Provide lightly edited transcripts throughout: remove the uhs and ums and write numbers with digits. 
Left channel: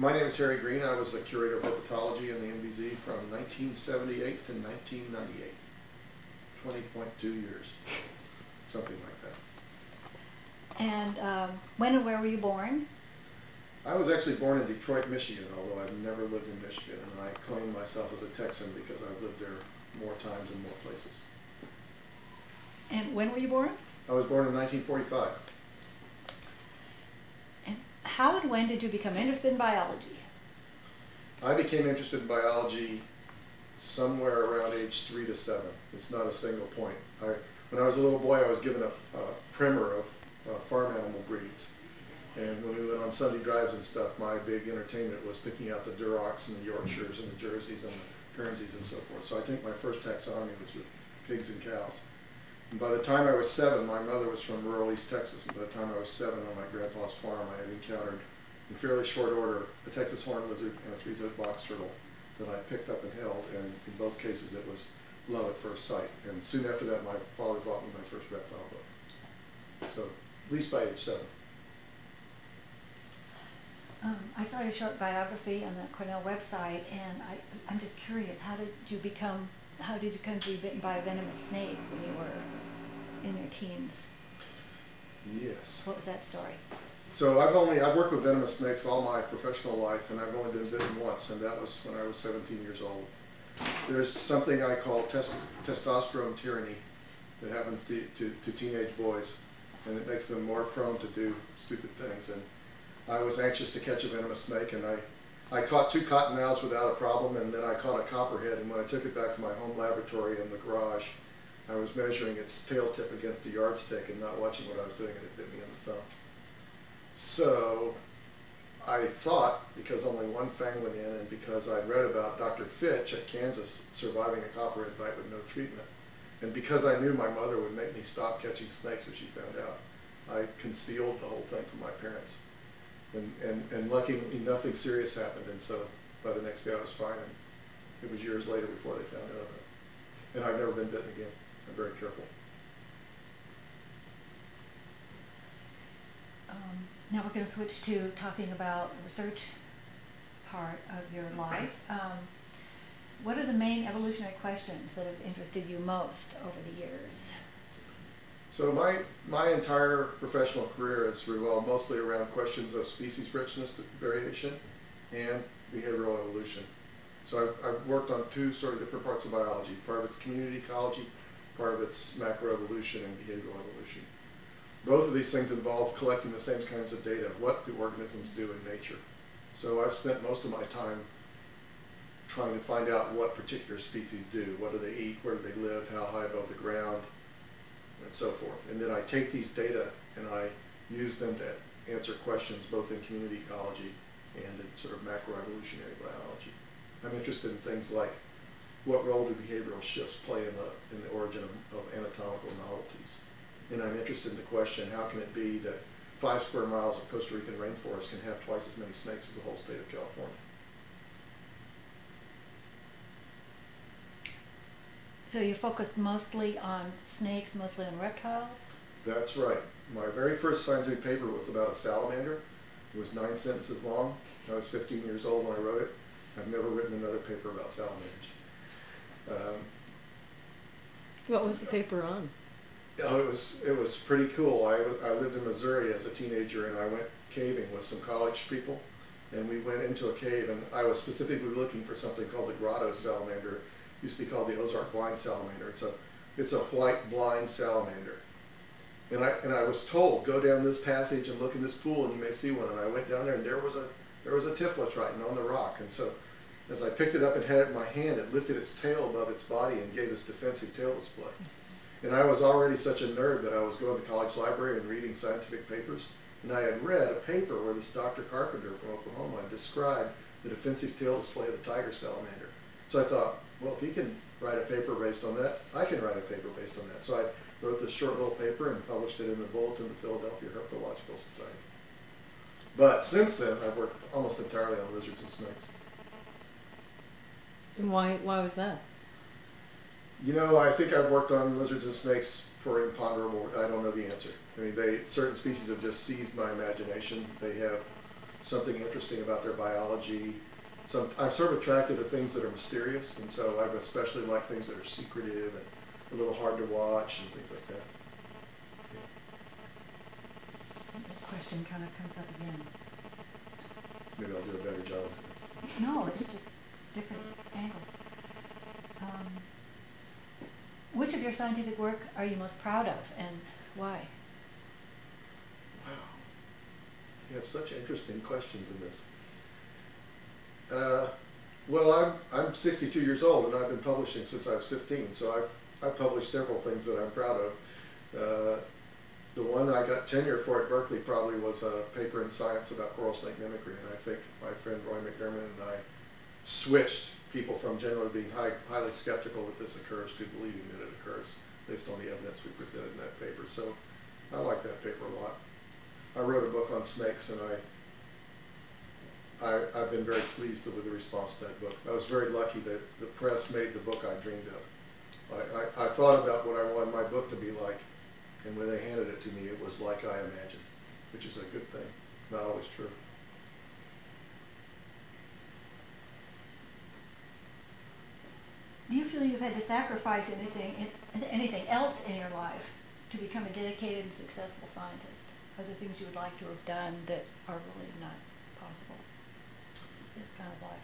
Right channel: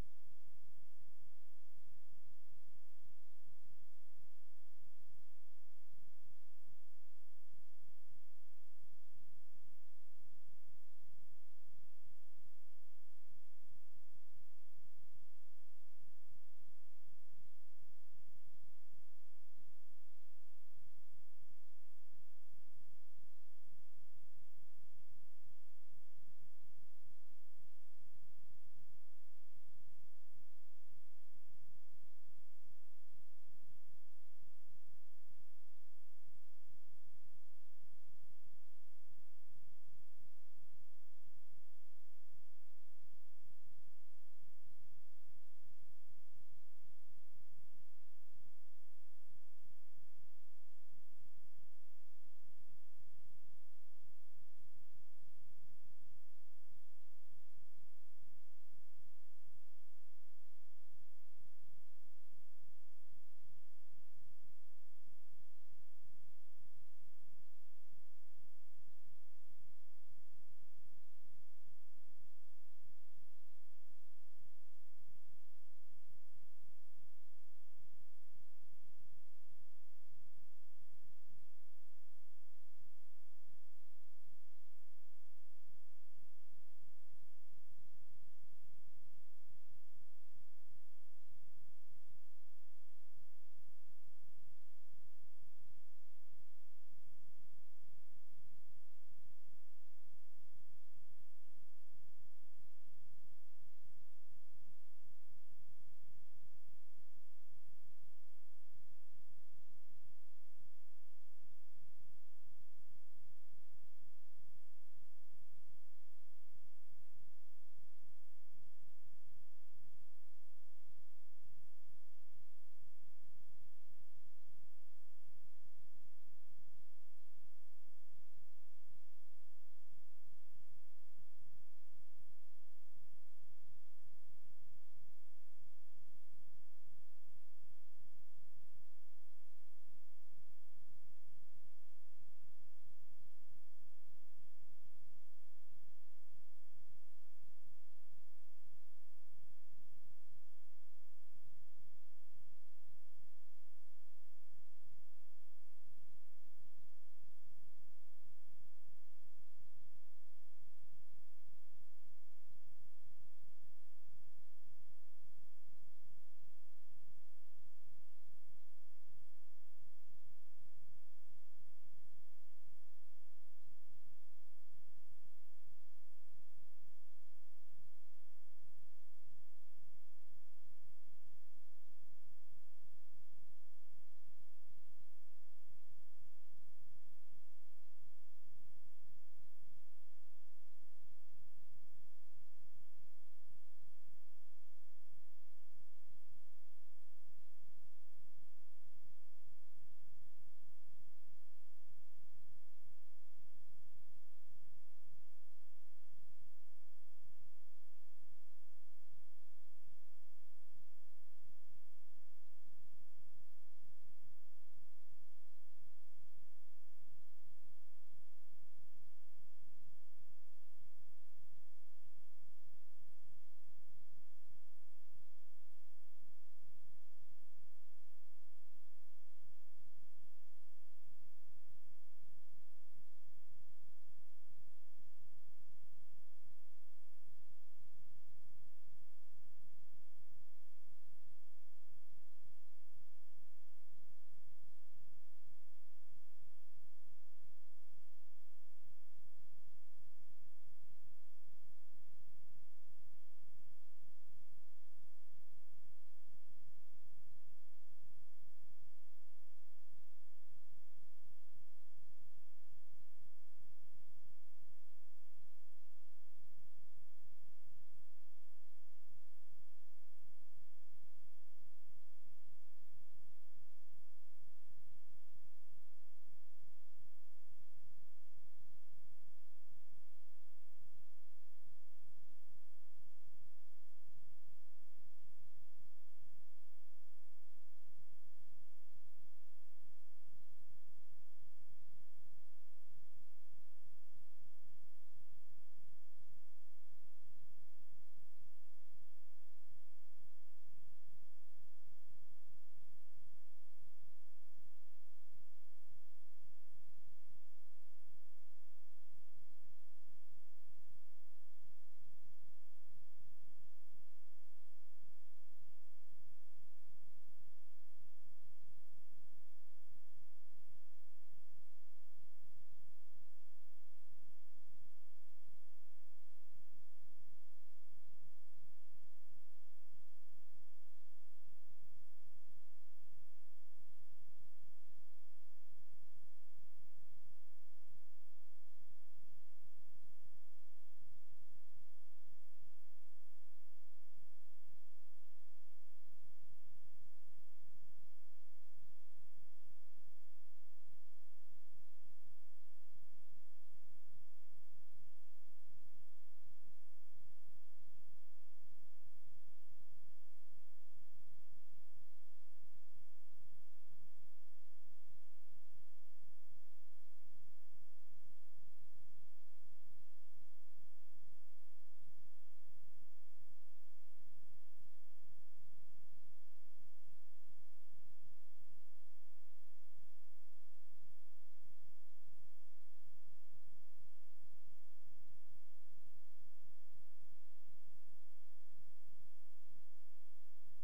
My name is Greene. I was a curator of herpetology in the MBZ from 1978 to 1998. 20.2 years, something like that. And when and where were you born? I was actually born in Detroit, Michigan, although I've never lived in Michigan, and I claim myself as a Texan because I've lived there more times and more places. And when were you born? I was born in 1945. And how and when did you become interested in biology? I became interested in biology somewhere around age 3 to 7. It's not a single point. When I was a little boy, I was given a primer of farm animal breeds. And when we went on Sunday drives and stuff, my big entertainment was picking out the Durocs and the Yorkshires and the Jerseys and the Guernseys and so forth. So I think my first taxonomy was with pigs and cows. And by the time I was 7, my mother was from rural East Texas, and by the time I was 7 on my grandpa's farm, I had encountered in fairly short order a Texas horned lizard and a 3-toed box turtle that I picked up and held, and in both cases it was love at first sight. And soon after that, my father bought me my first reptile book. So, at least by age 7. I saw your short biography on the Cornell website, and I'm just curious, how did you come to be bitten by a venomous snake when you were in your teens? Yes. What was that story? So I've worked with venomous snakes all my professional life, and I've only been bitten once, and that was when I was 17 years old. There's something I call testosterone tyranny that happens to teenage boys, and it makes them more prone to do stupid things. And I was anxious to catch a venomous snake, and I caught 2 cottonmouths without a problem, and then I caught a copperhead, and when I took it back to my home laboratory in the garage, I was measuring its tail tip against a yardstick and not watching what I was doing, and it bit me in the thumb. So I thought, because only one fang went in, and because I'd read about Dr. Fitch at Kansas surviving a copperhead bite with no treatment, and because I knew my mother would make me stop catching snakes if she found out, I concealed the whole thing from my parents. And luckily nothing serious happened, and so by the next day I was fine, and it was years later before they found out about it. And I've never been bitten again. I'm very careful. Now we're going to switch to talking about the research part of your life. What are the main evolutionary questions that have interested you most over the years? So my entire professional career has revolved mostly around questions of species richness variation and behavioral evolution. So I've worked on 2 sort of different parts of biology. Part of it's community ecology, part of it's macroevolution and behavioral evolution. Both of these things involve collecting the same kinds of data. What do organisms do in nature? So I've spent most of my time trying to find out what particular species do. What do they eat? Where do they live? How high above the ground? And so forth. And then I take these data and I use them to answer questions both in community ecology and in sort of macroevolutionary biology. I'm interested in things like what role do behavioral shifts play in the origin of anatomical novelties. And I'm interested in the question, how can it be that 5 square miles of Costa Rican rainforest can have twice as many snakes as the whole state of California? So you focused mostly on snakes, mostly on reptiles? That's right. My very first scientific paper was about a salamander. It was 9 sentences long. I was 15 years old when I wrote it. I've never written another paper about salamanders. What was the paper on? Oh, it was pretty cool. I lived in Missouri as a teenager, and I went caving with some college people, and we went into a cave, and I was specifically looking for something called the grotto salamander. It used to be called the Ozark blind salamander. It's a white blind salamander, and I was told, go down this passage and look in this pool, and you may see one. And I went down there, and there was a Tiflotriton on the rock, and so as I picked it up and had it in my hand, it lifted its tail above its body and gave this defensive tail display. And I was already such a nerd that I was going to the college library and reading scientific papers. And I had read a paper where this Dr. Carpenter from Oklahoma described the defensive tail display of the tiger salamander. So I thought, well, if he can write a paper based on that, I can write a paper based on that. So I wrote this short little paper and published it in the Bulletin of the Philadelphia Herpetological Society. But since then, I've worked almost entirely on lizards and snakes. And why was that? You know, I think I've worked on lizards and snakes for imponderable, I don't know the answer. I mean, certain species have just seized my imagination. They have something interesting about their biology. I'm sort of attracted to things that are mysterious, and so I especially like things that are secretive and a little hard to watch and things like that. Yeah. The question kind of comes up again. Maybe I'll do a better job of this. No, it's just different angles. Which of your scientific work are you most proud of, and why? Wow. You have such interesting questions in this. Well, I'm 62 years old, and I've been publishing since I was 15, so I've published several things that I'm proud of. The one I got tenure for at Berkeley probably was a paper in Science about coral snake mimicry, and I think my friend Roy McDermott and I switched people from generally being highly skeptical that this occurs to believing that it occurs based on the evidence we presented in that paper. So I like that paper a lot. I wrote a book on snakes, and I've been very pleased with the response to that book. I was very lucky that the press made the book I dreamed of. I thought about what I wanted my book to be like, and when they handed it to me, it was like I imagined, which is a good thing, not always true. Do you feel you've had to sacrifice anything else in your life to become a dedicated and successful scientist? Are there things you would like to have done that are really not possible in this kind of life?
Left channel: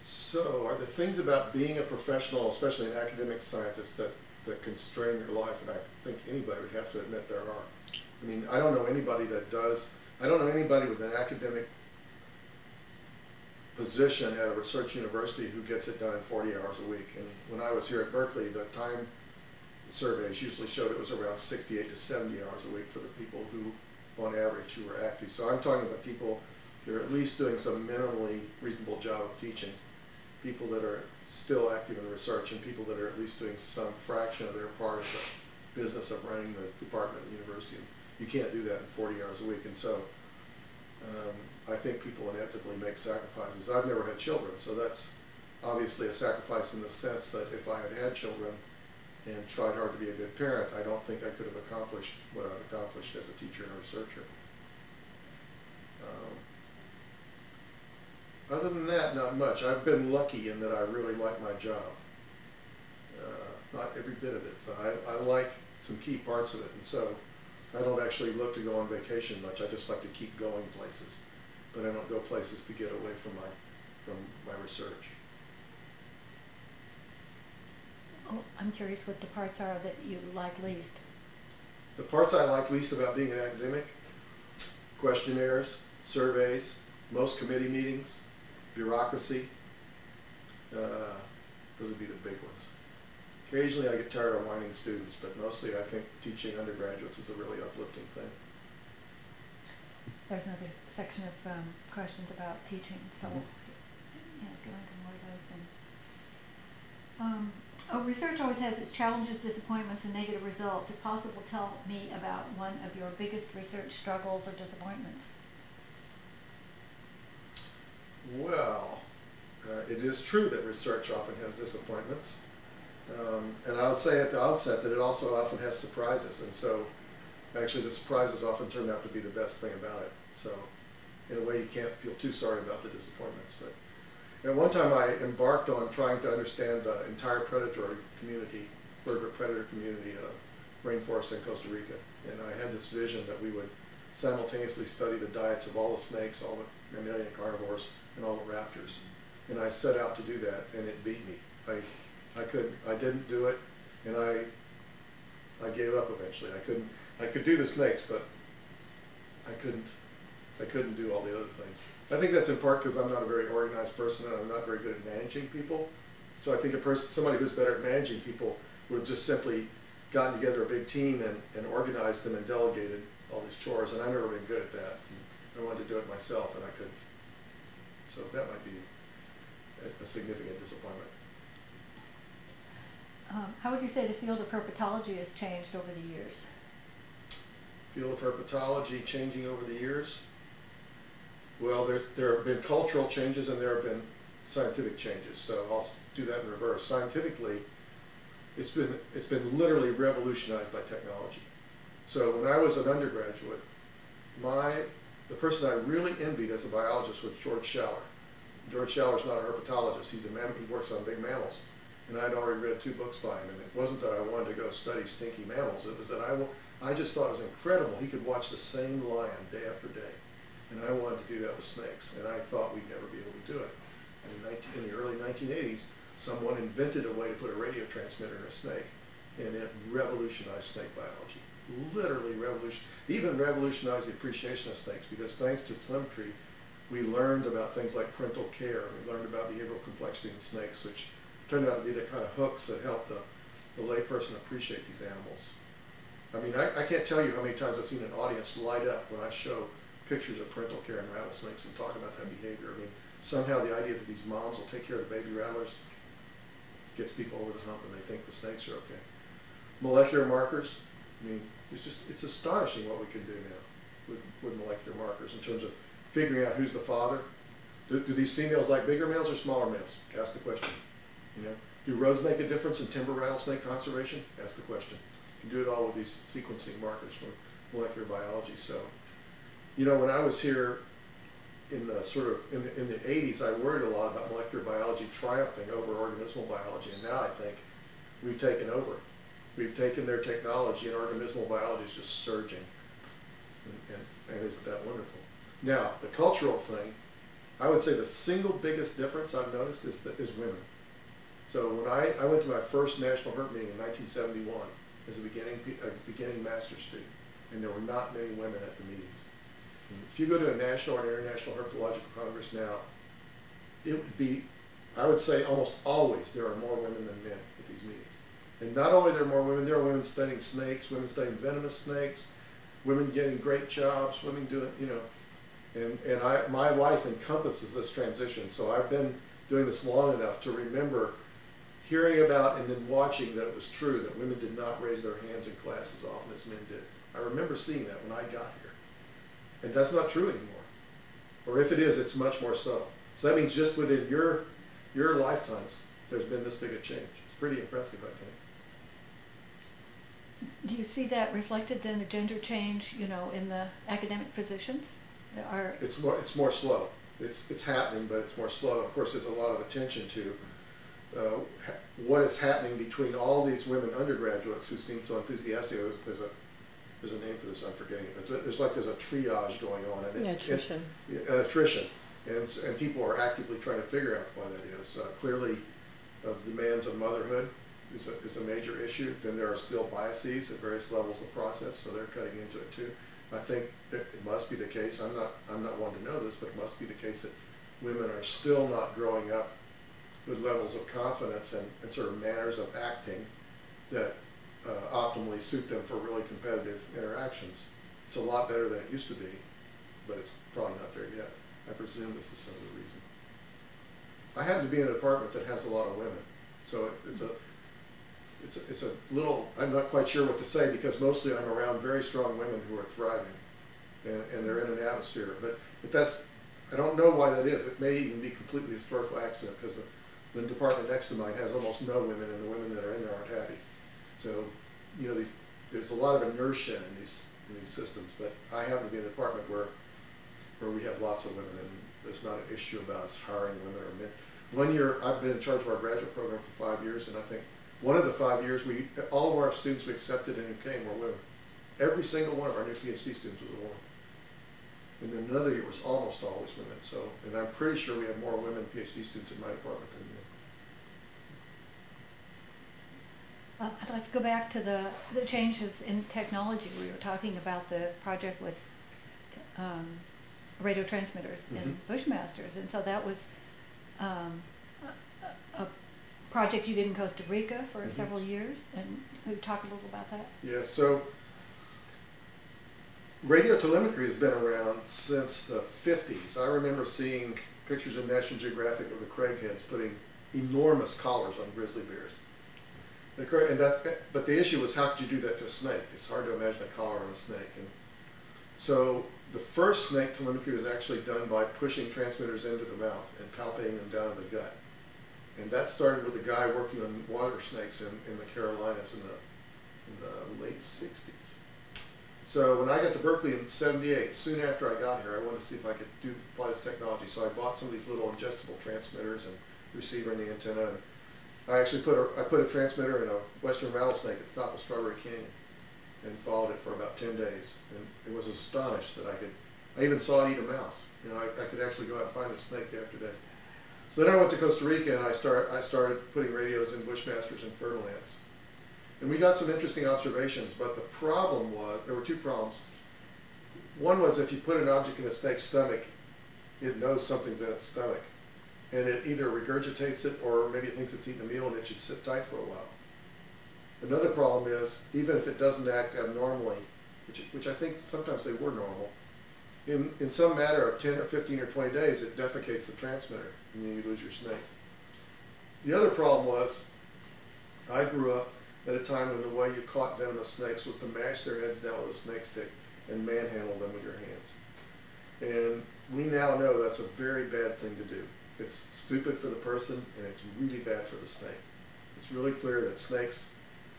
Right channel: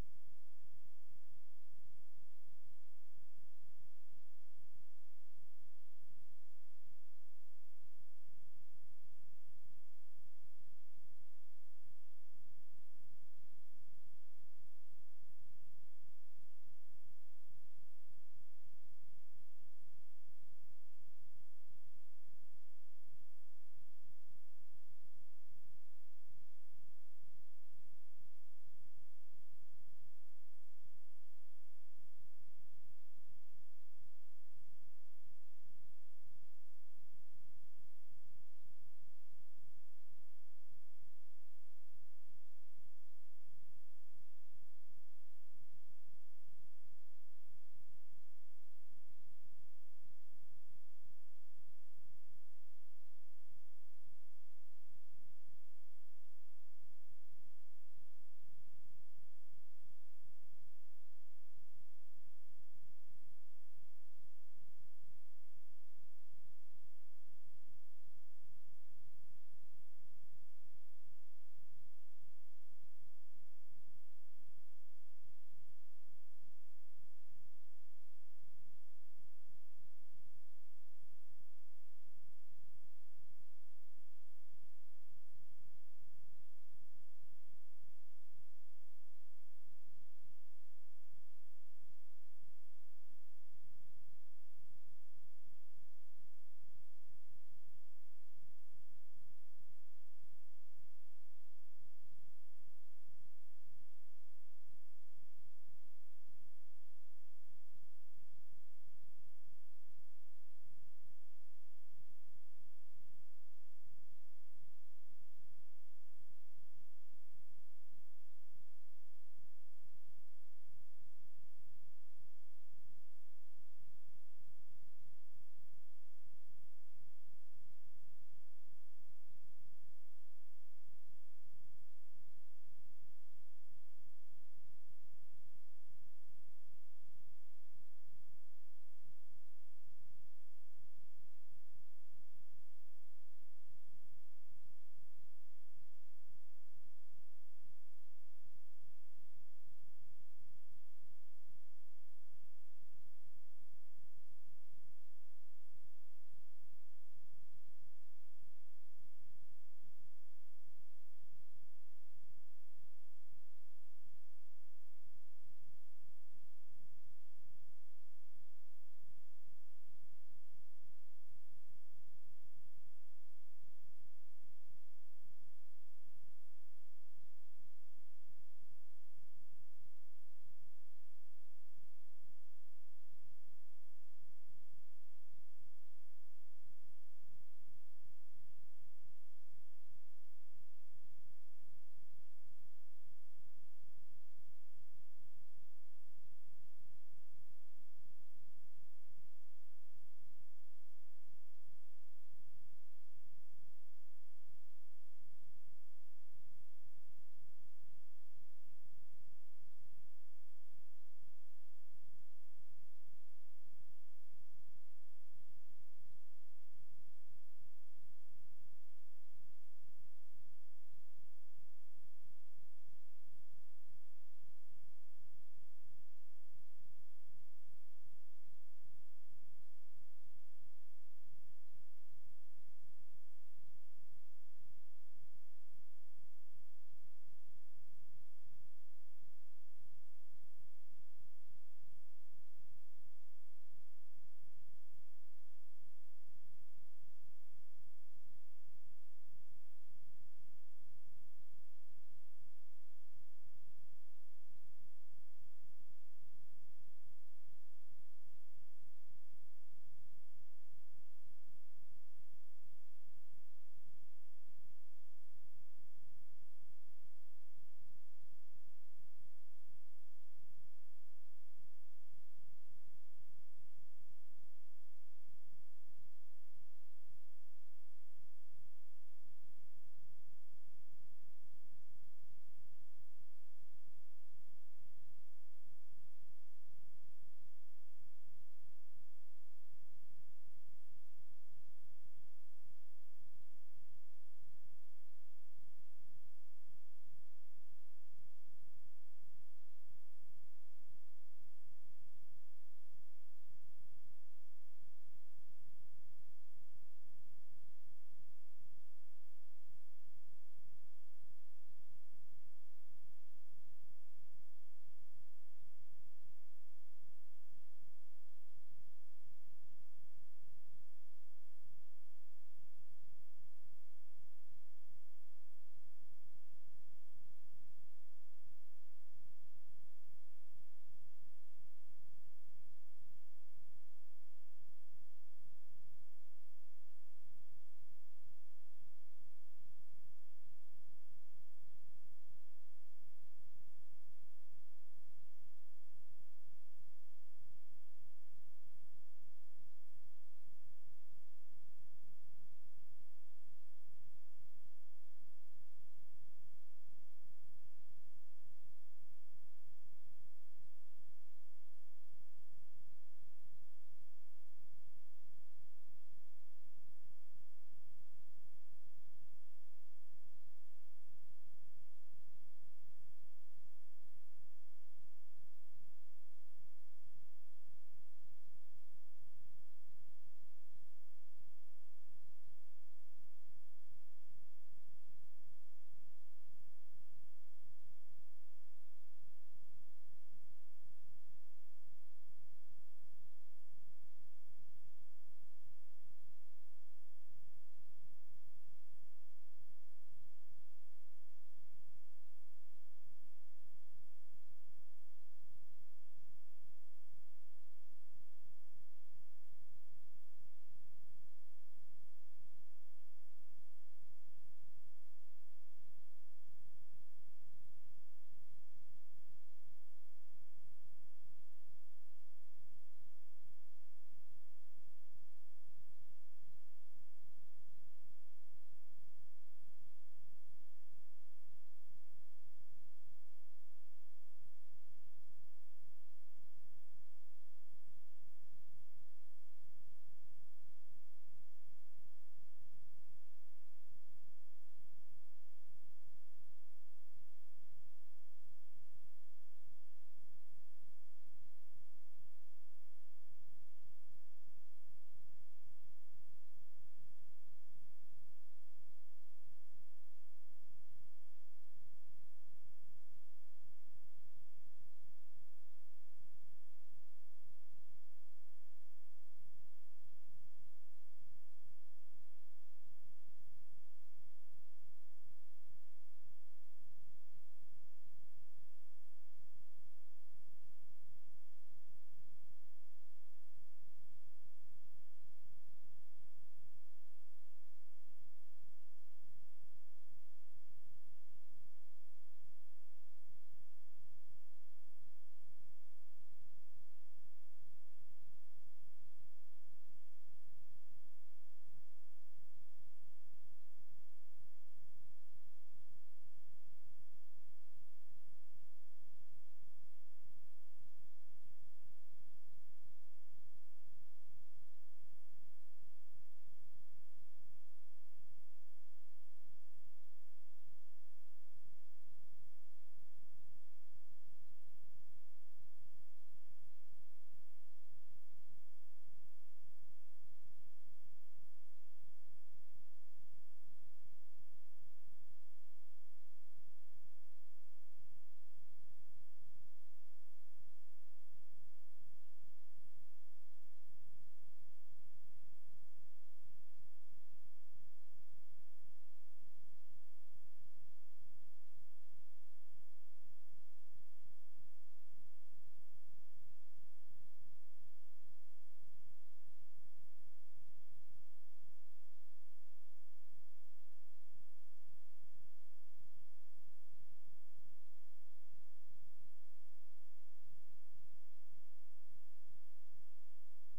So, are there things about being a professional, especially an academic scientist, that constrain your life? And I think anybody would have to admit there are. I mean, I don't know anybody that does. I don't know anybody with an academic position at a research university who gets it done in 40 hours a week. And when I was here at Berkeley, the time surveys usually showed it was around 68 to 70 hours a week for the people who, on average, who were active. So I'm talking about people that are at least doing some minimally reasonable job of teaching, people that are still active in research, and people that are at least doing some fraction of their part of the business of running the department at the university. You can't do that in 40 hours a week, and so I think people inevitably make sacrifices. I've never had children, so that's obviously a sacrifice in the sense that if I had children and tried hard to be a good parent, I don't think I could have accomplished what I've accomplished as a teacher and a researcher. Other than that, not much. I've been lucky in that I really like my job. Not every bit of it, but I like some key parts of it, and so I don't actually look to go on vacation much. I just like to keep going places, but I don't go places to get away from my research. Oh, I'm curious what the parts are that you like least. The parts I like least about being an academic: questionnaires, surveys, most committee meetings, bureaucracy. Those would be the big ones. Occasionally I get tired of whining students, but mostly I think teaching undergraduates is a really uplifting thing. There's another section of questions about teaching, so go into more of those things. Research always has its challenges, disappointments, and negative results. If possible, tell me about one of your biggest research struggles or disappointments. Well, it is true that research often has disappointments. And I'll say at the outset that it also often has surprises, and so actually the surprises often turn out to be the best thing about it. So in a way you can't feel too sorry about the disappointments. But at one time I embarked on trying to understand the entire predatory community, vertebrate predator community in a rainforest in Costa Rica. And I had this vision that we would simultaneously study the diets of all the snakes, all the mammalian carnivores, and all the raptors. And I set out to do that, and it beat me. I didn't do it, and I gave up eventually. I could do the snakes, but I couldn't do all the other things. I think that's in part because I'm not a very organized person, and I'm not very good at managing people. So I think somebody who's better at managing people would have just simply gotten together a big team and organized them and delegated all these chores, and I've never been good at that. I wanted to do it myself, and I couldn't. So that might be a significant disappointment. How would you say the field of herpetology has changed over the years? Field of herpetology changing over the years? Well, there have been cultural changes and there have been scientific changes. So I'll do that in reverse. Scientifically, it's been literally revolutionized by technology. So when I was an undergraduate, my the person I really envied as a biologist was George Schaller. George Schaller's not a herpetologist. He works on big mammals. And I'd already read 2 books by him. And it wasn't that I wanted to go study stinky mammals. It was that I just thought it was incredible. He could watch the same lion day after day. And I wanted to do that with snakes. And I thought we'd never be able to do it. And in the early 1980s, someone invented a way to put a radio transmitter in a snake. And it revolutionized snake biology. Literally even revolutionized the appreciation of snakes, because thanks to telemetry, we learned about things like parental care. We learned about behavioral complexity in snakes, which turned out to be the kind of hooks that help the layperson appreciate these animals. I mean, I can't tell you how many times I've seen an audience light up when I show pictures of parental care in rattlesnakes and talk about that behavior. I mean, somehow the idea that these moms will take care of the baby rattlers gets people over the hump, and they think the snakes are okay. Molecular markers, I mean, it's astonishing what we can do now with molecular markers in terms of figuring out who's the father. Do these females like bigger males or smaller males? Ask the question. You know, do rows make a difference in timber rattlesnake conservation? Ask the question. You can do it all with these sequencing markers from molecular biology. So, you know, when I was here in the in the 80s, I worried a lot about molecular biology triumphing over organismal biology, and now I think we've taken over. We've taken their technology, and organismal biology is just surging. And isn't that wonderful? Now, the cultural thing, I would say the single biggest difference I've noticed is women. So when I went to my first National Herp meeting in 1971 as a beginning master's student, and there were not many women at the meetings. And if you go to a national or international herpetological congress now, it would be, I would say almost always there are more women than men at these meetings. And not only are there more women, there are women studying snakes, women studying venomous snakes, women getting great jobs, women doing, you know, and my life encompasses this transition. So I've been doing this long enough to remember hearing about and then watching that it was true that women did not raise their hands in class as often as men did. I remember seeing that when I got here. And that's not true anymore. Or if it is, it's much more so. So that means just within your lifetimes, there's been this big a change. It's pretty impressive, I think. Do you see that reflected then, the gender change, you know, in the academic positions? It's more slow. It's happening, but it's more slow. Of course, there's a lot of attention to what is happening between all these women undergraduates who seem so enthusiastic. There's a name for this, I'm forgetting it, but there's a triage going on. And attrition. Attrition. And people are actively trying to figure out why that is. Clearly, demands of motherhood is a major issue. Then there are still biases at various levels of the process, so they're cutting into it too. I think that it must be the case, I'm not one to know this, but it must be the case that women are still not growing up with levels of confidence and sort of manners of acting that optimally suit them for really competitive interactions. It's a lot better than it used to be, but it's probably not there yet. I presume this is some of the reason. I happen to be in a department that has a lot of women, so it's a little, I'm not quite sure what to say, because mostly I'm around very strong women who are thriving, and they're in an atmosphere. But that's, I don't know why that is. It may even be completely historical accident, because the department next to mine has almost no women, and the women that are in there aren't happy. So, you know, there's a lot of inertia in these systems. But I happen to be in a department where we have lots of women, and there's not an issue about us hiring women or men. 1 year, I've been in charge of our graduate program for 5 years, and I think one of the 5 years, all of our students we accepted and who came were women. Every single one of our new PhD students was a woman. And then another year was almost always women. So, and I'm pretty sure we have more women PhD students in my department than men. I'd like to go back to the changes in technology. We were talking about the project with radio transmitters and Bushmasters, and so that was a project you did in Costa Rica for several years, and we talk a little about that. Yeah, so radio telemetry has been around since the 50s. I remember seeing pictures in National Geographic of the craigheads putting enormous collars on grizzly bears. But the issue was, how could you do that to a snake? It's hard to imagine a collar on a snake. And so the first snake telemetry was actually done by pushing transmitters into the mouth and palpating them down in the gut. And that started with a guy working on water snakes in the Carolinas in the late 60s. So when I got to Berkeley in '78, soon after I got here, I wanted to see if I could apply this technology. So I bought some of these little ingestible transmitters and receiver in the antenna. And I actually put a transmitter in a western rattlesnake at the top of Strawberry Canyon and followed it for about 10 days. And it was astonished that I even saw it eat a mouse. You know, I could actually go out and find the snake day after day. So then I went to Costa Rica and I started putting radios in bushmasters and fertile ants. And we got some interesting observations, but the problem was, there were two problems. One was if you put an object in a snake's stomach, it knows something's in its stomach. And it either regurgitates it or maybe it thinks it's eating a meal and it should sit tight for a while. Another problem is, even if it doesn't act abnormally, which I think sometimes they were normal, in some matter of 10 or 15 or 20 days, it defecates the transmitter, and then you lose your snake. The other problem was, I grew up at a time when the way you caught venomous snakes was to mash their heads down with a snake stick and manhandle them with your hands. And we now know that's a very bad thing to do. It's stupid for the person, and it's really bad for the snake. It's really clear that snakes,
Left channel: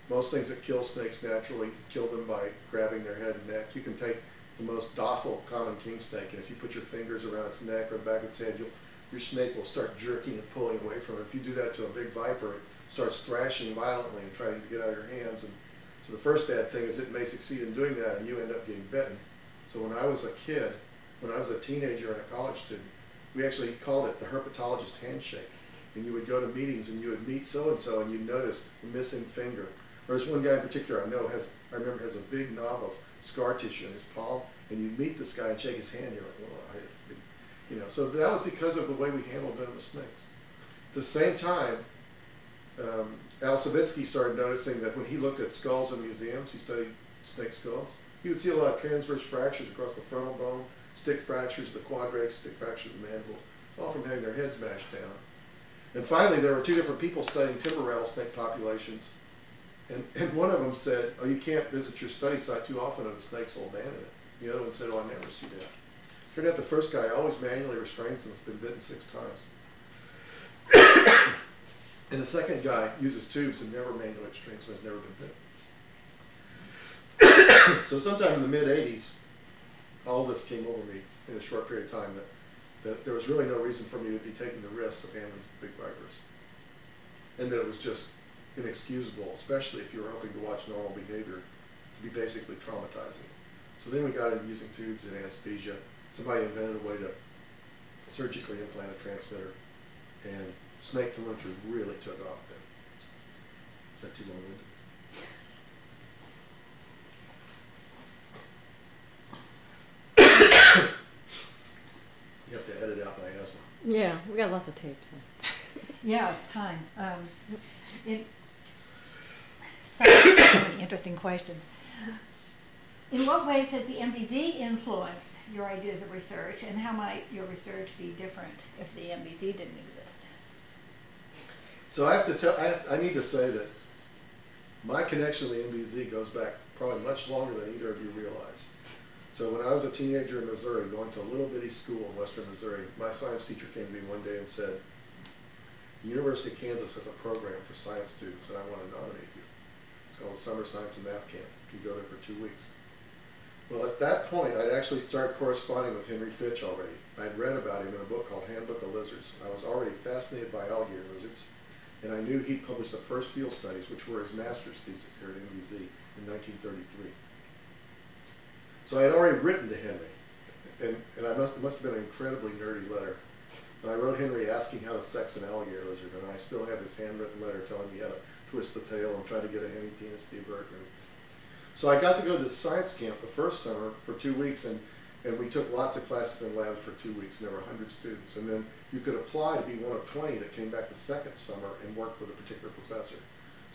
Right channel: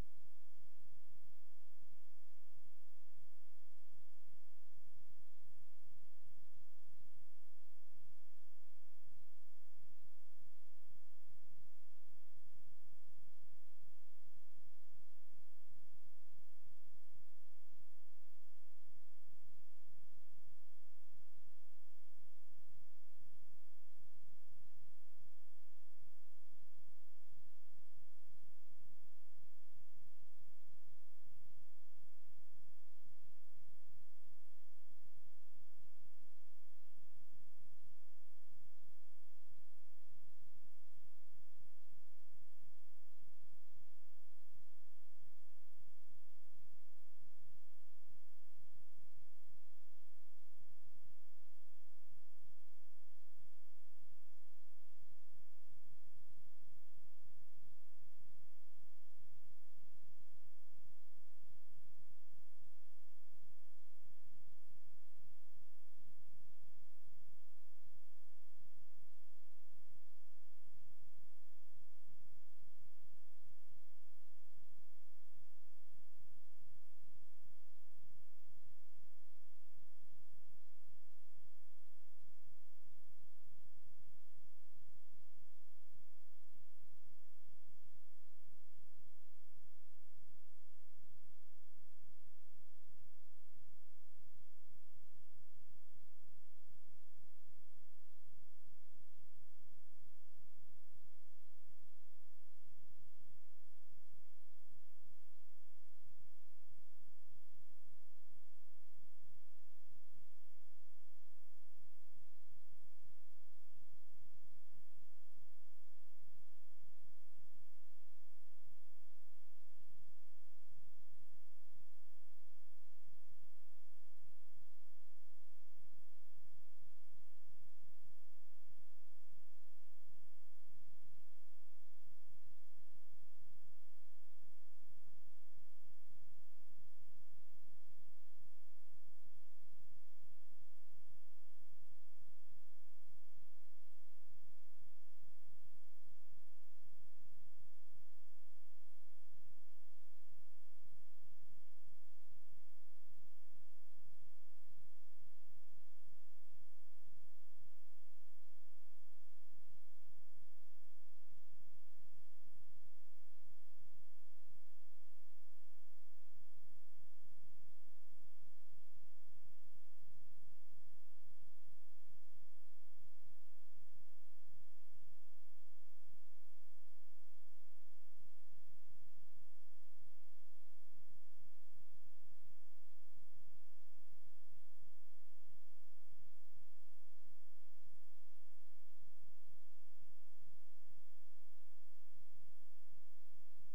most things that kill snakes naturally, kill them by grabbing their head and neck. You can take the most docile common king snake, and if you put your fingers around its neck or the back of its head, your snake will start jerking and pulling away from it. If you do that to a big viper, it starts thrashing violently and trying to get out of your hands. And so the first bad thing is it may succeed in doing that, and you end up getting bitten. So when I was a kid, when I was a teenager and a college student, we actually called it the herpetologist handshake. And you would go to meetings and you would meet so-and-so and you'd notice the missing finger. There's one guy in particular I remember has a big knob of scar tissue in his palm, and you meet this guy and shake his hand, you're like, well, you know, so that was because of the way we handled venomous snakes. At the same time, Al Savitsky started noticing that when he looked at skulls in museums, he studied snake skulls, he would see a lot of transverse fractures across the frontal bone, stick fractures, the quadrates, stick fractures of the mandible, all from having their heads mashed down. And finally, there were two different people studying timber rattlesnake populations, and one of them said, oh, you can't visit your study site too often or the snakes will abandon it. The other one said, oh, I never see that. Turned out the first guy always manually restrains them, has been bitten 6 times. And the second guy uses tubes and never manually restrains them, has never been bitten. So sometime in the mid-'80s, all this came over me in a short period of time that there was really no reason for me to be taking the risks of handling big vipers. And that it was just inexcusable, especially if you were hoping to watch normal behavior, to be basically traumatizing. So then we got into using tubes and anesthesia. Somebody invented a way to surgically implant a transmitter, and snake telemetry really took off then. Is that too long-winded? You have to edit out my asthma. Yeah, we got lots of tapes. Yeah, it's time. So many interesting questions. In what ways has the MVZ influenced your ideas of research, and how might your research be different if the MVZ didn't exist? So I need to say that my connection to the MVZ goes back probably much longer than either of you realize. So when I was a teenager in Missouri, going to a little bitty school in western Missouri, my science teacher came to me one day and said, the University of Kansas has a program for science students and I want to nominate you. It's called the Summer Science and Math Camp. You go there for 2 weeks. Well, at that point, I'd actually started corresponding with Henry Fitch already. I'd read about him in a book called Handbook of Lizards. I was already fascinated by alligator lizards, and I knew he'd published the first field studies, which were his master's thesis here at MVZ in 1933. So I had already written to Henry, and it must have been an incredibly nerdy letter. But I wrote Henry asking how to sex an alligator lizard, and I still have his handwritten letter telling me how to twist the tail and try to get a hemipenis divert. So I got to go to this science camp the first summer for 2 weeks, and we took lots of classes in labs for 2 weeks, and there were 100 students. And then you could apply to be one of 20 that came back the second summer and worked with a particular professor.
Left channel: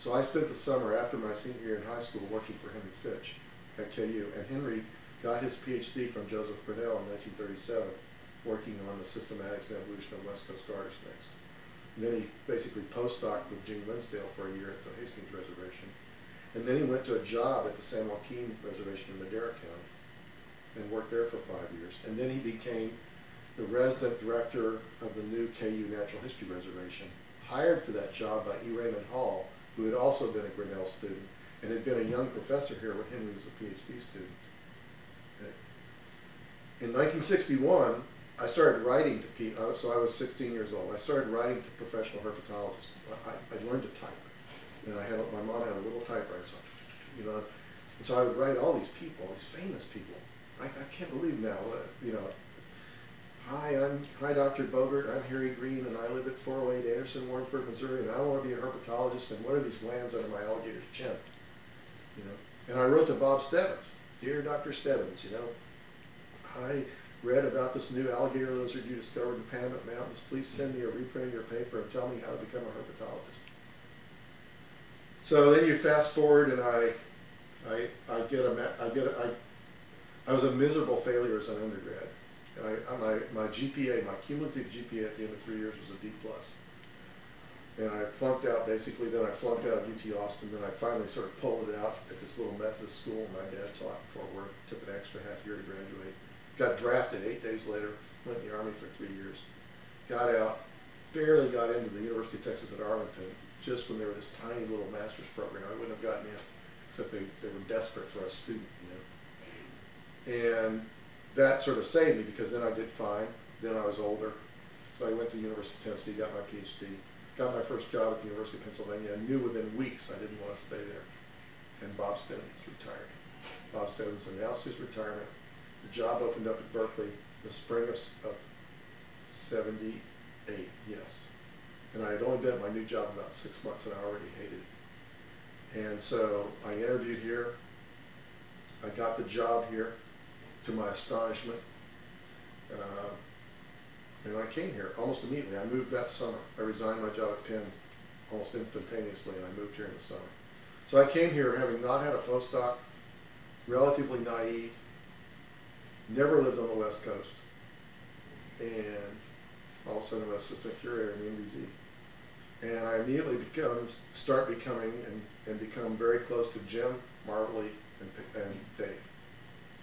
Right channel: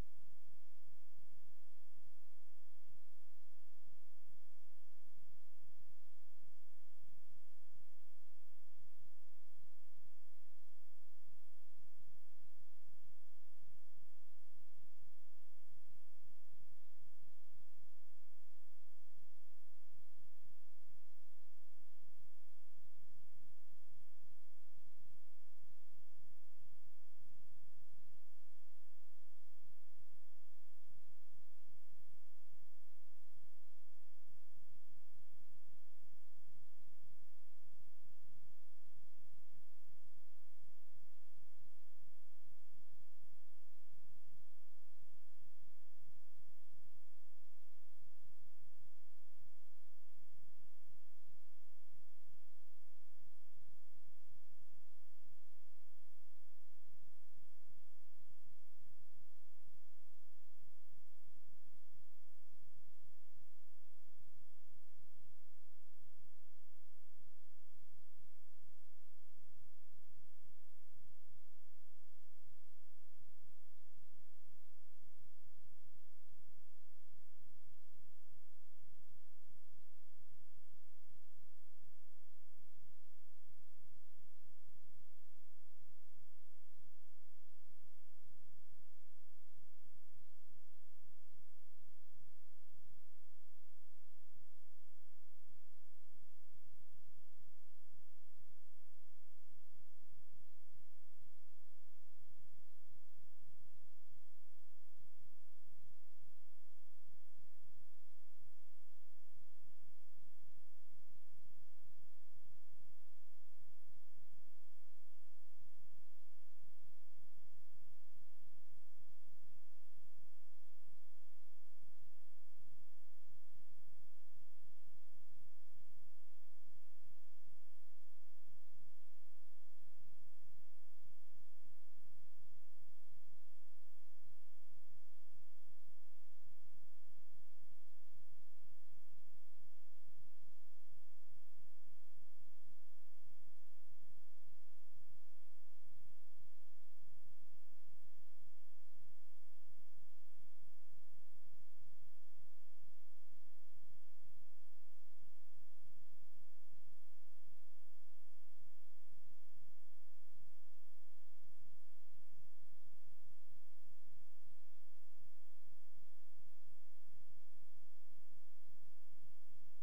So I spent the summer after my senior year in high school working for Henry Fitch at KU, and Henry got his PhD from Joseph Grinnell in 1937, working on the systematics and evolution of West Coast garter snakes. And then he basically postdoced with Gene Linsdale for a year at the Hastings Reservation. And then he went to a job at the San Joaquin Reservation in Madera County and worked there for 5 years. And then he became the resident director of the new KU Natural History Reservation, hired for that job by E. Raymond Hall, who had also been a Grinnell student and had been a young professor here when Henry was a PhD student. In 1961, I started writing to people, so I was 16 years old. I started writing to professional herpetologists. I learned to type, and my mom had a little typewriter, so you know, and so I would write all these people, these famous people. I can't believe now, you know. Hi, Dr. Bogert. I'm Harry Greene, and I live at 408 Anderson, Warrensburg, Missouri, and I want to be a herpetologist. And what are these glands under my alligator's chin? You know, and I wrote to Bob Stebbins, dear Dr. Stebbins. You know, I read about this new alligator lizard you discovered in the Panamint Mountains. Please send me a reprint of your paper and tell me how to become a herpetologist. So then you fast forward, and I was a miserable failure as an undergrad. My GPA, my cumulative GPA at the end of 3 years was a D+. And I flunked out basically, then I flunked out of UT Austin, then I finally sort of pulled it out at this little Methodist school my dad taught in Fort Worth, took an extra half year to graduate. Got drafted 8 days later, went in the Army for 3 years. Got out, barely got into the University of Texas at Arlington, just when they were this tiny little master's program. I wouldn't have gotten in, except they were desperate for a student, you know. And that sort of saved me because then I did fine. Then I was older. So I went to the University of Tennessee, got my PhD, got my first job at the University of Pennsylvania. I knew within weeks I didn't want to stay there. And Bob Stebbins retired. Bob Stebbins announced his retirement. The job opened up at Berkeley the spring of 78, yes. And I had only been at my new job about 6 months and I already hated it. And so I interviewed here. I got the job here, to my astonishment. And I came here almost immediately. I moved that summer. I resigned my job at Penn almost instantaneously, and I moved here in the summer. So I came here having not had a postdoc, relatively naive, never lived on the West Coast, and all of a sudden I'm an assistant curator in the MDZ. And I immediately start becoming very close to Jim, Marbley, and Dave.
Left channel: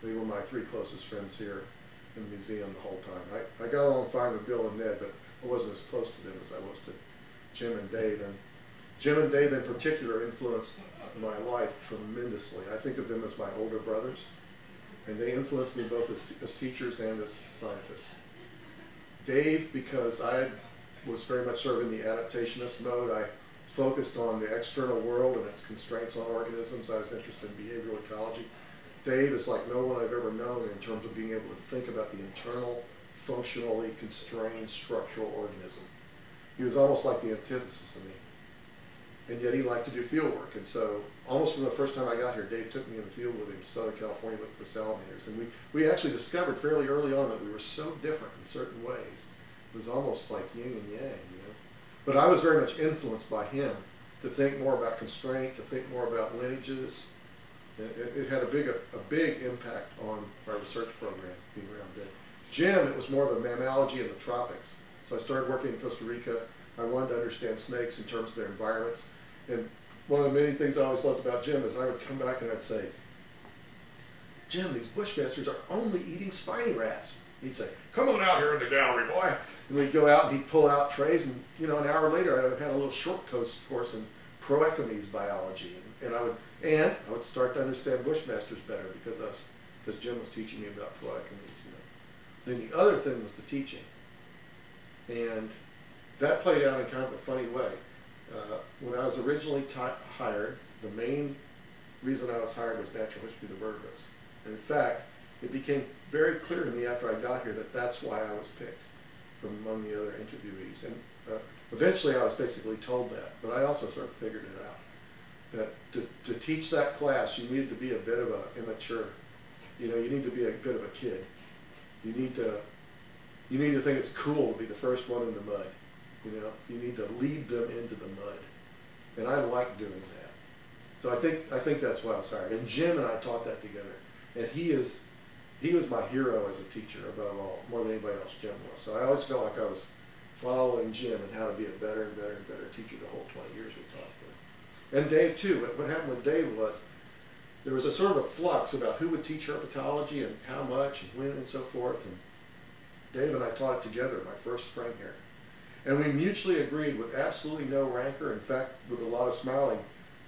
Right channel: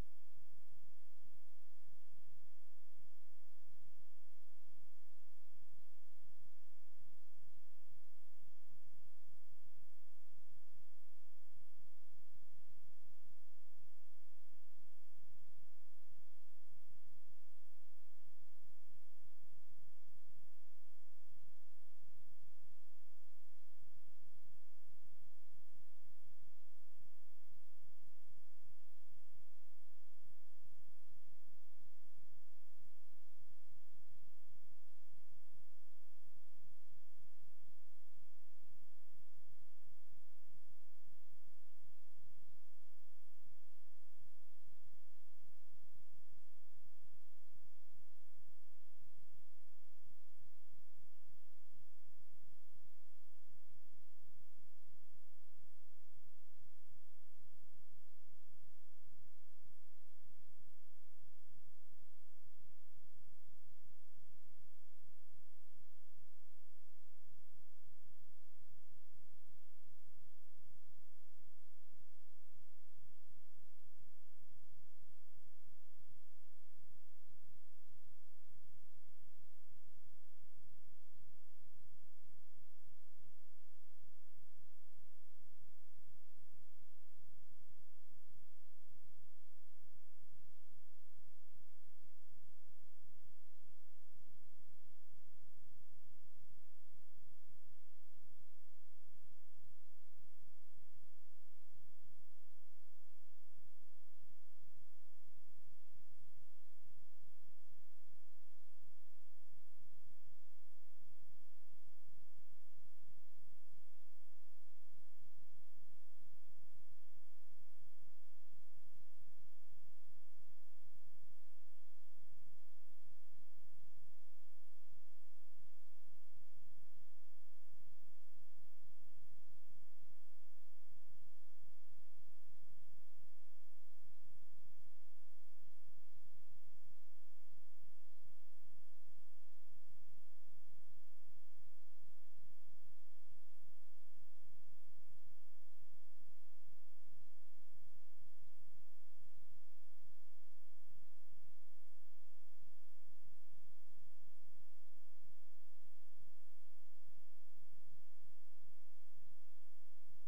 They were my 3 closest friends here in the museum the whole time. I got along fine with Bill and Ned, but I wasn't as close to them as I was to Jim and Dave. And Jim and Dave in particular influenced my life tremendously. I think of them as my older brothers, and they influenced me both as teachers and as scientists. Dave, because I was very much sort of in the adaptationist mode, I focused on the external world and its constraints on organisms. I was interested in behavioral ecology. Dave is like no one I've ever known in terms of being able to think about the internal, functionally constrained structural organism. He was almost like the antithesis of me. And yet he liked to do field work. And so almost from the first time I got here, Dave took me in the field with him to Southern California looking for salamanders. And we actually discovered fairly early on that we were so different in certain ways. It was almost like yin and yang, you know. But I was very much influenced by him to think more about constraint, to think more about lineages. It had a big impact on my research program being around then. Jim, it was more the mammalogy in the tropics. So I started working in Costa Rica. I wanted to understand snakes in terms of their environments. And one of the many things I always loved about Jim is I would come back and I'd say, Jim, these bushmasters are only eating spiny rats. He'd say, come on out here in the gallery, boy. And we'd go out and he'd pull out trays, and you know, an hour later I'd had a little short course in proechomes biology, and I would start to understand bushmasters better because Jim was teaching me about proechomes. You know. Then the other thing was the teaching, and that played out in kind of a funny way. When I was originally hired, the main reason I was hired was natural history of the vertebrates. And in fact, it became very clear to me after I got here that that's why I was picked from among the other interviewees. And eventually I was basically told that, but I also sort of figured it out. That to teach that class, you needed to be a bit of an immature. You know, you need to be a bit of a kid. You need to think it's cool to be the first one in the mud. You know, you need to lead them into the mud. And I like doing that. So I think that's why I was hired. And Jim and I taught that together. And he was my hero as a teacher above all, more than anybody else Jim was. So I always felt like I was following Jim and how to be a better and better and better teacher the whole 20 years we taught there. And Dave too. What happened with Dave was there was a sort of a flux about who would teach herpetology and how much and when and so forth. And Dave and I taught it together my first spring here. And we mutually agreed with absolutely no rancor, in fact with a lot of smiling,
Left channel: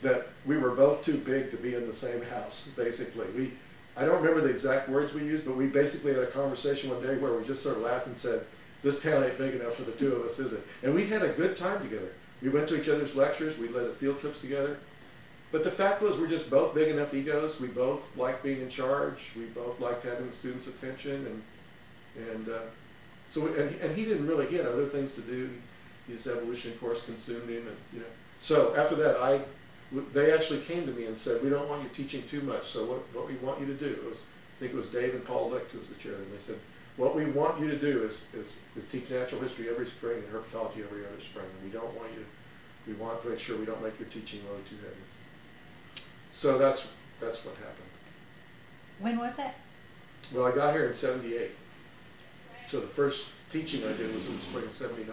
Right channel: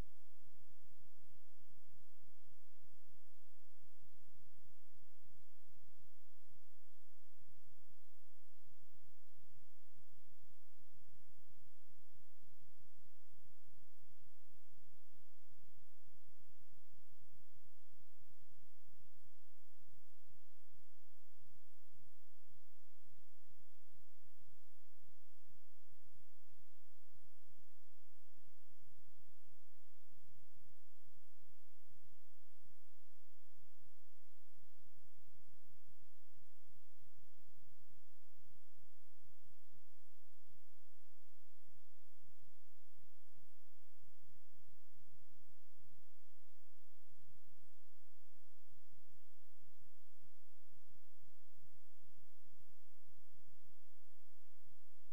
that we were both too big to be in the same house, basically. I don't remember the exact words we used, but we basically had a conversation one day where we just sort of laughed and said, this town ain't big enough for the two of us, is it? And we had a good time together. We went to each other's lectures, we led the field trips together. But the fact was, we're just both big enough egos. We both liked being in charge. We both liked having the students' attention, and he didn't really, he had other things to do. His evolution course consumed him, and you know. So after that, they actually came to me and said, we don't want you teaching too much. So what we want you to do is, I think it was Dave and Paul Licht who was the chair, and they said, what we want you to do is teach natural history every spring and herpetology every other spring. And we want to make sure we don't make your teaching load too heavy. So that's what happened. When was that? Well, I got here in '78. So the first teaching I did was in the spring of '79.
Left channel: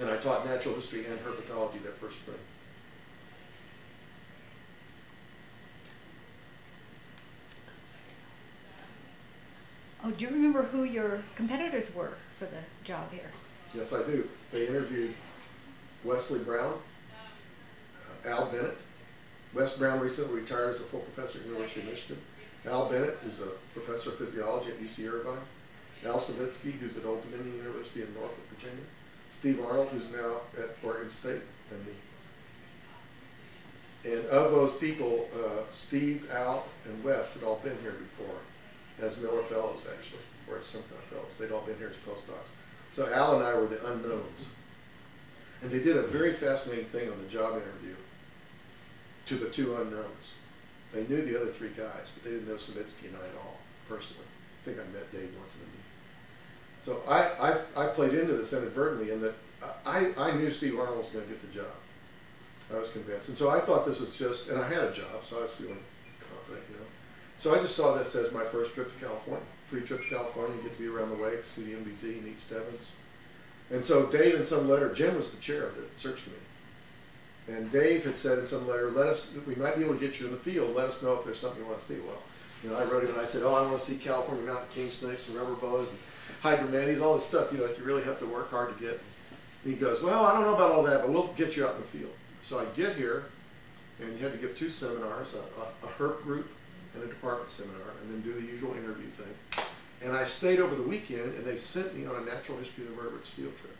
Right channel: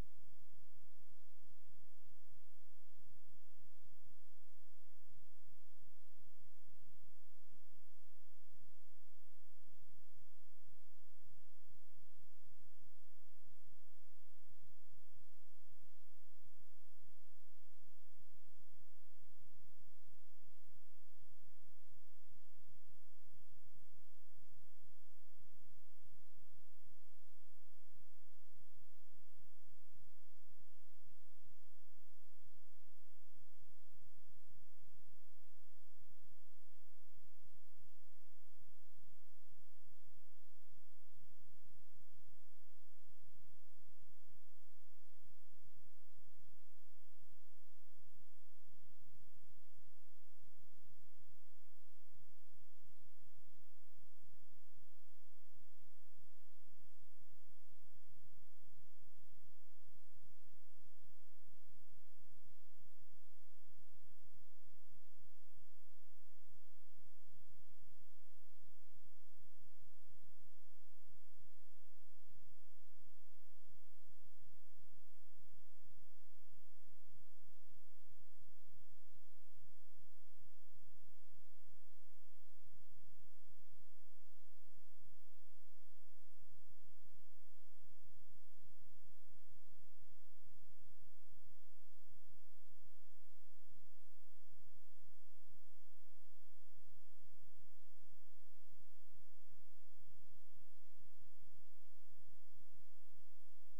And I taught natural history and herpetology that first spring. Oh, do you remember who your competitors were for the job here? Yes, I do. They interviewed Wesley Brown, Al Bennett. Wes Brown recently retired as a full professor at the University of Michigan. Al Bennett, who's a professor of physiology at UC Irvine. Al Savitsky, who's at Old Dominion University in Norfolk, Virginia. Steve Arnold, who's now at Oregon State, and me. And of those people, Steve, Al, and Wes had all been here before, as Miller Fellows, actually, or as some kind of fellows. They'd all been here as postdocs. So Al and I were the unknowns. And they did a very fascinating thing on the job interview to the two unknowns. They knew the other three guys, but they didn't know Savitsky and I at all, personally. I think I met Dave once in a meeting. So I played into this inadvertently in that I knew Steve Arnold was going to get the job. I was convinced. And so I thought this was just, and I had a job, so I was feeling confident, you know. So I just saw this as my first trip to California. Free trip to California, get to be around the lakes, see the MBZ, meet Stebbins. And so Dave in some letter, Jim was the chair of the search committee. And Dave had said in some letter, we might be able to get you in the field, let us know if there's something you want to see. Well, you know, I wrote him and I said, I want to see California mountain king snakes and rubber boas and hydromantes, all this stuff, you know, that you really have to work hard to get. And he goes, well, I don't know about all that, but we'll get you out in the field. So I get here, and you had to give two seminars, a herp group and a department seminar, and then do the usual interview thing. And I stayed over the weekend, and they sent me on a natural history of the vertebrates field trip.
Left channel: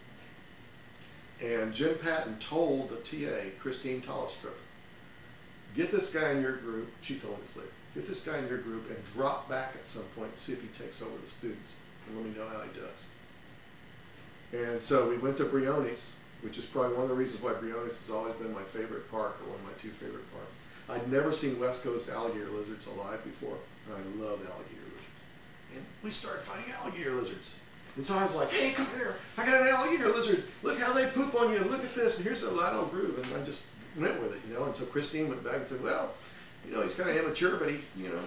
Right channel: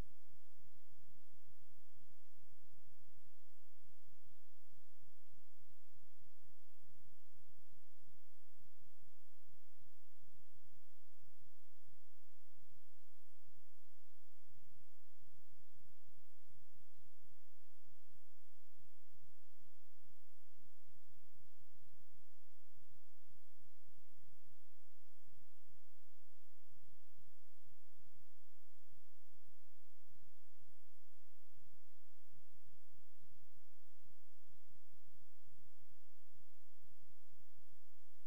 And Jim Patton told the TA, Christine Tollestrup, get this guy in your group, she told us later, get this guy in your group and drop back at some point and see if he takes over the students, and let me know how he does. And so we went to Briones, which is probably one of the reasons why Briones has always been my favorite park, or one of my two favorite parks. I'd never seen West Coast alligator lizards alive before, and I love alligator lizards. And we started finding alligator lizards. And so I was like, hey, come here, I got an alligator lizard. Look how they poop on you, look at this, and here's a lateral groove. And I just went with it, you know. And so Christine went back and said, well, you know, he's kind of immature, but he, you know.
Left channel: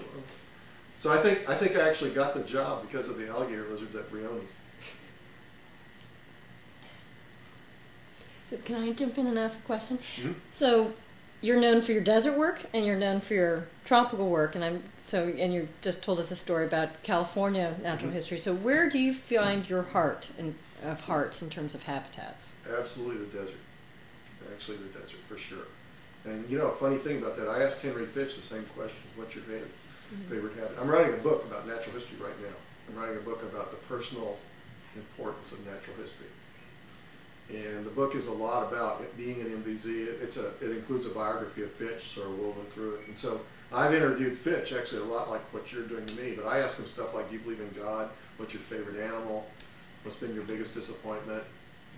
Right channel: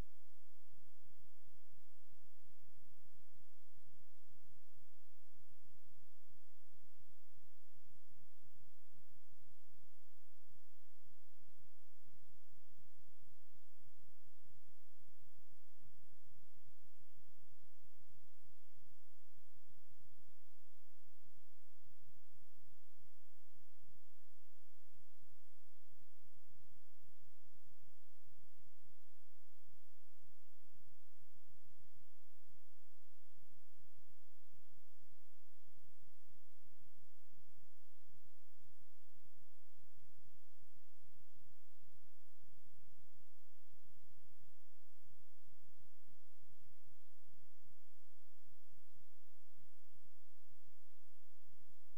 So I think I actually got the job because of the alligator lizards at Briones. So can I jump in and ask a question? Mm-hmm. So you're known for your desert work and you're known for your tropical work, and you just told us a story about California natural history. So where do you find your heart of hearts in terms of habitats? Absolutely the desert. Actually the desert, for sure. And you know, a funny thing about that, I asked Henry Fitch the same question, what's your favorite habitat? I'm writing a book about natural history right now. I'm writing a book about the personal importance of natural history. And the book is a lot about it being an MVZ. It includes a biography of Fitch, sort of woven through it. And so I've interviewed Fitch, actually a lot like what you're doing to me, but I ask him stuff like, do you believe in God? What's your favorite animal? What's been your biggest disappointment?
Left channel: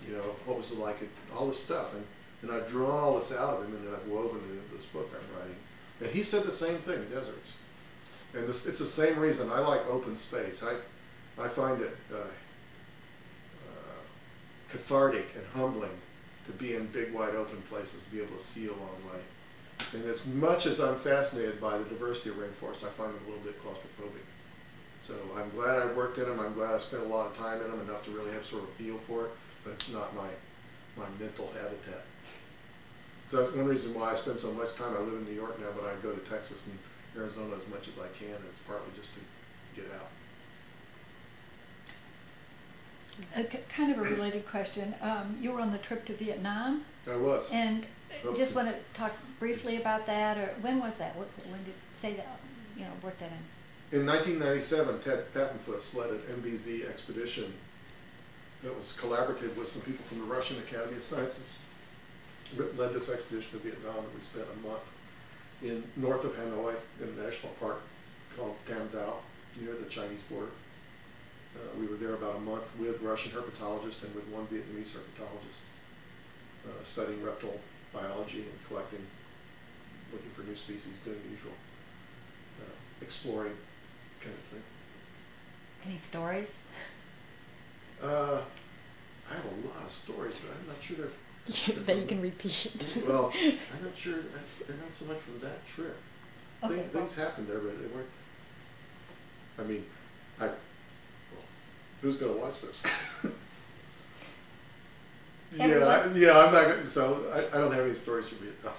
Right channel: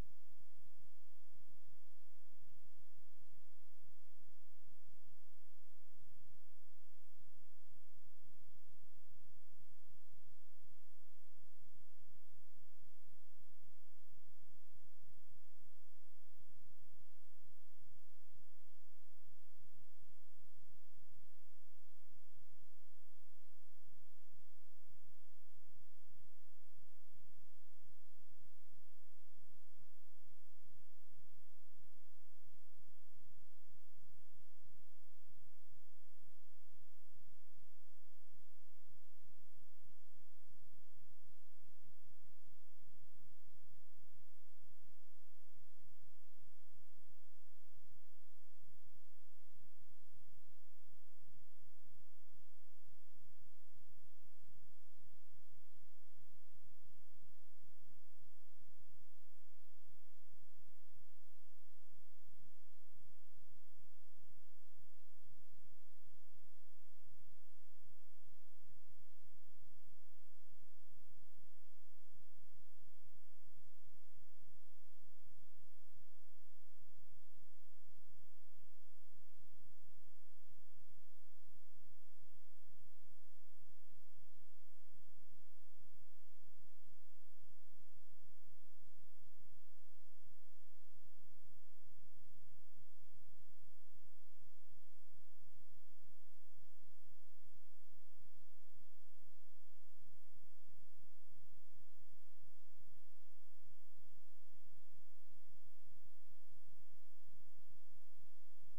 You know, what was it like? All this stuff. And I've drawn all this out of him, and then I've woven it into this book I'm writing. And he said the same thing, deserts. And it's the same reason I like open space. I find it cathartic and humbling to be in big, wide open places, to be able to see a long way. And as much as I'm fascinated by the diversity of rainforest, I find it a little bit claustrophobic. So I'm glad I worked in them. I'm glad I spent a lot of time in them, enough to really have sort of a feel for it, but it's not my mental habitat. So that's one reason why I spend so much time. I live in New York now, but I go to Texas and Arizona as much as I can, and it's partly just to get out. Kind of a related question. You were on the trip to Vietnam. I was. And just want to talk briefly about that, or when was that? When did say that? work that in? In 1997, Ted Pattenfuss led an MBZ expedition that was collaborative with some people from the Russian Academy of Sciences. Led this expedition to Vietnam, and we spent a month north of Hanoi in a national park called Tam Dao, near the Chinese border. We were there about a month with Russian herpetologists and with one Vietnamese herpetologist, studying reptile biology and collecting, looking for new species, doing the usual exploring kind of thing. Any stories? I have a lot of stories, but I'm not sure they're that you can repeat. Well, I'm not sure. They're not so much from that trip. Okay, Things happened there, but they weren't. I mean, well, who's going to watch this? Yeah, I'm not going to. So I don't have any stories from Vietnam.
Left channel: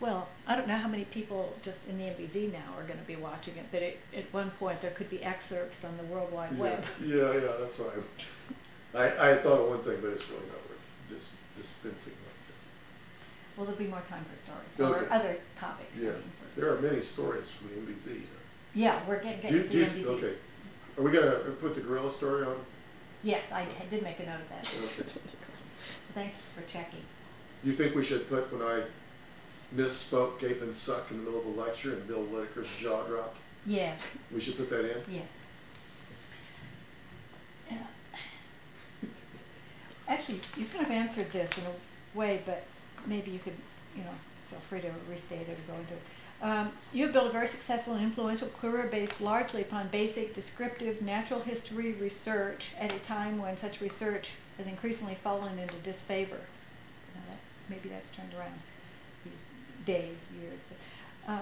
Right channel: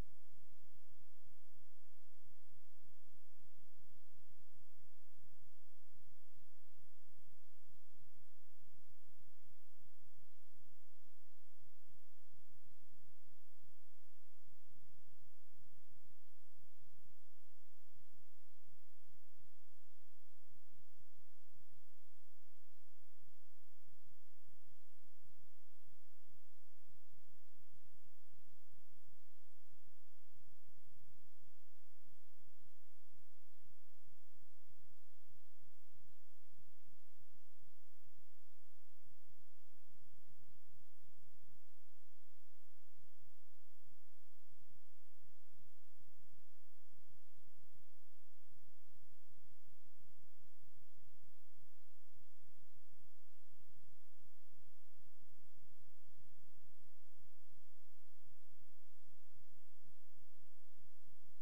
Well, I don't know how many people just in the MBZ now are going to be watching it, but at one point there could be excerpts on the World Wide Web. Yeah, that's why I thought of one thing, but it's really not worth dispensing like that. Well, there'll be more time for stories Okay. or other topics. Yeah, there are many stories from the MBZ. Yeah, we're getting to the MBZ. Okay, are we going to put the gorilla story on? Yes, I did make a note of that. Okay. Thanks for checking. Do you think we should put when I misspoke, gape and suck in the middle of a lecture and Bill Whitaker's jaw dropped? Yes. We should put that in? Yes. Actually, you kind of answered this in a way, but maybe you could, feel free to restate it or go into it. You have built a very successful and influential career based largely upon basic descriptive natural history research at a time when such research has increasingly fallen into disfavor. Now maybe that's turned around these days, years. But,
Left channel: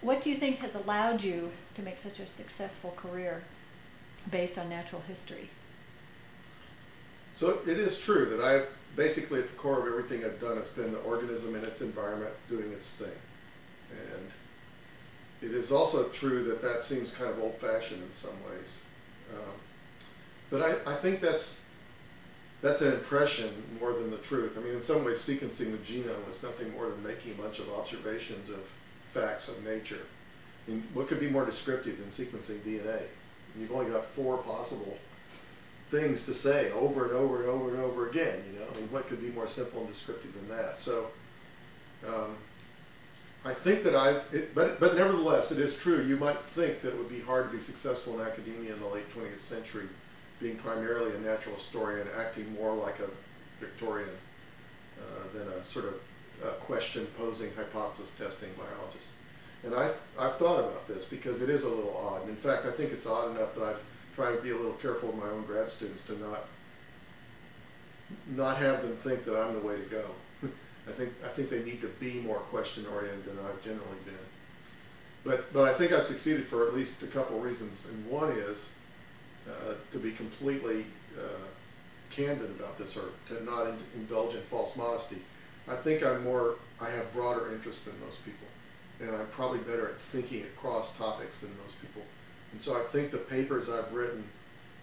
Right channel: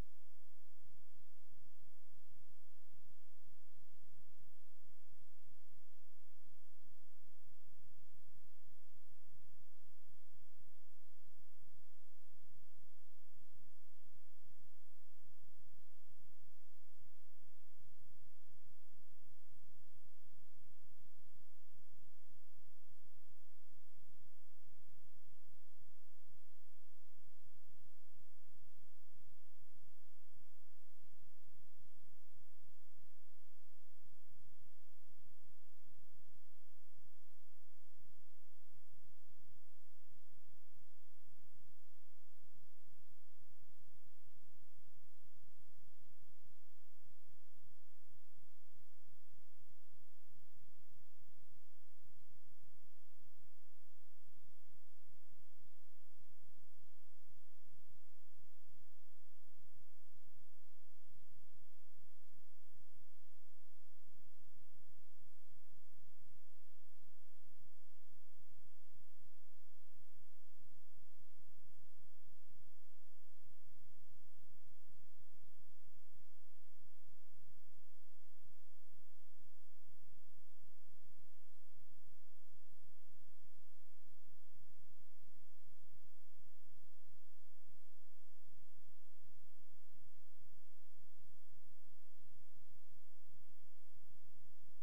what do you think has allowed you to make such a successful career based on natural history? So it is true that I've basically at the core of everything I've done has been the organism in its environment doing its thing. And it is also true that that seems kind of old-fashioned in some ways. But I think that's an impression more than the truth. I mean, in some ways, sequencing the genome is nothing more than making a bunch of observations of facts of nature. I mean, what could be more descriptive than sequencing DNA? You've only got 4 possible things to say over and over and over and over again. I mean, what could be more simple and descriptive than that? So, I think that but nevertheless, it is true. You might think that it would be hard to be successful in academia in the late 20th century, being primarily a natural historian, acting more like a Victorian than a sort of question-posing, hypothesis-testing biologist. And I've thought about this because it is a little odd. And in fact, I think it's odd enough that I've tried to be a little careful with my own grad students to not have them think that I'm the way to go. I think they need to be more question-oriented than I've generally been. But I think I've succeeded for at least a couple of reasons. And one is to be completely candid about this, or to not indulge in false modesty. I think I have broader interests than most people, and I'm probably better at thinking across topics than most people. And so I think the papers I've written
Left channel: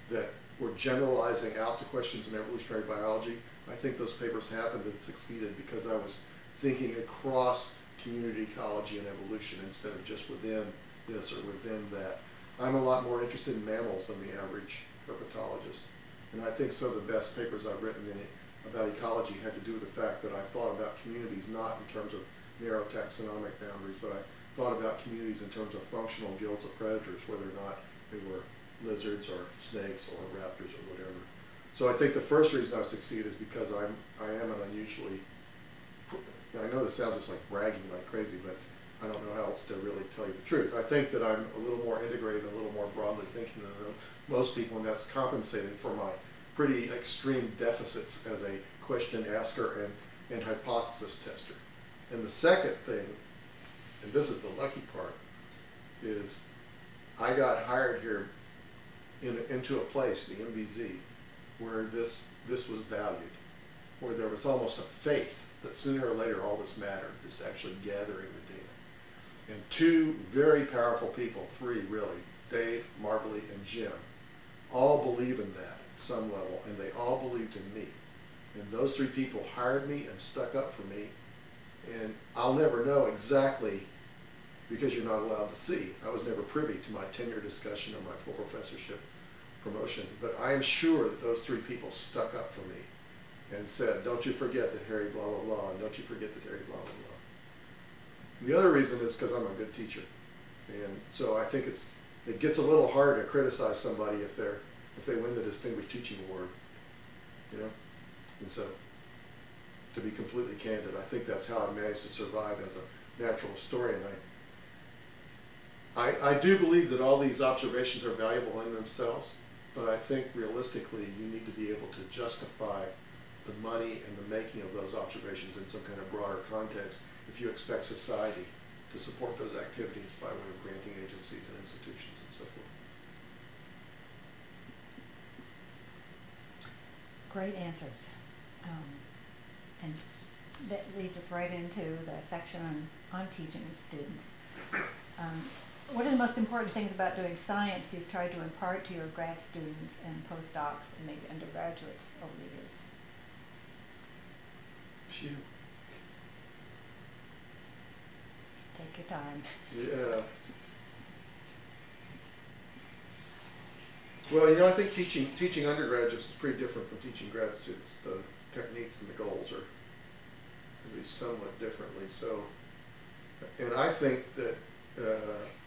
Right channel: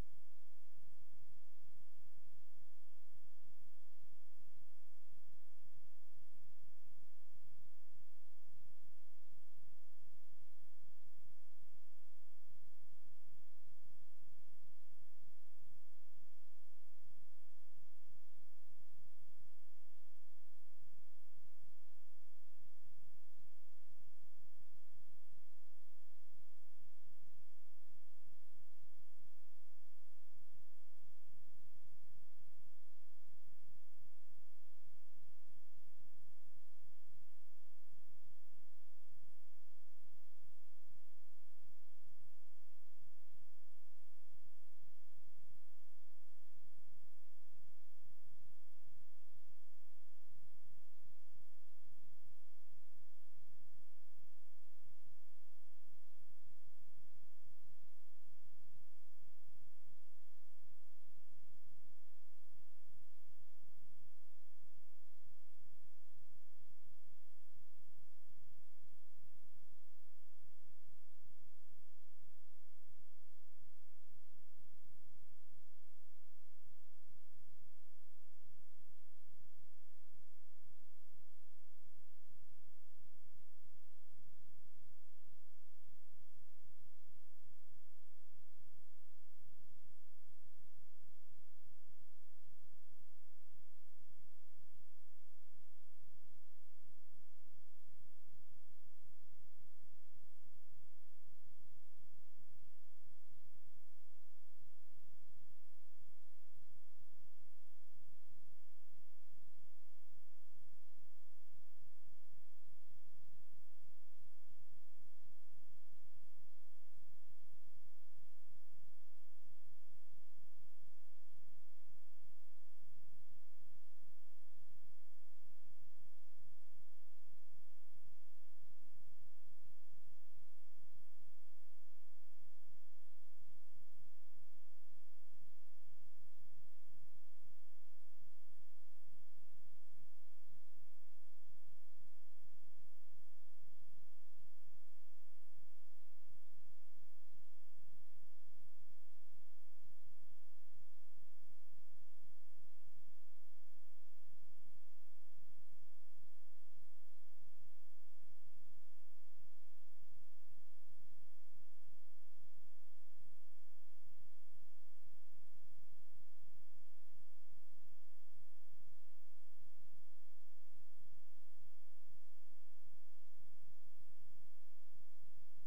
that were generalizing out to questions in evolutionary biology, I think those papers happened and succeeded because I was thinking across community ecology and evolution instead of just within this or within that. I'm a lot more interested in mammals than the average herpetologist. And I think some of the best papers I've written about ecology had to do with the fact that I thought about communities not in terms of narrow taxonomic boundaries, but I thought about communities in terms of functional guilds of predators, whether or not they were lizards or snakes or raptors or whatever. So I think the first reason I've succeeded is because I am an unusually, I know this sounds just like bragging like crazy, but I don't know how else to really tell you the truth. I think that I'm a little more integrated, a little more broadly thinking than most people, and that's compensated for my pretty extreme deficits as a question asker and hypothesis tester. And the second thing, and this is the lucky part, is I got hired here into a place, the MBZ, where this was valued, where there was almost a faith that sooner or later all this mattered, this actually gathering the data. And 2 very powerful people, 3 really, Dave, Marbley, and Jim, all believe in that at some level, and they all believed in me. And those 3 people hired me and stuck up for me, And I'll never know exactly, because you're not allowed to see. I was never privy to my tenure discussion or my full professorship promotion, but I am sure that those three people stuck up for me and said, don't you forget that Harry blah, blah, blah, and don't you forget that Harry blah, blah, blah. The other reason is because I'm a good teacher. And so I think it gets a little hard to criticize somebody if they win the Distinguished Teaching Award, you know? And so, to be completely candid, I think that's how I managed to survive as a natural historian. I do believe that all these observations are valuable in themselves, but I think realistically you need to be able to justify the money and the making of those observations in some kind of broader context if you expect society to support those activities by way of granting agencies and institutions and so forth. Great answers. And that leads us right into the section on teaching and students. What are the most important things about doing science you've tried to impart to your grad students and postdocs and maybe undergraduates over the years? Phew. Take your time. Yeah. Well, you know, I think teaching undergraduates is pretty different from teaching grad students. The techniques and the goals are at least somewhat differently. So, and I think that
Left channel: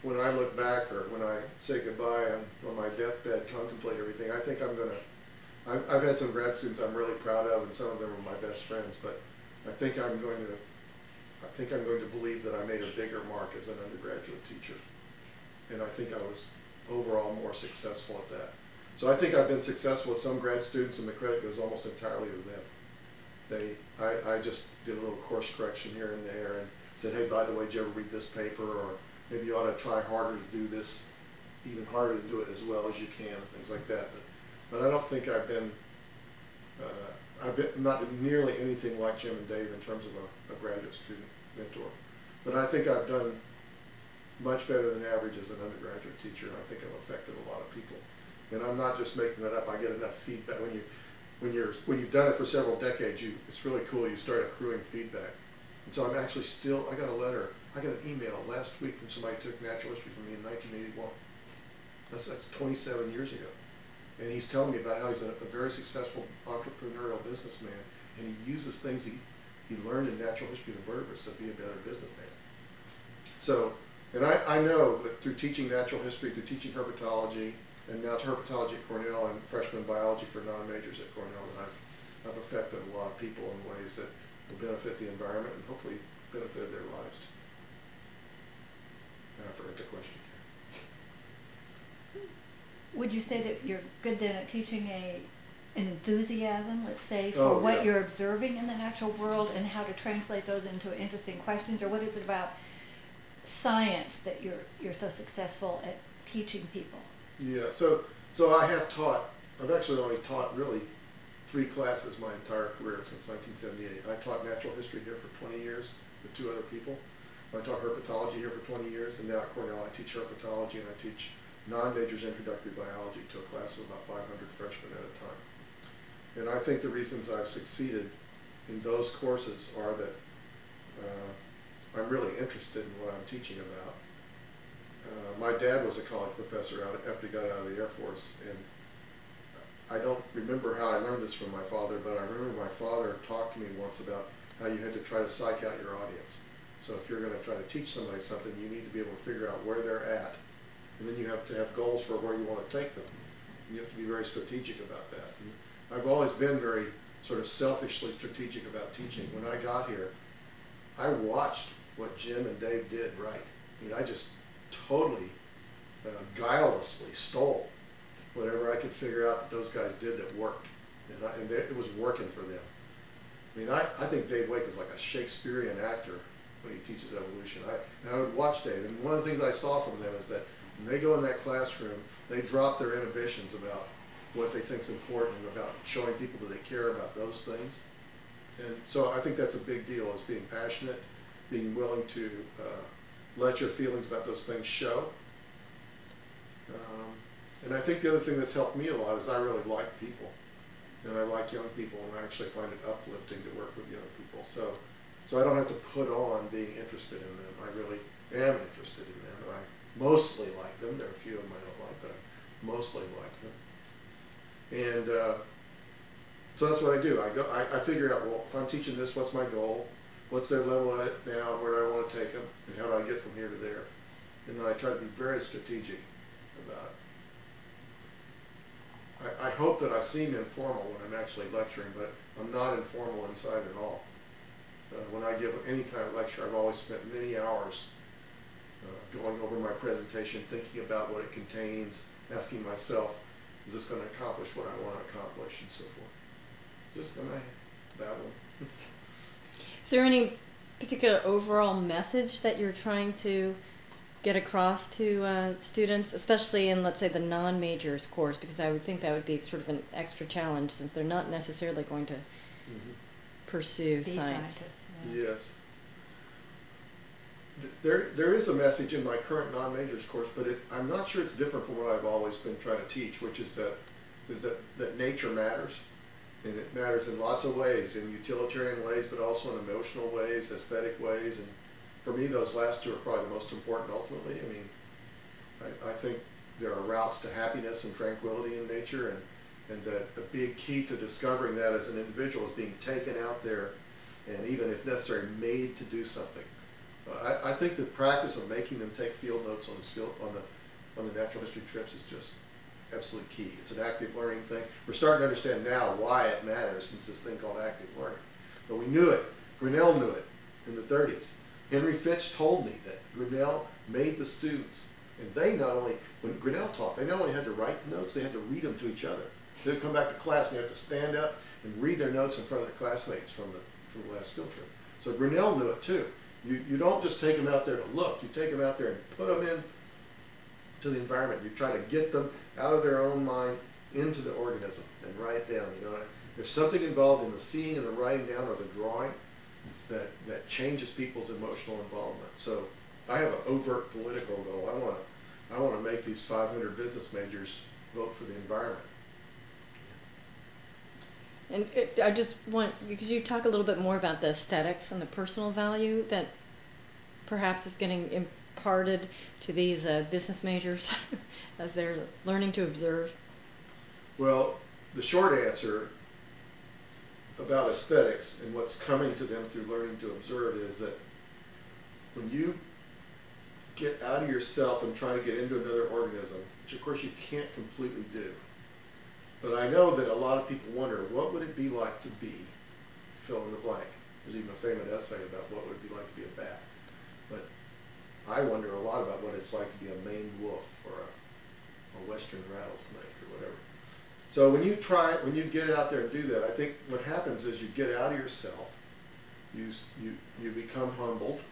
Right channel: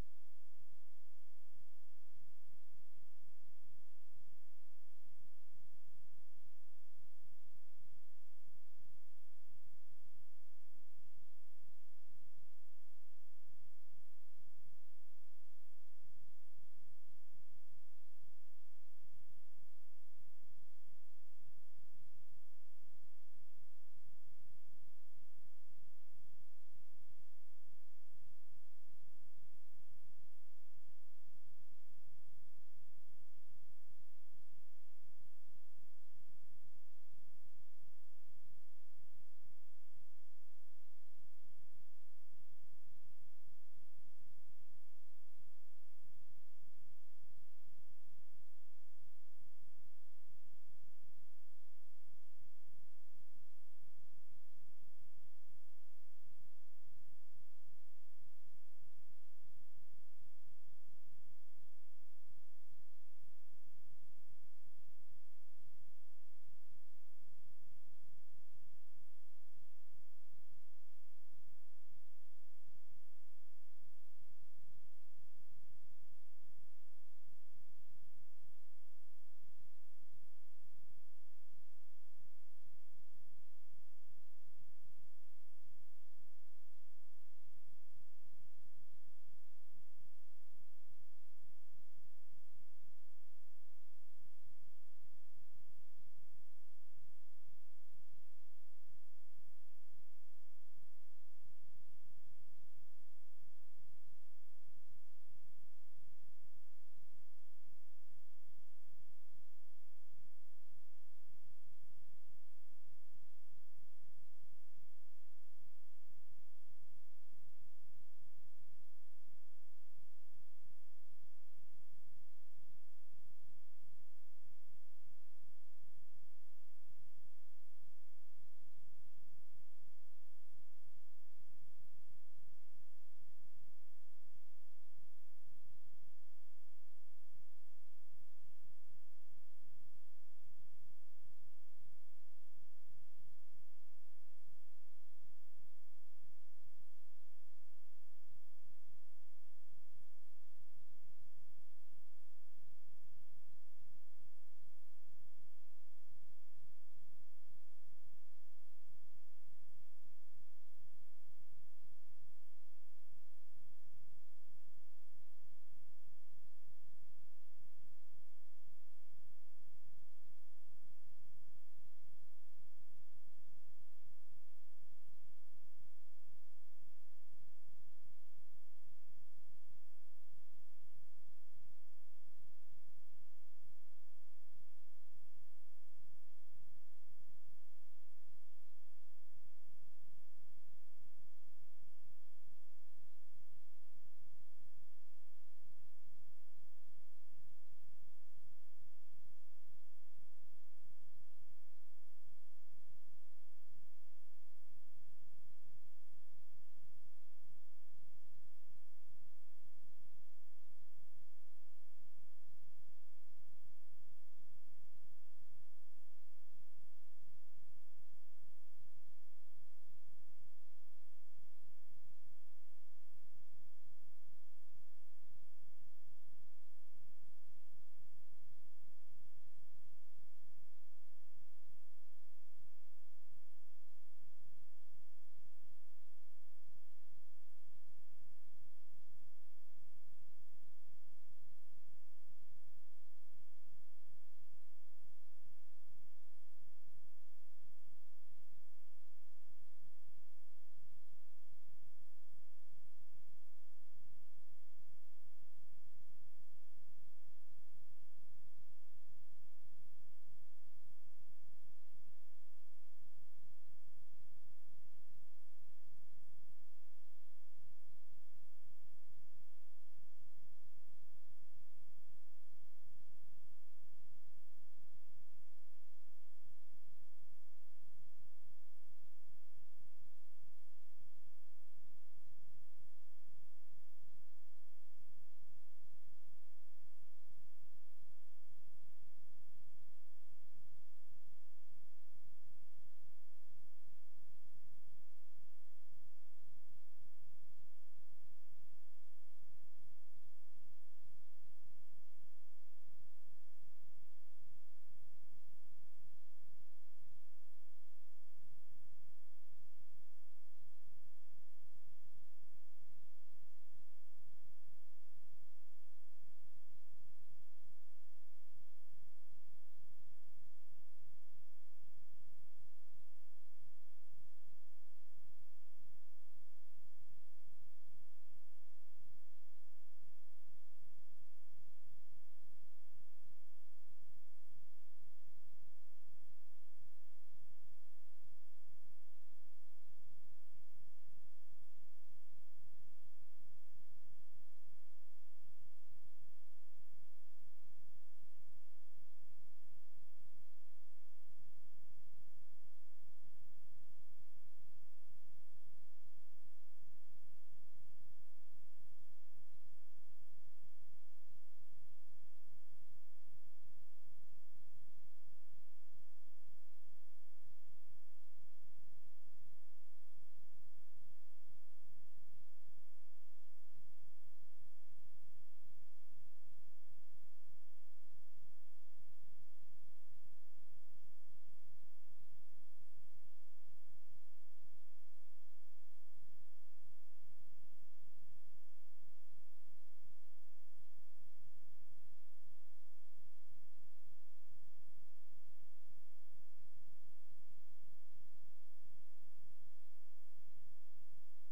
when I look back or when I say goodbye on my deathbed, contemplate everything, I think I've had some grad students I'm really proud of, and some of them are my best friends, but I think I'm going to believe that I made a bigger mark as an undergraduate teacher. And I think I was overall more successful at that. So I think I've been successful with some grad students, and the credit goes almost entirely to them. I just did a little course correction here and there and said, hey, by the way, did you ever read this paper? Or maybe you ought to try harder to do this, even harder to do it as well as you can, things like that. But I don't think I've been not nearly anything like Jim and Dave in terms of a graduate student mentor. But I think I've done much better than average as an undergraduate teacher, and I think I've affected a lot of people. And I'm not just making that up. I get enough feedback. When you've done it for several decades, it's really cool. You start accruing feedback. And so I'm actually still, I got an email last week from somebody who took natural history from me in 1981. That's 27 years ago. And he's telling me about how he's a very successful entrepreneurial businessman, and he uses things he learned in natural history of the vertebrates to be a better businessman. So, and I know that through teaching natural history, through teaching herpetology, and now to herpetology at Cornell and freshman biology for non-majors at Cornell, that I've affected a lot of people in ways that will benefit the environment and hopefully benefit their lives. I forgot the question. Would you say that you're good then at teaching an enthusiasm, let's say, for what you're observing in the natural world and how to translate those into interesting questions? Or what is it about science that you're so successful at teaching people? Yeah, so I've actually only taught really 3 classes my entire career since 1978. I taught natural history here for 20 years with 2 other people. I taught herpetology here for 20 years, and now at Cornell I teach herpetology and I teach non-majors introductory biology to a class of about 500 freshmen at a time. And I think the reasons I've succeeded in those courses are that I'm really interested in what I'm teaching about. My dad was a college professor after he got out of the Air Force, and I don't remember how I learned this from my father, but I remember my father talked to me once about how you had to try to psych out your audience. So if you're going to try to teach somebody something, you need to be able to figure out where they're at, and then you have to have goals for where you want to take them. You have to be very strategic about that. And I've always been very sort of selfishly strategic about teaching. When I got here, I watched what Jim and Dave did right. I mean, I just totally guilelessly stole whatever I could figure out that those guys did that worked. And it was working for them. I mean, I think Dave Wake is like a Shakespearean actor when he teaches evolution. I would watch Dave, and one of the things I saw from them is that when they go in that classroom, they drop their inhibitions about what they think is important, about showing people that they care about those things. And so I think that's a big deal, is being passionate, being willing to let your feelings about those things show. And I think the other thing that's helped me a lot is I really like people. And I like young people, and I actually find it uplifting to work with young people. So So I don't have to put on being interested in them. I really am interested in them, and I mostly like them. There are a few of them I don't like, but I mostly like them. And so that's what I do. I figure out, well, if I'm teaching this, what's my goal? What's their level at now? Where do I want to take them? And how do I get from here to there? And then I try to be very strategic about it. I hope that I seem informal when I'm actually lecturing, but I'm not informal inside at all. When I give any kind of lecture, I've always spent many hours going over my presentation, thinking about what it contains, asking myself, is this going to accomplish what I want to accomplish, and so forth. Just going to babble. Is there any particular overall message that you're trying to get across to students, especially in, let's say, the non-majors course? Because I would think that would be sort of an extra challenge, since they're not necessarily going to pursue science. Yeah. Yes. There is a message in my current non-majors course, but I'm not sure it's different from what I've always been trying to teach, which is that nature matters. And it matters in lots of ways, in utilitarian ways, but also in emotional ways, aesthetic ways. And for me, those last two are probably the most important ultimately. I mean, I think there are routes to happiness and tranquility in nature, and that a big key to discovering that as an individual is being taken out there and, even if necessary, made to do something. I think the practice of making them take field notes on the natural history trips is just absolutely key. It's an active learning thing. We're starting to understand now why it matters, since this thing called active learning. But we knew it. Grinnell knew it in the 30s. Henry Fitch told me that Grinnell made the students, and they not only, when Grinnell taught, they not only had to write the notes, they had to read them to each other. They would come back to class and they had to stand up and read their notes in front of their classmates from the last field trip. So Grinnell knew it too. You don't just take them out there to look. You take them out there and put them in to the environment. You try to get them out of their own mind into the organism and write down. You know, there's something involved in the seeing and the writing down or the drawing that changes people's emotional involvement. So I have an overt political goal. I want to make these 500 business majors vote for the environment. And I just want, because you talk a little bit more about the aesthetics and the personal value that perhaps is getting imparted to these business majors as they're learning to observe? Well, the short answer about aesthetics and what's coming to them through learning to observe is that when you get out of yourself and try to get into another organism, which of course you can't completely do, but I know that a lot of people wonder, what would it be like to be fill in the blank? There's even a famous essay about what would it be like to be a bat. But I wonder a lot about what it's like to be a Maine wolf or a western rattlesnake or whatever. So when you get out there and do that, I think what happens is you get out of yourself, you become humbled,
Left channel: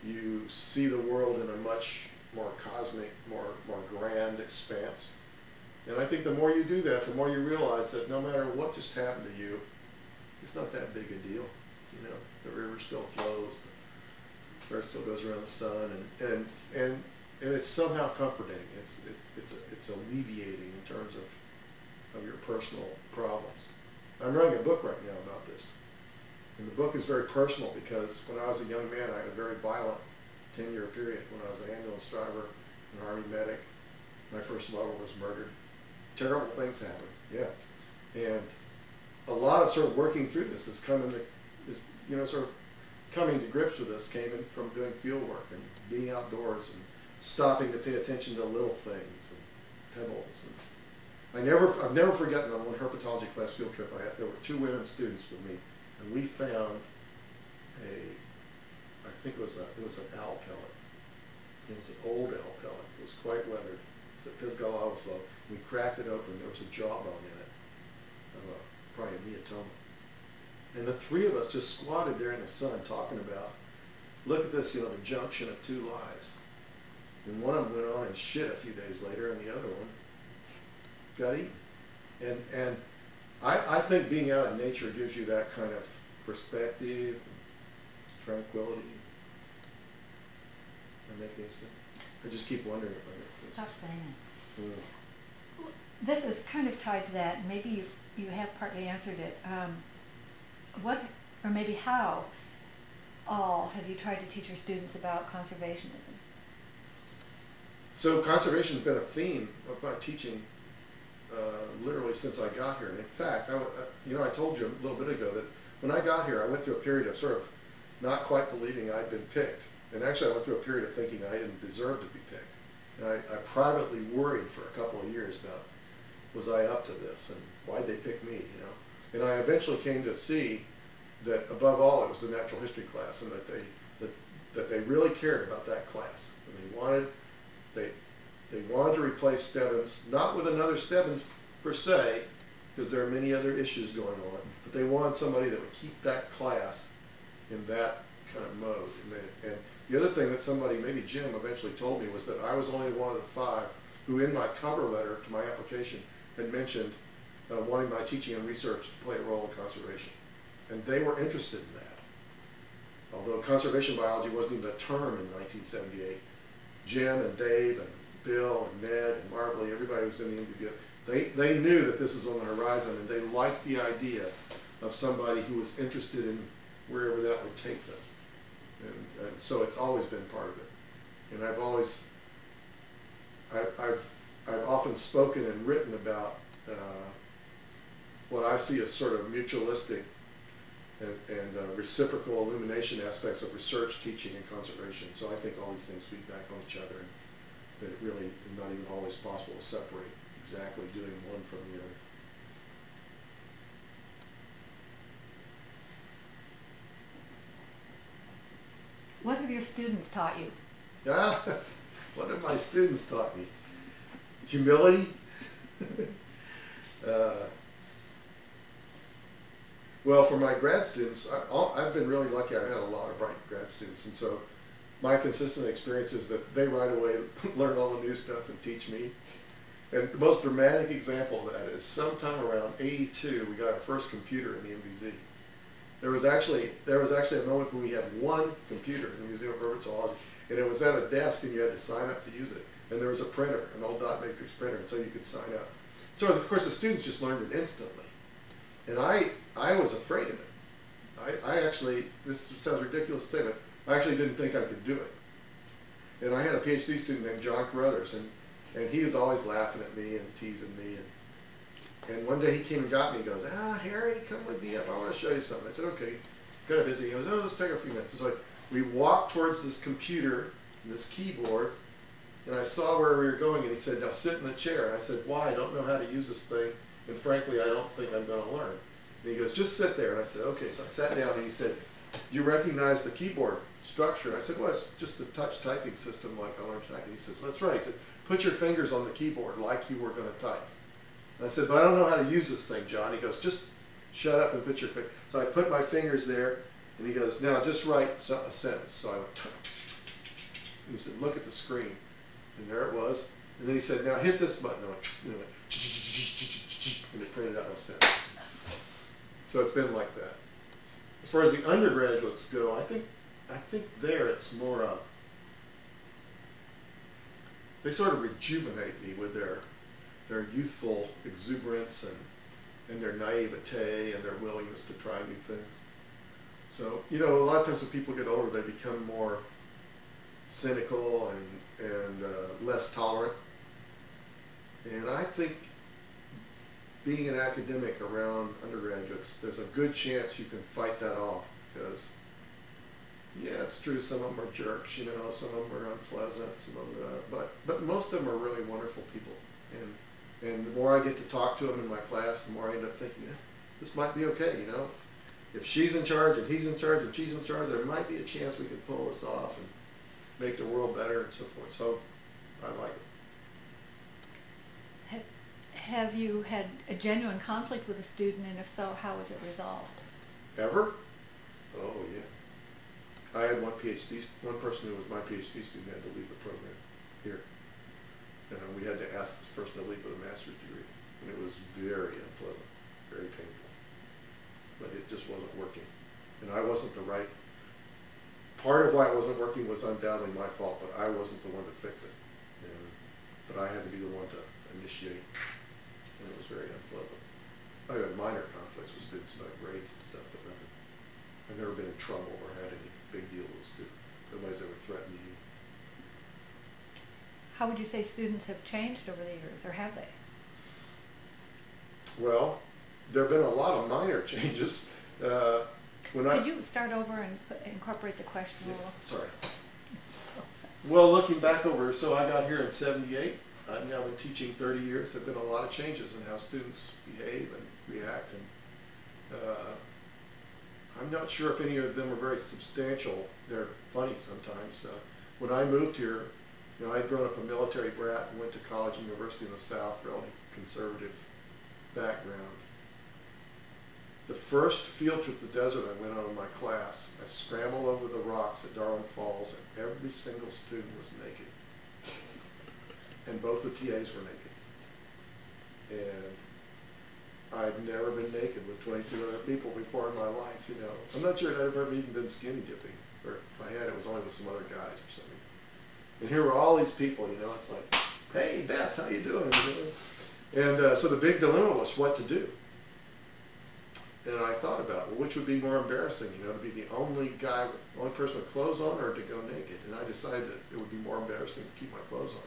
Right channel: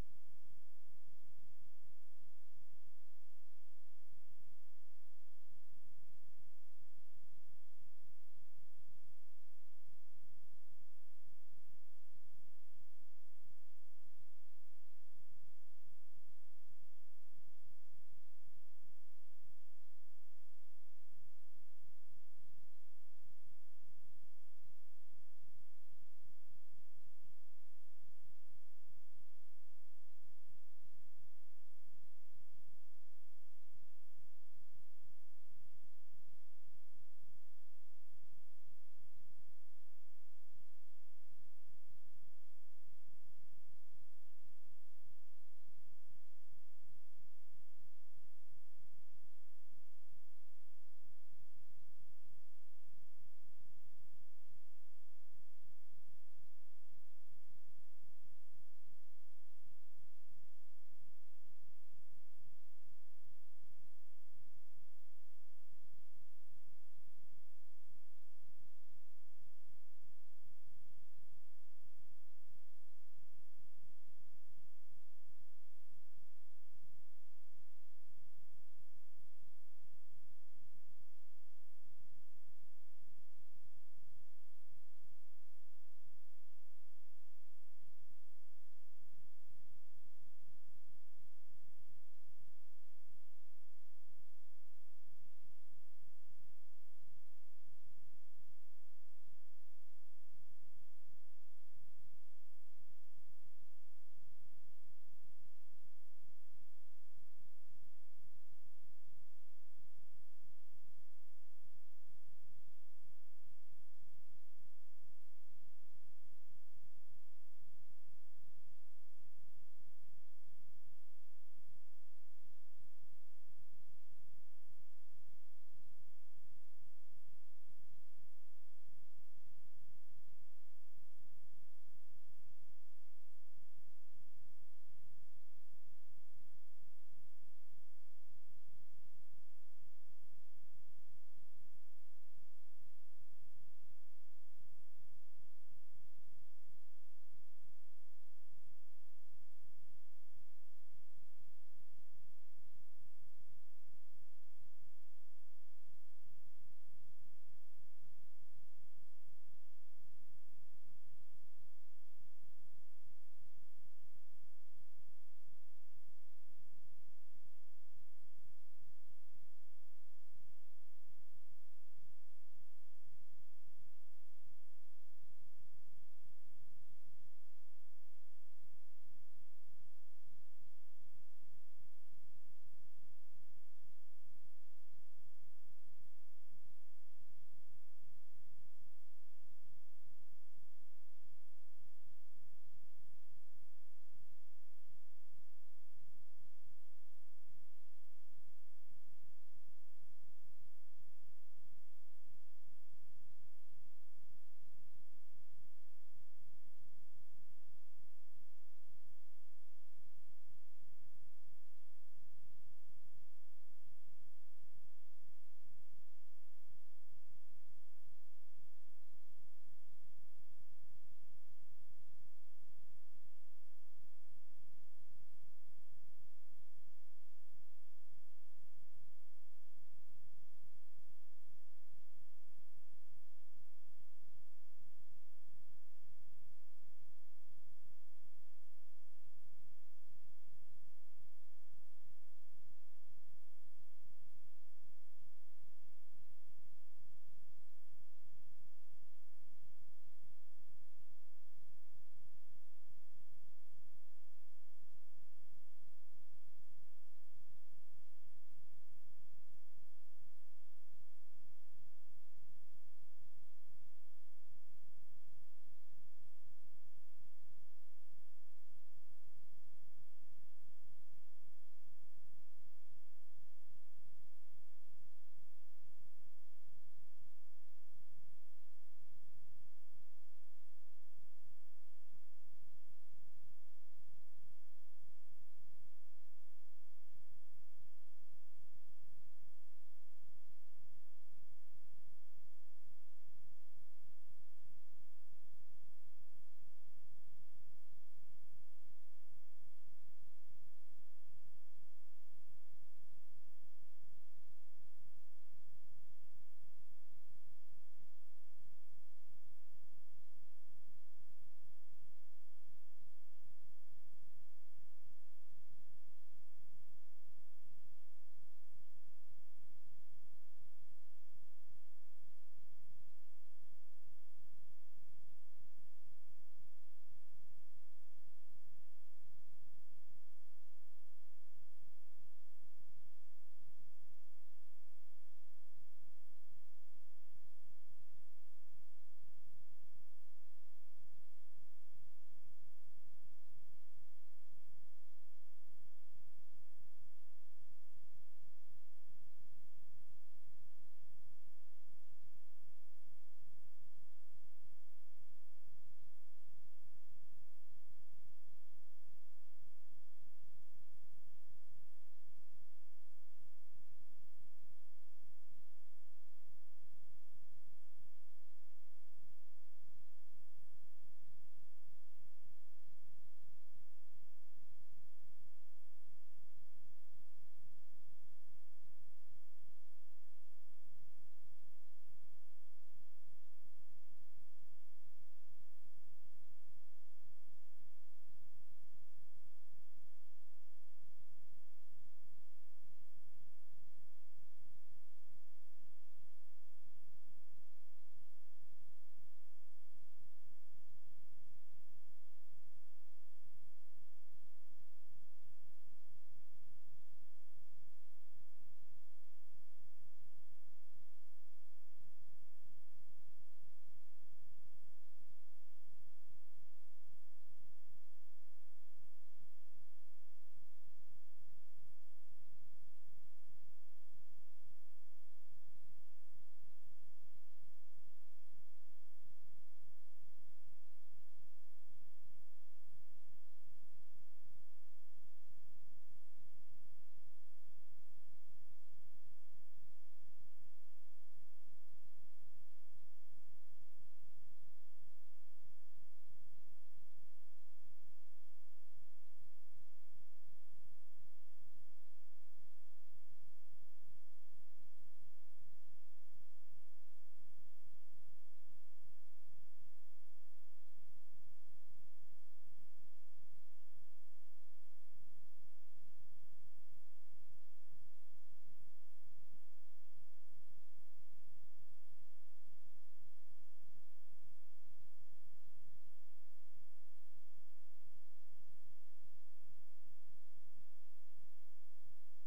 you see the world in a much more cosmic, more grand expanse. And I think the more you do that, the more you realize that no matter what just happened to you, it's not that big a deal. You know, the river still flows, the earth still goes around the sun, and it's somehow comforting. It's alleviating in terms of your personal problems. I'm writing a book right now about this, and the book is very personal because when I was a young man, I had a very violent 10-year period when I was an ambulance driver, an army medic. My first lover was murdered. Terrible things happen, yeah. And a lot of sort of working through this is sort of coming to grips with this came in from doing field work and being outdoors and stopping to pay attention to little things and pebbles. And I've never forgotten on one herpetology class field trip there were 2 women students with me, and we found I think it was an owl pellet. It was an old owl pellet. It was quite weathered. It's a Pisgah overflow. We cracked it open. There was a jawbone in it, probably a neotoma. And the 3 of us just squatted there in the sun talking about, look at this, the junction of 2 lives. And one of them went on and shit a few days later, and the other one got eaten. And I think being out in nature gives you that kind of perspective, tranquility. Does that make any sense? I just keep wondering if I make this. Stop saying it. This is kind of tied to that. Maybe you have partly answered it. What, or maybe how, all have you tried to teach your students about conservationism? So conservation has been a theme of my teaching literally since I got here. And in fact, I told you a little bit ago that when I got here, I went through a period of sort of not quite believing I'd been picked. And actually, I went through a period of thinking I didn't deserve to be picked. And I privately worried for a couple of years about, was I up to this, and why'd they pick me, you know? And I eventually came to see that above all, it was the natural history class, and that they really cared about that class. And they wanted to replace Stebbins, not with another Stebbins per se, because there are many other issues going on, but they wanted somebody that would keep that class in that kind of mode. And the other thing that somebody, maybe Jim, eventually told me was that I was only one of the 5 who in my cover letter to my application had mentioned wanting my teaching and research to play a role in conservation. And they were interested in that. Although conservation biology wasn't even a term in 1978, Jim and Dave and Bill and Ned and Marbley, everybody who was in the NBZ, they knew that this was on the horizon, and they liked the idea of somebody who was interested in wherever that would take them. And so it's always been part of it. And I've often spoken and written about what I see as sort of mutualistic and reciprocal illumination aspects of research, teaching, and conservation. So I think all these things feed back on each other, and that it really is not even always possible to separate exactly doing one from the other. What have your students taught you? What have my students taught me? Humility. Well, for my grad students, I've been really lucky. I've had a lot of bright grad students, and so my consistent experience is that they right away learn all the new stuff and teach me. And the most dramatic example of that is sometime around '82, we got our first computer in the MVZ. There was actually a moment when we had one computer in the Museum of Herpetology, and it was at a desk, and you had to sign up to use it. And there was a printer, an old dot matrix printer, and so you could sign up. So of course the students just learned it instantly, and I was afraid of it. I actually, this sounds ridiculous to say, but I actually didn't think I could do it. And I had a PhD student named John Carruthers, and he was always laughing at me and teasing me. And one day he came and got me. He goes, Harry, come with me up. I want to show you something. I said, okay. Kind of busy. He goes, let's take a few minutes. And so we walked towards this computer, this keyboard, and I saw where we were going, and he said, now sit in the chair. And I said, why? I don't know how to use this thing, and frankly, I don't think I'm going to learn. And he goes, just sit there. And I said, okay. So I sat down, and he said, do you recognize the keyboard structure? And I said, well, it's just a touch typing system like I learned typing. He says, well, that's right. He said, put your fingers on the keyboard like you were going to type. And I said, but I don't know how to use this thing, John. He goes, just shut up and put your finger. So I put my fingers there, and he goes, now just write a sentence. So I went, and he said, look at the screen. And there it was. And then he said, now hit this button. And it printed out my sentence. So it's been like that. As far as the undergraduates go, I think there it's more they sort of rejuvenate me with their youthful exuberance and their naivete and their willingness to try new things. So, you know, a lot of times when people get older, they become more cynical and less tolerant. And I think being an academic around undergraduates, there's a good chance you can fight that off, because yeah, it's true, some of them are jerks, you know, some of them are unpleasant, some of them but most of them are really wonderful people. And the more I get to talk to them in my class, the more I end up thinking, this might be okay, you know. If she's in charge and he's in charge and she's in charge, there might be a chance we can pull this off and make the world better and so forth. So I like it. Have you had a genuine conflict with a student, and if so, how was it resolved? Ever? Oh, yeah. I had one person who was my PhD student had to leave the program here. And we had to ask this person to leave with a master's degree. And it was very unpleasant, very painful. But it just wasn't working. And I wasn't the right, part of why it wasn't working was undoubtedly my fault, but I wasn't the one to fix it. But I had to be the one to initiate. And it was very unpleasant. I had minor conflicts with students about grades and stuff, but nothing. I've never been in trouble or had any big say students have changed over the years, or have they? Well, there have been a lot of minor changes. Could you start over and incorporate the question a little? Sorry. Well, looking back over, so I got here in '78. I've now been teaching 30 years. There have been a lot of changes in how students behave and react. And I'm not sure if any of them are very substantial. They're funny sometimes. When I moved here, you know, I'd grown up a military brat and went to college and university in the South, really conservative background. The first field trip to the desert I went on in my class, I scrambled over the rocks at Darwin Falls, and every single student was naked. And both the TAs were naked. And I'd never been naked with 22 other people before in my life, you know. I'm not sure I'd ever even been skinny dipping. Or if I had, it was only with some other guys or something. And here were all these people, you know. It's like, hey, Beth, how you doing? And so the big dilemma was what to do. And I thought about, well, which would be more embarrassing, you know, to be the only person with clothes on, or to go naked. And I decided that it would be more embarrassing to keep my clothes on.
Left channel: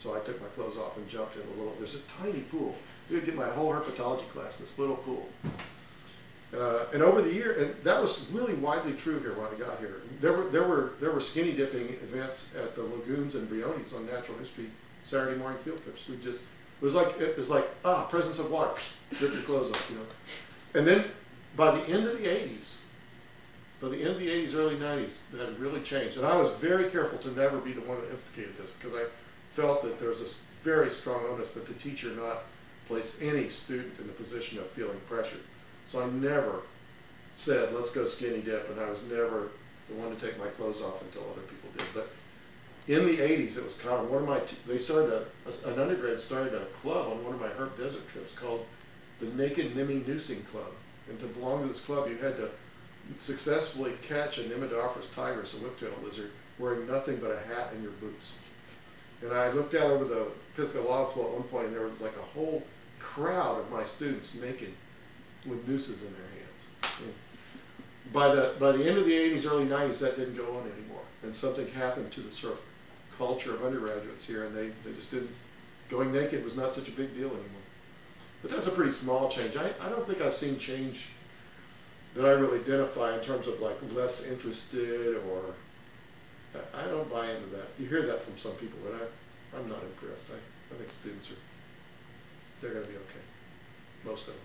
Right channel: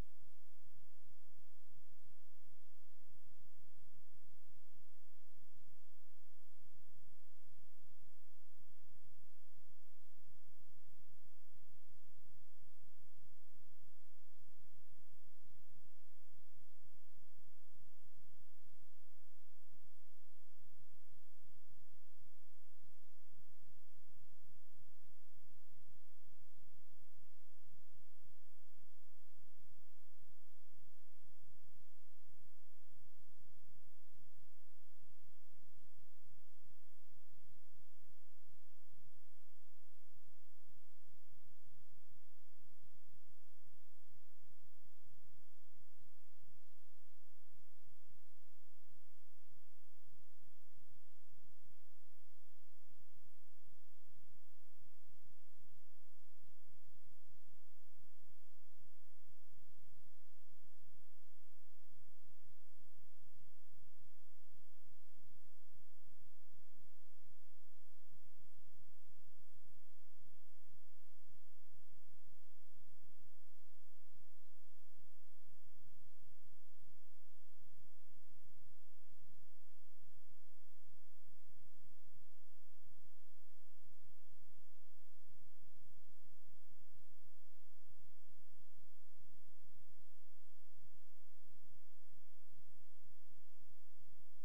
So I took my clothes off and jumped in a little, there's a tiny pool. You could get my whole herpetology class in this little pool. And over the year, and that was really widely true here when I got here. There were skinny dipping events at the lagoons and Briones on natural history Saturday morning field trips. It was like presence of water, rip your clothes off, you know. And then by the end of the 80s, early 90s, that had really changed. And I was very careful to never be the one that instigated this, because I felt that there was this very strong onus that the teacher not place any student in the position of feeling pressured. So I never said, let's go skinny dip, and I was never the one to take my clothes off until other people did. But in the 80s, it was common. An undergrad started a club on one of my herp desert trips called the Naked Nimmy Noosing Club. And to belong to this club, you had to successfully catch a Nimidophorus tigris, a whiptail lizard, wearing nothing but a hat and your boots. And I looked out over the Pisgah lava flow at one point, and there was like a whole crowd of my students naked with nooses in their hands. And by the end of the 80s, early 90s, that didn't go on anymore. And something happened to the sort of culture of undergraduates here, and they just didn't, going naked was not such a big deal anymore. But that's a pretty small change. I don't think I've seen change that I really identify in terms of like less interested, or I don't buy into that. You hear that from some people, but I'm not impressed. I think students they're going to be okay. Most of them.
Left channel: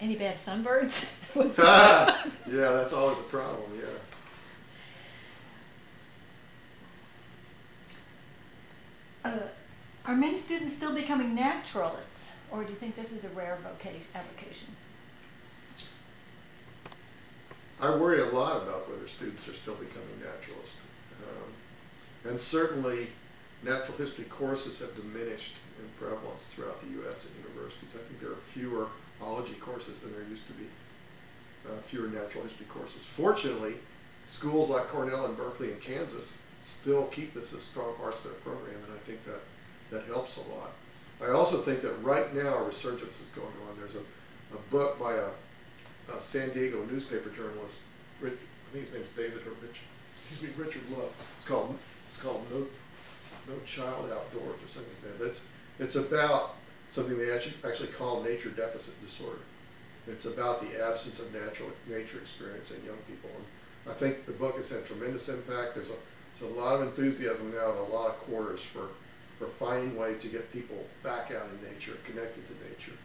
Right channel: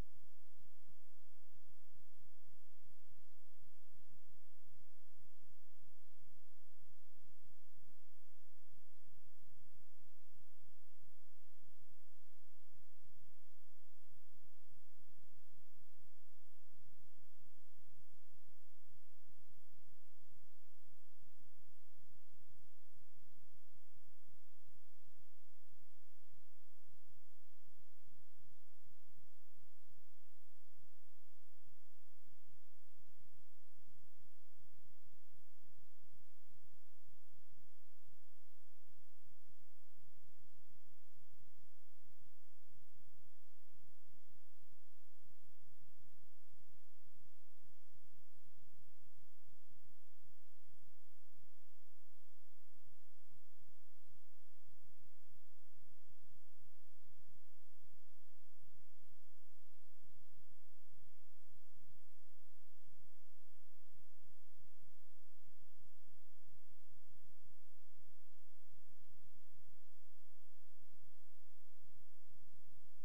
Any bad sunbirds? Yeah, that's always a problem, yeah. Are many students still becoming naturalists, or do you think this is a rare avocation? I worry a lot about whether students are still becoming naturalists. And certainly natural history courses have diminished in prevalence throughout the U.S. and universities. I think there are fewer ology courses than there used to be, fewer natural history courses. Fortunately, schools like Cornell and Berkeley and Kansas still keep this as strong parts of their program, and I think that helps a lot. I also think that right now a resurgence is going on. There's a book by a San Diego newspaper journalist, I think his name's Richard Love. It's called No Child Outdoors or something like that. It's about something they actually call nature deficit disorder. It's about the absence of nature experience in young people. And I think the book has had tremendous impact. There's a lot of enthusiasm now in a lot of quarters for finding ways to get people back out in nature, connected to nature.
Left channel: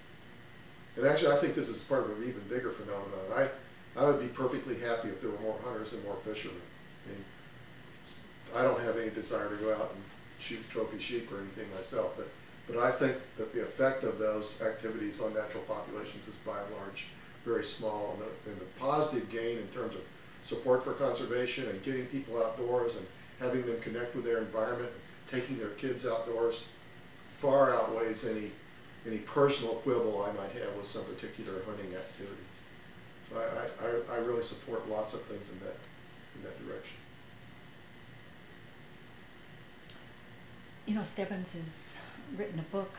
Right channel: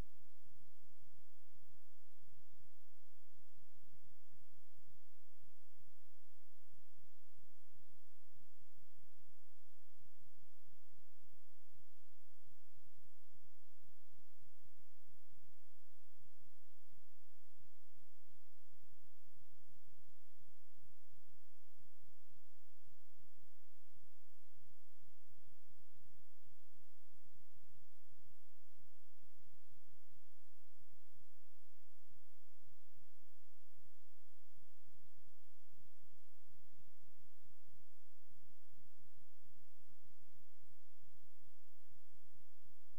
And actually, I think this is part of an even bigger phenomenon. I would be perfectly happy if there were more hunters and more fishermen. I mean, I don't have any desire to go out and shoot trophy sheep or anything myself, but I think that the effect of those activities on natural populations is by and large very small, and the positive gain in terms of support for conservation and getting people outdoors and having them connect with their environment, taking their kids outdoors, far outweighs any personal quibble I might have with some particular hunting activity. So I really support lots of things in that direction. You know, Stebbins has written a book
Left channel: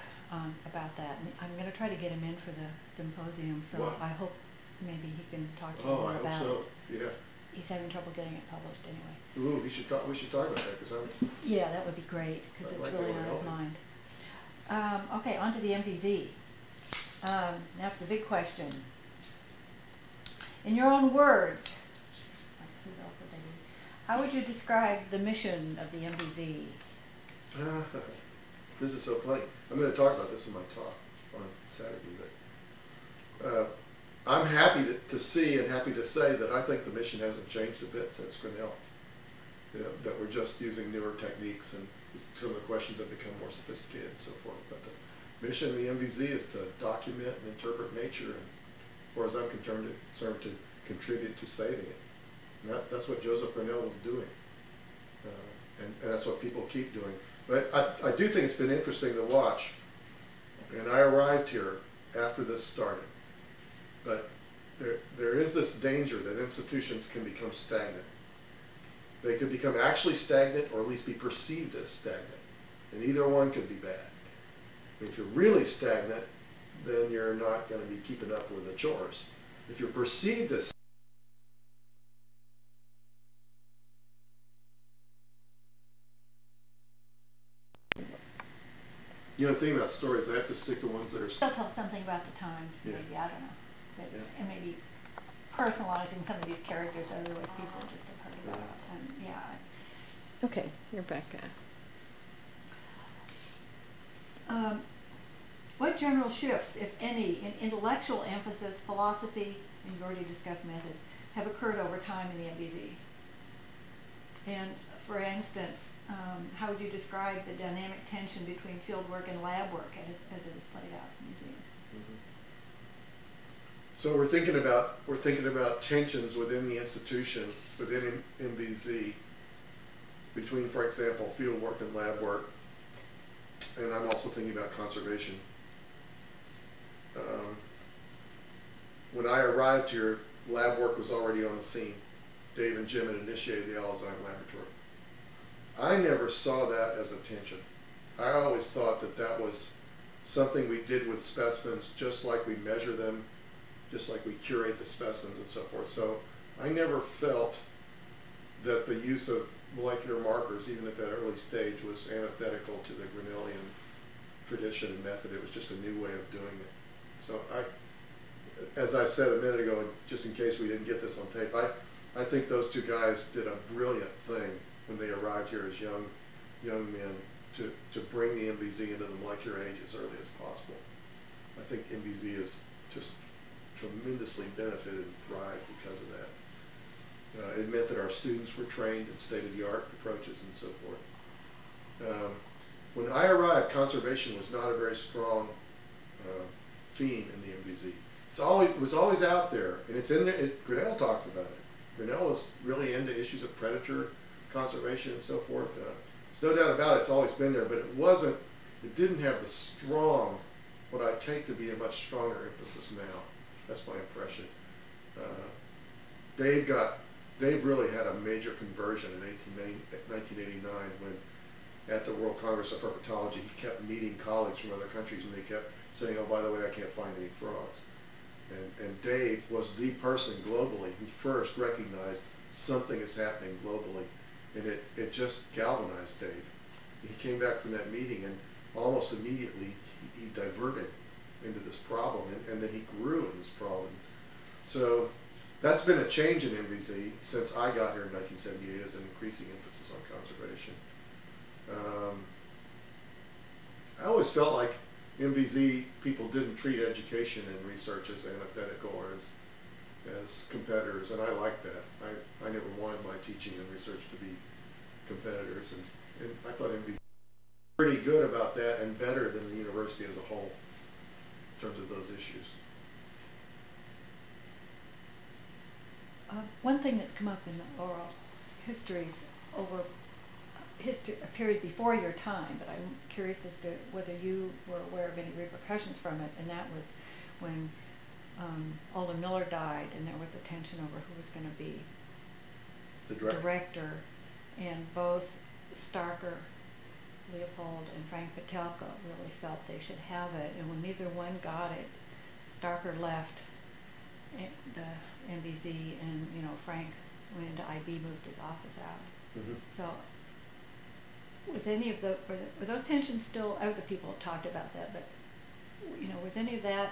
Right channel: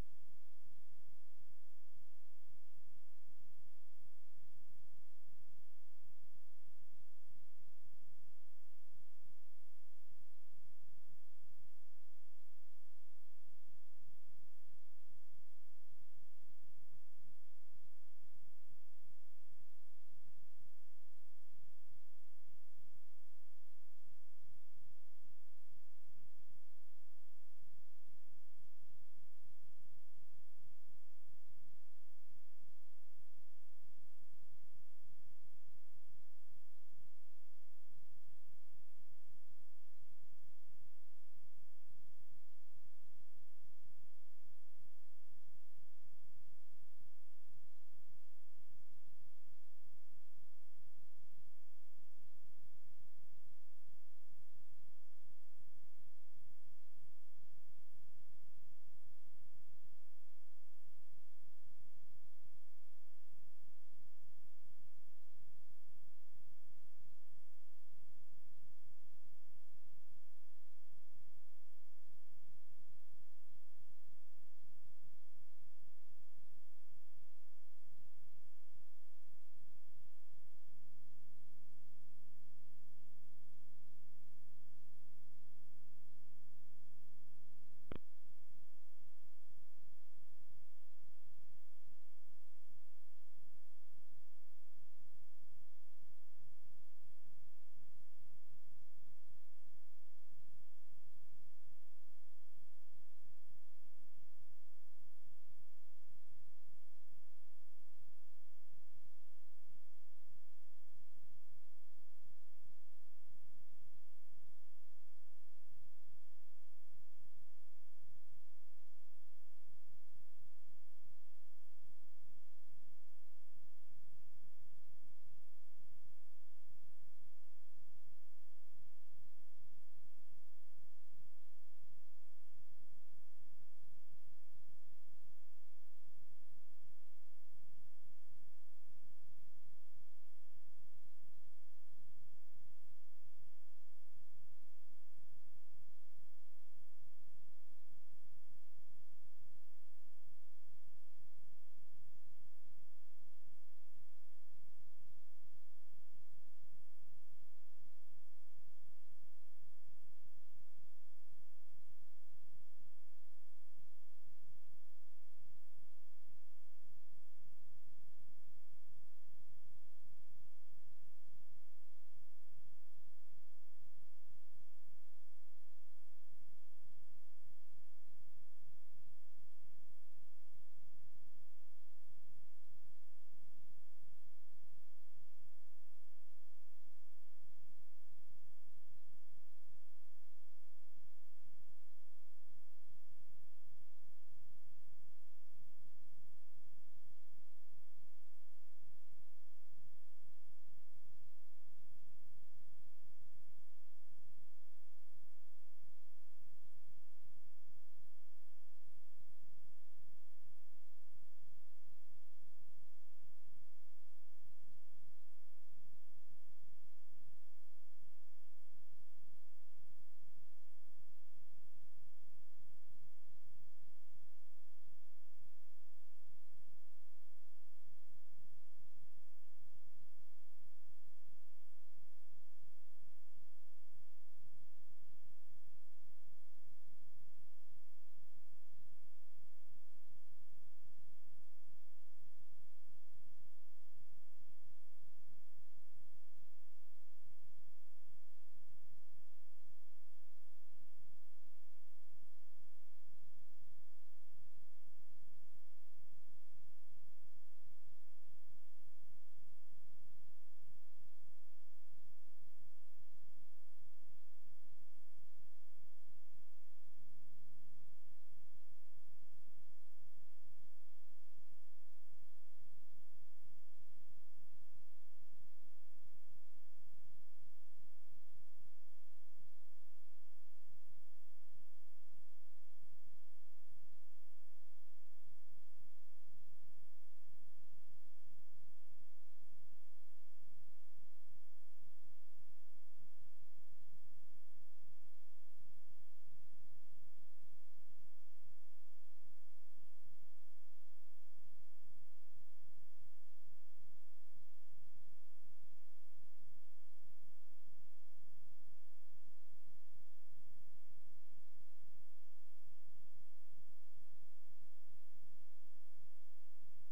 about that, and I'm going to try to get him in for the symposium, so Wow. I hope maybe he can talk to you more about it. I hope so, yeah. he's having trouble getting it published anyway. Ooh, we should talk about that, because Yeah, that would be great, because it's like really going on his to help mind. Okay, on to the MVZ. Now for the big question. In your own words, who's also dating, how would you describe the mission of the MVZ? This is so funny. I'm going to talk about this in my talk on Saturday, but I'm happy to see and happy to say that I think the mission hasn't changed a bit since Grinnell. That we're just using newer techniques, and some of the questions have become more sophisticated and so forth. But the mission of the MVZ is to document and interpret nature, and as far as I'm concerned, to contribute to saving it. And that's what Joseph Grinnell was doing, and that's what people keep doing. But I do think it's been interesting to watch, and I arrived here after this started. But there is this danger that institutions can become stagnant. They could become actually stagnant, or at least be perceived as stagnant. And either one could be bad. If you're really stagnant, then you're not going to be keeping up with the chores. If you're perceived as the thing about stories, I have to stick to ones that are... Still tell something about the times, Yeah. maybe, I don't know. But, Yeah. And maybe personalizing some of these characters, otherwise people just have heard about it. And yeah. Okay, you're back. What general shifts, if any, in intellectual emphasis, philosophy, and you've already discussed methods, have occurred over time in the MVZ? And for instance, how would you describe the dynamic tension between field work and lab work as it is played out in the museum? Mm-hmm. So we're thinking about tensions within the institution, within MVZ, between, for example, field work and lab work. And I'm also thinking about conservation. When I arrived here, lab work was already on the scene. Dave and Jim had initiated the Alzheimer Laboratory. I never saw that as a tension. I always thought that was something we did with specimens, just like we measure them, just like we curate the specimens and so forth. So I never felt that the use of molecular markers, even at that early stage, was antithetical to the Grinnellian tradition and method. It was just a new way of doing it. So as I said a minute ago, just in case we didn't get this on tape, I think those two guys did a brilliant thing when they arrived here as young men to bring the MVZ into the molecular age as early as possible. I think MVZ has just tremendously benefited and thrived because of that. It meant that our students were trained in state-of-the-art approaches and so forth. When I arrived, conservation was not a very strong theme in the MVZ. It was always out there, and it's in there. Grinnell talks about it. Grinnell was really into issues of predator conservation and so forth. There's no doubt about it, it's always been there, but it didn't have the strong, what I take to be a much stronger emphasis now. That's my impression. Dave really had a major conversion in 1989 when, at the World Congress of Herpetology, he kept meeting colleagues from other countries, and they kept saying, oh, by the way, I can't find any frogs. And Dave was the person globally who first recognized something is happening globally, and it just galvanized Dave. He came back from that meeting, and almost immediately he diverted into this problem, and then he grew in this problem. So that's been a change in MVZ since I got here in 1978, as an increasing emphasis on conservation. I always felt like MVZ people didn't treat education and research as antithetical or as competitors, and I like that. I never wanted my teaching and research to be competitors, and I thought MVZ was pretty good about that and better than the university as a whole in terms of those issues. One thing that's come up in the oral histories over a period before your time, but I'm curious as to whether you were aware of any repercussions from it, and that was when Alden Miller died, and there was a tension over who was going to be The director, and both Starker, Leopold, and Frank Petelka really felt they should have it, and when neither one got it, Starker left the MVZ, and Frank went into IB, moved his office out. Mm-hmm. So, was any of were those tensions still? Other people have talked about that, but was any of that,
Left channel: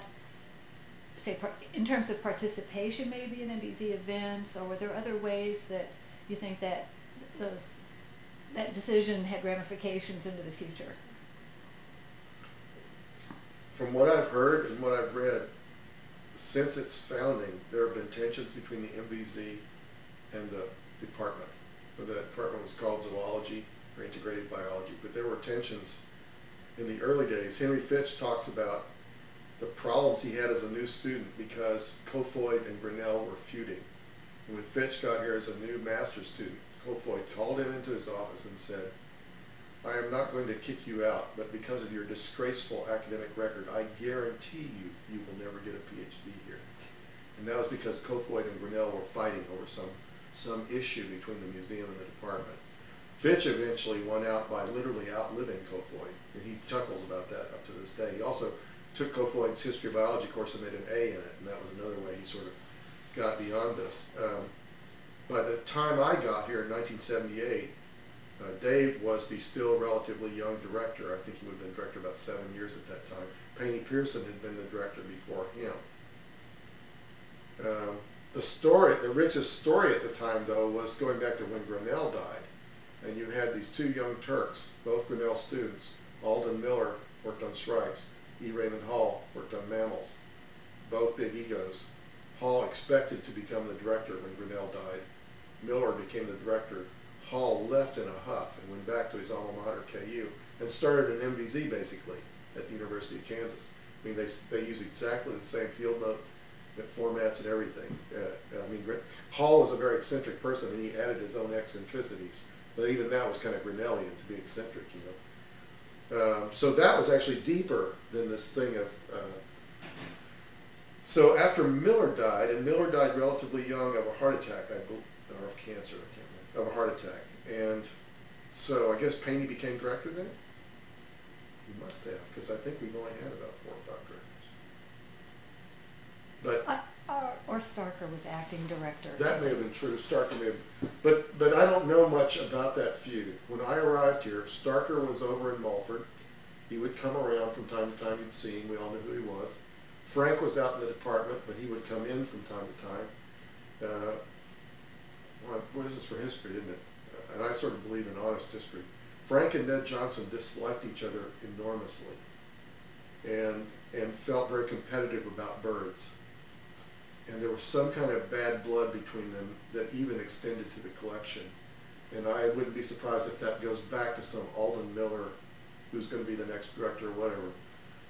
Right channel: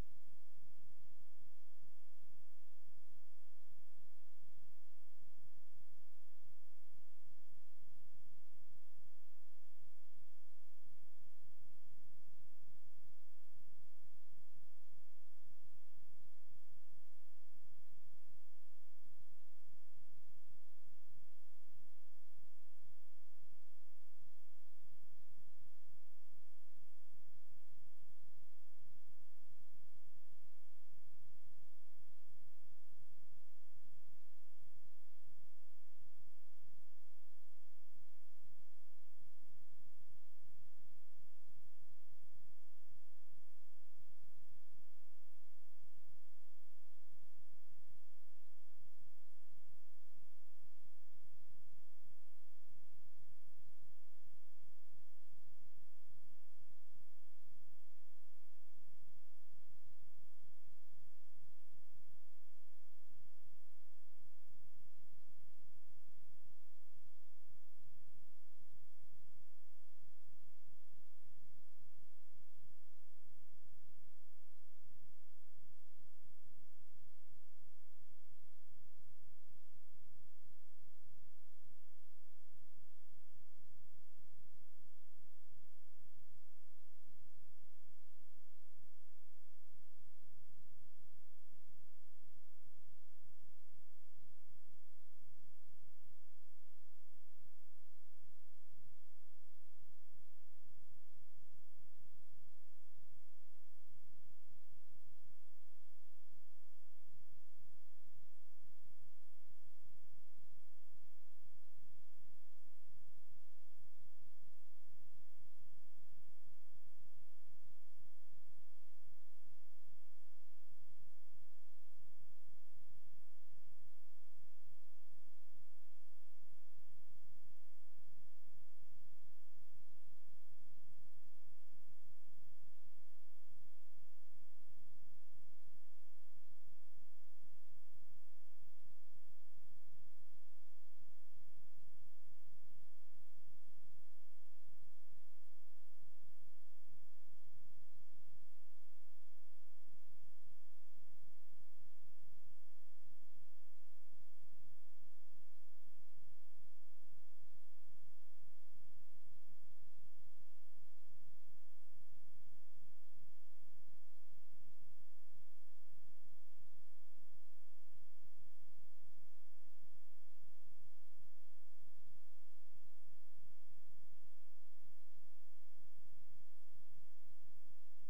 say, in terms of participation, maybe in MBZ events, or were there other ways that you think that that decision had ramifications into the future? From what I've heard and what I've read, since its founding, there have been tensions between the MBZ and the department. The department was called zoology or integrated biology, but there were tensions in the early days. Henry Fitch talks about the problems he had as a new student because Kofoid and Grinnell were feuding. And when Fitch got here as a new master's student, Kofoid called him into his office and said, "I am not going to kick you out, but because of your disgraceful academic record, I guarantee you will never get a PhD here." And that was because Kofoid and Grinnell were fighting over some issue between the museum and the department. Fitch eventually won out by literally outliving Kofoid, and he chuckles about that up to this day. He also took Kofoid's history of biology course and made an A in it, and that was another way he sort of got beyond this. By the time I got here in 1978, Dave was the still relatively young director. I think he would have been director about 7 years at that time. Paney Pearson had been the director before him. The richest story at the time, though, was going back to when Grinnell died. And you had these two young Turks, both Grinnell students. Alden Miller worked on shrikes. E. Raymond Hall worked on mammals. Both big egos. Hall expected to become the director when Grinnell died. Miller became the director. Hall left in a huff and went back to his alma mater, KU, and started an MVZ basically at the University of Kansas. I mean, they use exactly the same field note formats and everything. Hall was a very eccentric person, and he added his own eccentricities. But even that was kind of Grinnellian to be eccentric, so that was actually deeper than this thing of. So after Miller died, and Miller died relatively young of a heart attack, I believe, or of cancer, I can't remember, of a heart attack. And so I guess Paney became director then? He must have, because I think we've only had about 4 or 5 directors. But or Starker was acting director. That may have been true. Starker may have, but I don't know much about that feud. When I arrived here, Starker was over in Mulford. He would come around from time to time. You'd see him. We all knew who he was. Frank was out in the department, but he would come in from time to time. Well, this is for history, isn't it? And I sort of believe in honest history. Frank and Ned Johnson disliked each other enormously, and felt very competitive about birds. And there was some kind of bad blood between them that even extended to the collection. And I wouldn't be surprised if that goes back to some Alden Miller, who's going to be the next director or whatever.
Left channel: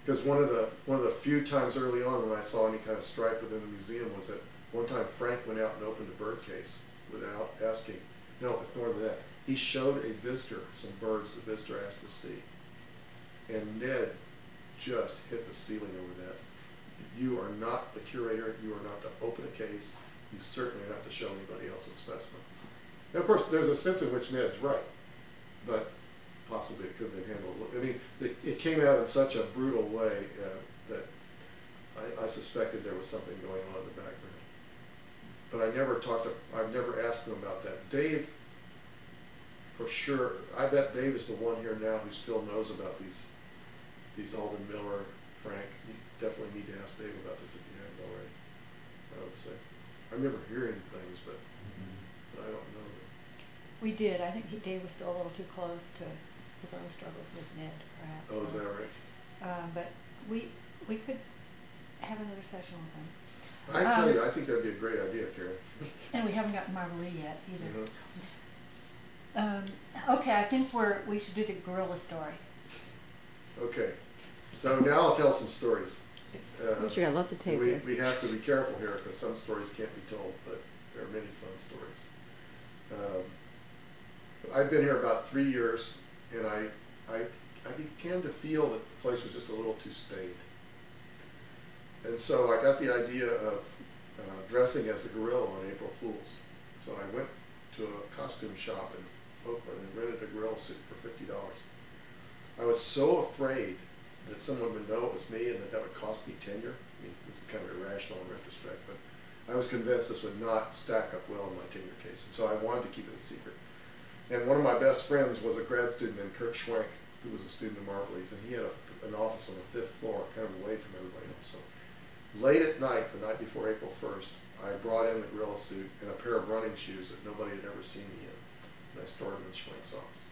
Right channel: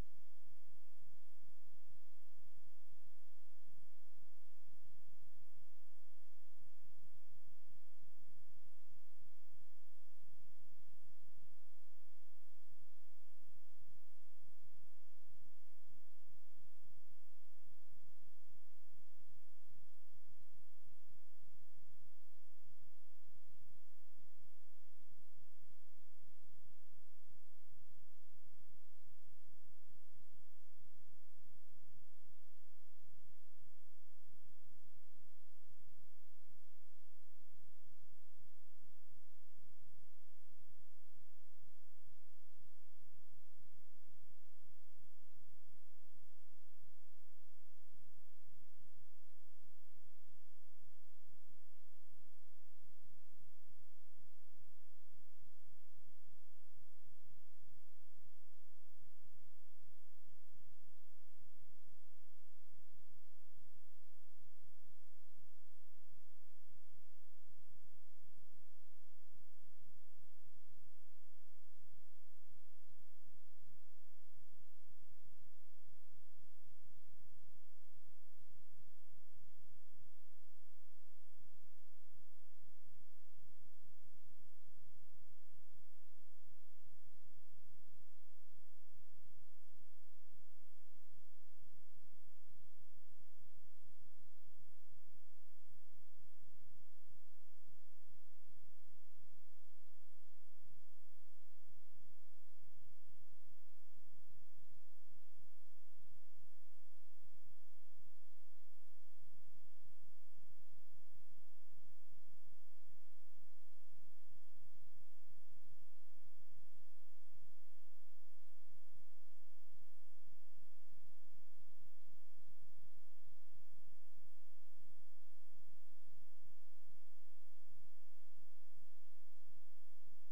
Because one of the few times early on when I saw any kind of strife within the museum was that one time Frank went out and opened a bird case without asking. No, it's more than that. He showed a visitor some birds the visitor asked to see. And Ned just hit the ceiling over that. You are not the curator. You are not to open a case. You certainly are not to show anybody else a specimen. And of course, there's a sense in which Ned's right, but possibly it could have been handled. I mean, it came out in such a brutal way that I suspected there was something going on in the background. But I've never asked him about that. Dave, for sure, I bet Dave is the one here now who still knows about these Alden Miller, Frank. You definitely need to ask Dave about this if you haven't already, I would say. I remember hearing things, but I don't know them. We did. I think Dave was still a little too close to his own struggles with Ned, perhaps. Oh, is that right? But we could have another session with him. I tell you, I think that'd be a great idea, Karen. And we haven't gotten Marguerite yet either. Mm-hmm. Okay, I think we should do the gorilla story. Okay, so now I'll tell some stories. You got lots of tape here. We have to be careful here because some stories can't be told, but there are many fun stories. I've been here about 3 years, and I began to feel that the place was just a little too staid. And so I got the idea of dressing as a gorilla on April Fool's. So I went to a costume shop in Oakland and rented a gorilla suit for $50. I was so afraid that someone would know it was me and that would cost me tenure. I mean, this is kind of irrational in retrospect, but I was convinced this would not stack up well in my tenure cases. And one of my best friends was a grad student named Kurt Schwenk, who was a student of Marbley's, and he had an office on the 5th floor, kind of away from everybody else. So late at night, the night before April 1st, I brought in the gorilla suit and a pair of running shoes that nobody had ever seen me in. And I stored them in Schwenk's office.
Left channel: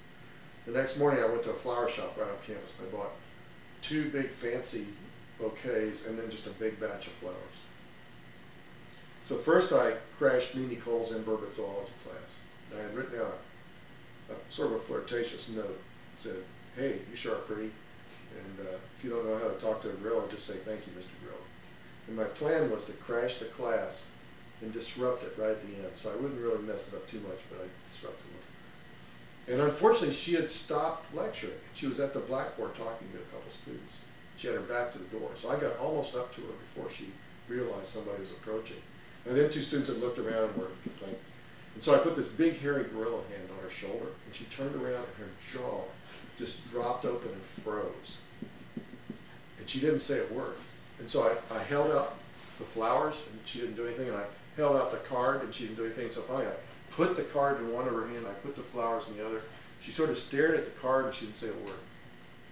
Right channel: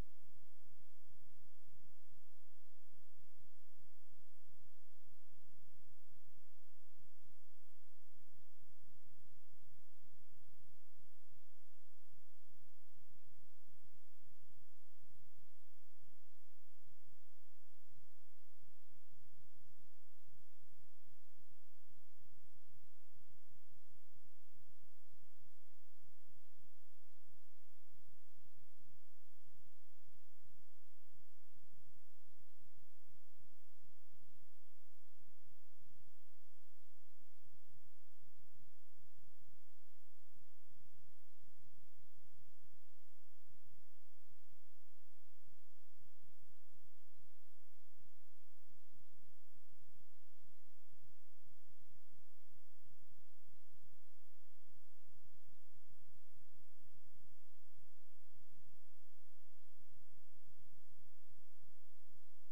The next morning, I went to a flower shop right on campus, and I bought 2 big fancy bouquets and then just a big batch of flowers. So first I crashed Mimi Cole's in-Burbot zoology class. I had written out a sort of a flirtatious note that said, "Hey, you sure are pretty, and if you don't know how to talk to a gorilla, just say thank you, Mr. Gorilla." And my plan was to crash the class and disrupt it right at the end, so I wouldn't really mess it up too much, but I disrupted it. And unfortunately, she had stopped lecturing. She was at the blackboard talking to a couple students. She had her back to the door, so I got almost up to her before she realized somebody was approaching. And then 2 students had looked around and were complaining. And so I put this big hairy gorilla hand on her shoulder, and she turned around and her jaw just dropped open and froze. And she didn't say a word. And so I held out the flowers, and she didn't do anything, and I held out the card, and she didn't do anything. So finally I put the card in one of her hand, I put the flowers in the other. She sort of stared at the card, and she didn't say a word.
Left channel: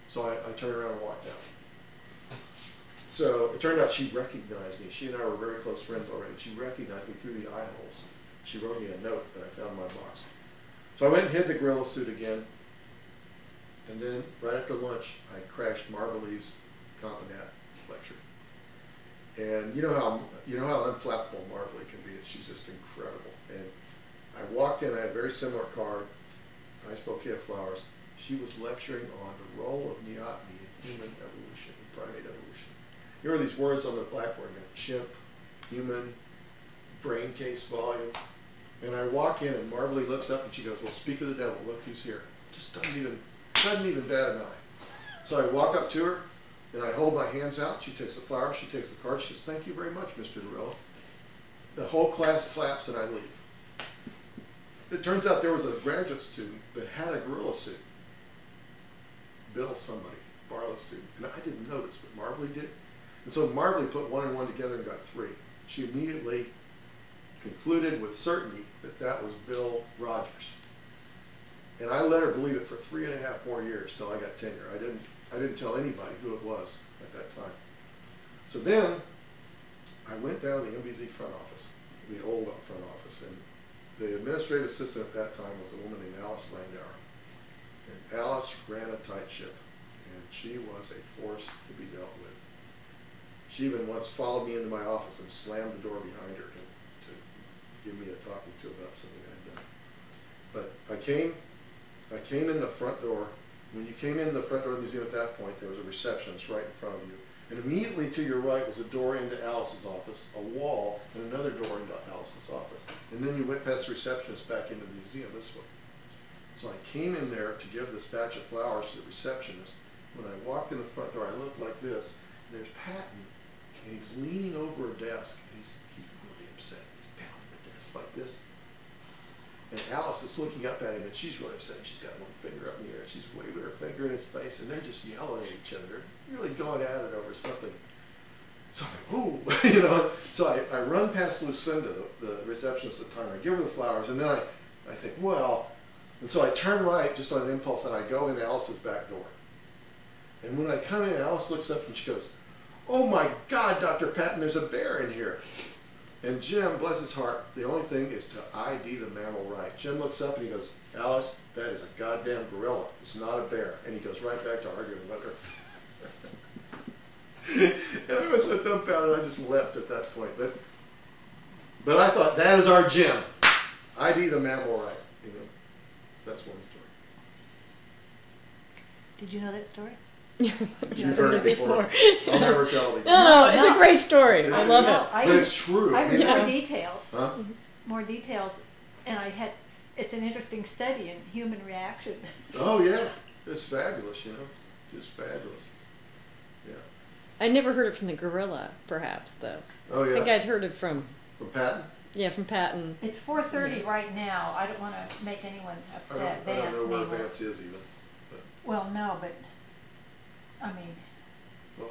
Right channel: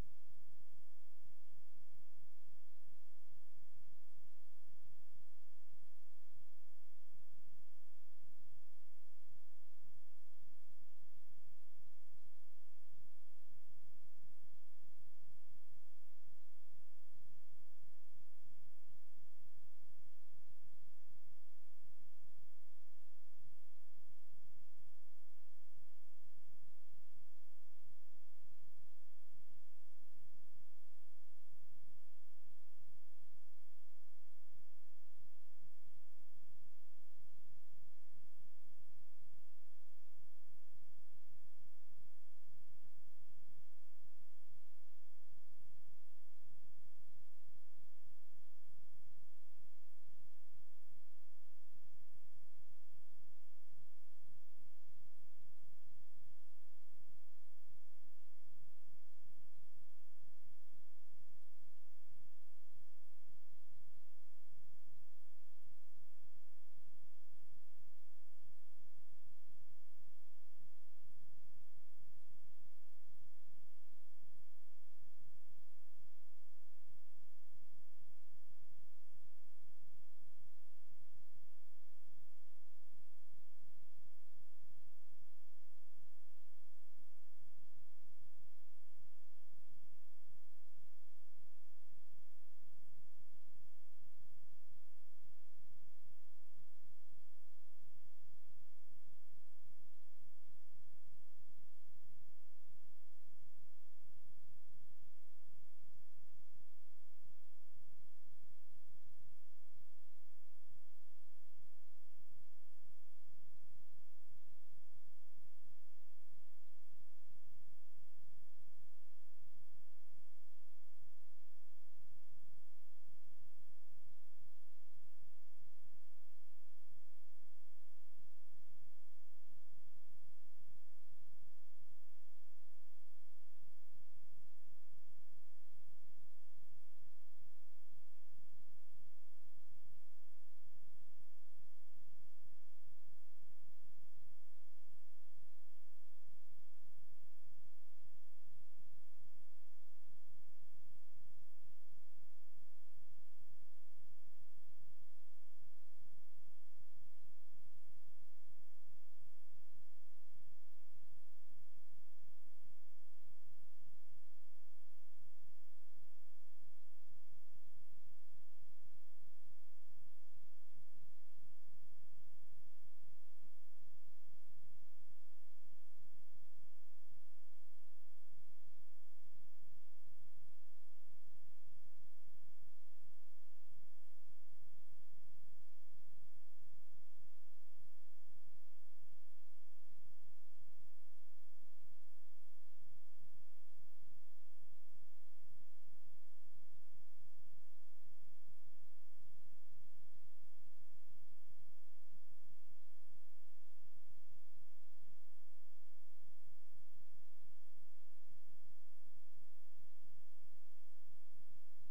So I turned around and walked out. So it turned out she recognized me. She and I were very close friends already. She recognized me through the eye holes. She wrote me a note that I found in my box. So I went and hid the gorilla suit again. And then right after lunch, I crashed Marbley's Competent lecture. And you know how unflappable Marbley can be. She's just incredible. And I walked in. I had a very similar card, nice bouquet of flowers. She was lecturing on the role of neoteny in human evolution, primate evolution. Here are these words on the blackboard: chimp, human, brain case volume. And I walk in, and Marbley looks up and she goes, "Well, speak of the devil, look who's here." Just doesn't even bat an eye. So I walk up to her, and I hold my hands out. She takes the flowers, she takes the card, she says, "Thank you very much, Mr. Gorilla." The whole class claps, and I leave. It turns out there was a graduate student that had a gorilla suit. Bill somebody, Barlow student. And I didn't know this, but Marbley did. And so Marbley put 1 and 1 together and got 3. She immediately concluded with certainty that that was Bill Rogers. And I let her believe it for 3.5 more years till I got tenure. I didn't tell anybody who it was at that time. So then I went down to the MBZ front office, the old front office, and the administrative assistant at that time was a woman named Alice Landauer. And Alice ran a tight ship, and she was a force to be dealt with. She even once followed me into my office and slammed the door behind her to give me a talking to about something I had done. But I came in the front door. When you came in the front door of the museum at that point, there was a receptionist right in front of you. And immediately to your right was a door into Alice's office, a wall, and another door into Alice's office. And then you went past the receptionist back into the museum this way. So I came in there to give this batch of flowers to the receptionist. When I walked in the front door, I looked like this. And there's Patton, and he's leaning over a desk. And he's really upset. He's pounding the desk like this. And Alice is looking up at him, and she's really upset. She's got one finger up in the air. She's waving her finger in his face, and they're just yelling at each other, really going at it over something. So I'm like, ooh, you know. So I run past Lucinda, the receptionist at the time. I give her the flowers, and then I think, well, and so I turn right just on an impulse, and I go in Alice's back door. And when I come in, Alice looks up and she goes, "Oh my God, Dr. Patton, there's a bear in here." And Jim, bless his heart, the only thing is to ID the mammal right. Jim looks up and he goes, "Alice, that is a goddamn gorilla. It's not a bear." And he goes right back to arguing with her. And I was so dumbfounded, I just left at that point. But I thought, that is our Jim. ID the mammal right. You know? So that's one story. Did you know that story? You've heard it before. I'll never tell it again. No, it's a great story. I love it. But it's true. I read more details. Huh? More details, and it's an interesting study in human reaction. Oh yeah, it's fabulous, you know, just fabulous. Yeah. I never heard it from the gorilla, perhaps, though. Oh yeah. I think I'd heard it from Patton. Yeah, from Patton. It's 4:30 right now. I don't want to make anyone upset. I don't know where name Vance is even. But. Well, no, but I mean, well,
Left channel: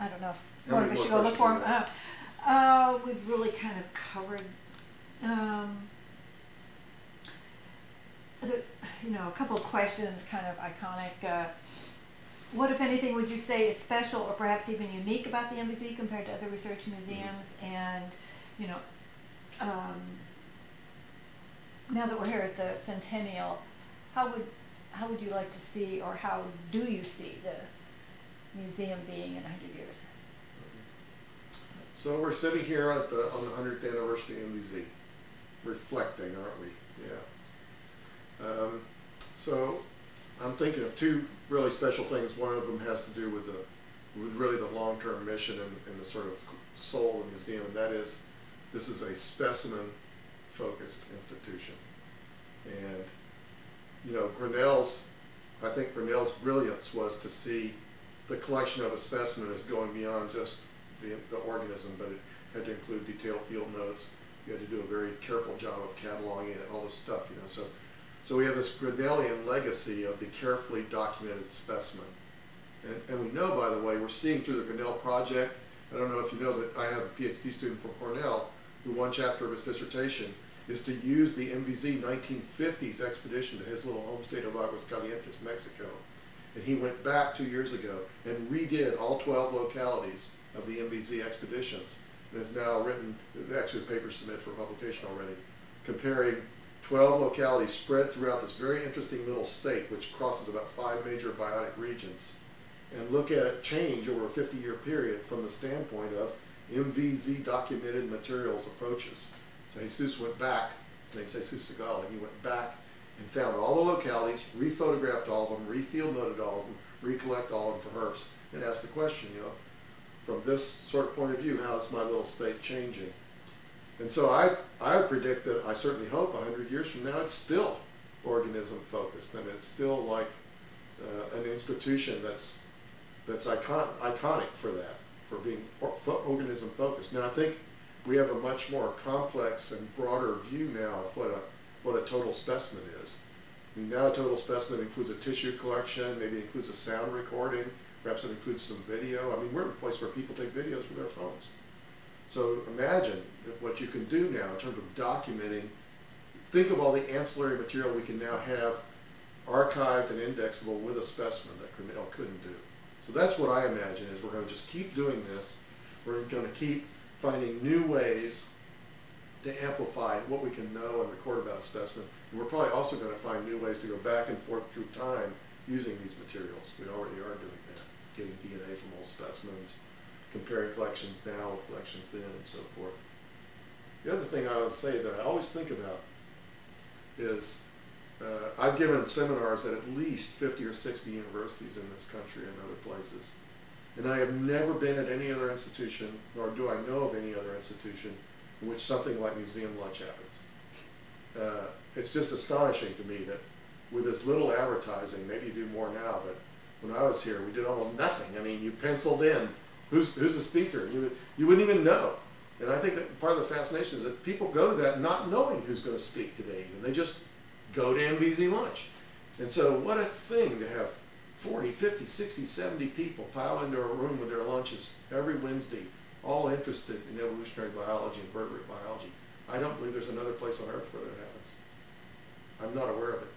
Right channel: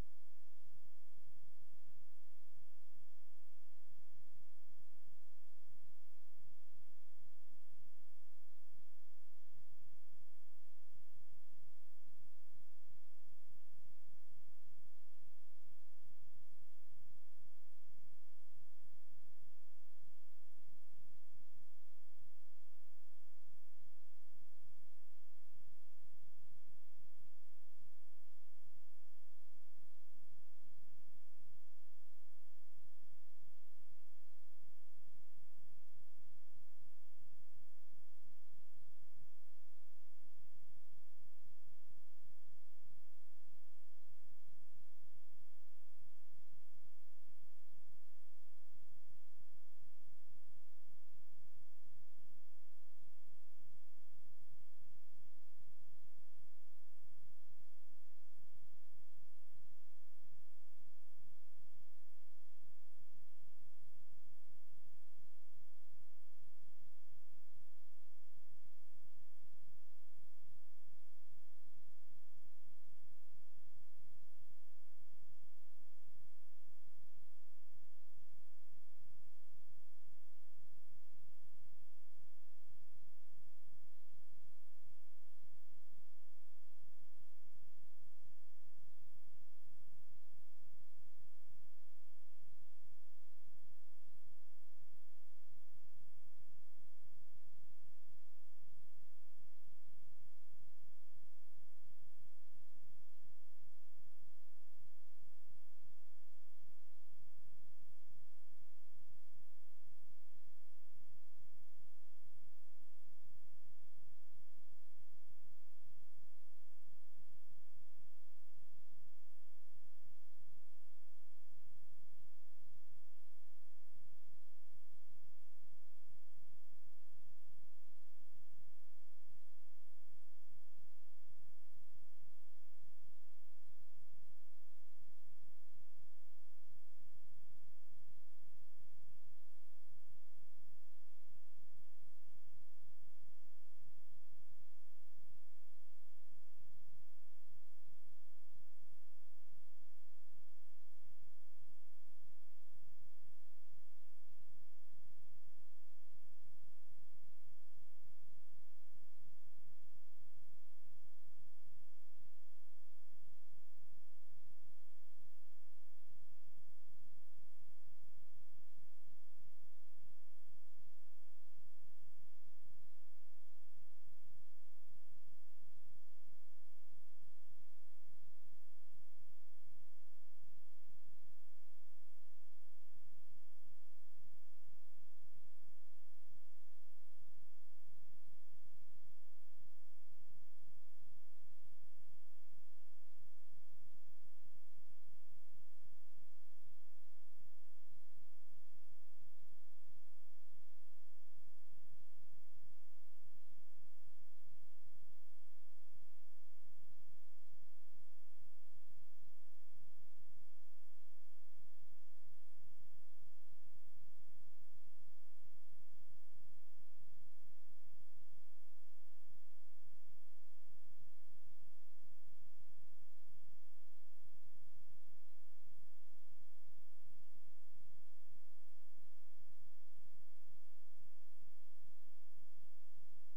I don't know if how one many of us should more go look for him. questions We've really kind of covered. there's, you know, a couple of questions, kind of iconic. What, if anything, would you say is special or perhaps even unique about the MVZ compared to other research museums? And, you know, now that we're here at the Centennial, how would you like to see, or how do you see the museum being in 100 years? So we're sitting here at on the 100th anniversary of MVZ, reflecting, aren't we? Yeah. So I'm thinking of two really special things. One of them has to do with really the long-term mission and the sort of soul of the museum, and that is, this is a specimen-focused institution. And, you know, I think Grinnell's brilliance was to see the collection of a specimen as going beyond just the organism, but it had to include detailed field notes. You had to do a very careful job of cataloging it, all this stuff, you know. So we have this Grinnellian legacy of the carefully documented specimen. And we know, by the way, we're seeing through the Grinnell project, I don't know if you know, but I have a PhD student from Cornell who one chapter of his dissertation is to use the MVZ 1950s expedition to his little home state of Aguascalientes, Mexico. And he went back 2 years ago and redid all 12 localities of the MVZ expeditions, and has now written, actually the paper submitted for publication already, comparing 12 localities spread throughout this very interesting little state, which crosses about 5 major biotic regions, and look at it change over a 50-year period from the standpoint of MVZ documented materials approaches. So Jesus went back, his name's Jesus Segal, and he went back and found all the localities, rephotographed all of them, refield noted all of them, recollect all of them for herps, and asked the question, you know, from this sort of point of view, how's my little state changing? And so I predict that, I certainly hope 100 years from now, it's still organism focused, and it's still like an institution that's iconic for that, for being organism focused. Now I think we have a much more complex and broader view now of what a total specimen is. I mean, now a total specimen includes a tissue collection, maybe it includes a sound recording, perhaps it includes some video. I mean, we're in a place where people take videos with their phones. So imagine what you can do now in terms of documenting. Think of all the ancillary material we can now have archived and indexable with a specimen that Grinnell couldn't do. So that's what I imagine is we're going to just keep doing this. We're going to keep finding new ways to amplify what we can know and record about a specimen. And we're probably also going to find new ways to go back and forth through time using these materials. We already are doing that, getting DNA from old specimens, comparing collections now with collections then, and so forth. The other thing I would say that I always think about is I've given seminars at least 50 or 60 universities in this country and other places. And I have never been at any other institution, nor do I know of any other institution, in which something like museum lunch happens. It's just astonishing to me that with as little advertising, maybe you do more now, but when I was here, we did almost nothing. I mean, you penciled in who's the speaker. You wouldn't even know. And I think that part of the fascination is that people go to that not knowing who's going to speak today, and they just go to MVZ lunch. And so what a thing to have 40, 50, 60, 70 people pile into a room with their lunches every Wednesday, all interested in evolutionary biology and vertebrate biology. I don't believe there's another place on earth where that happens. I'm not aware of it.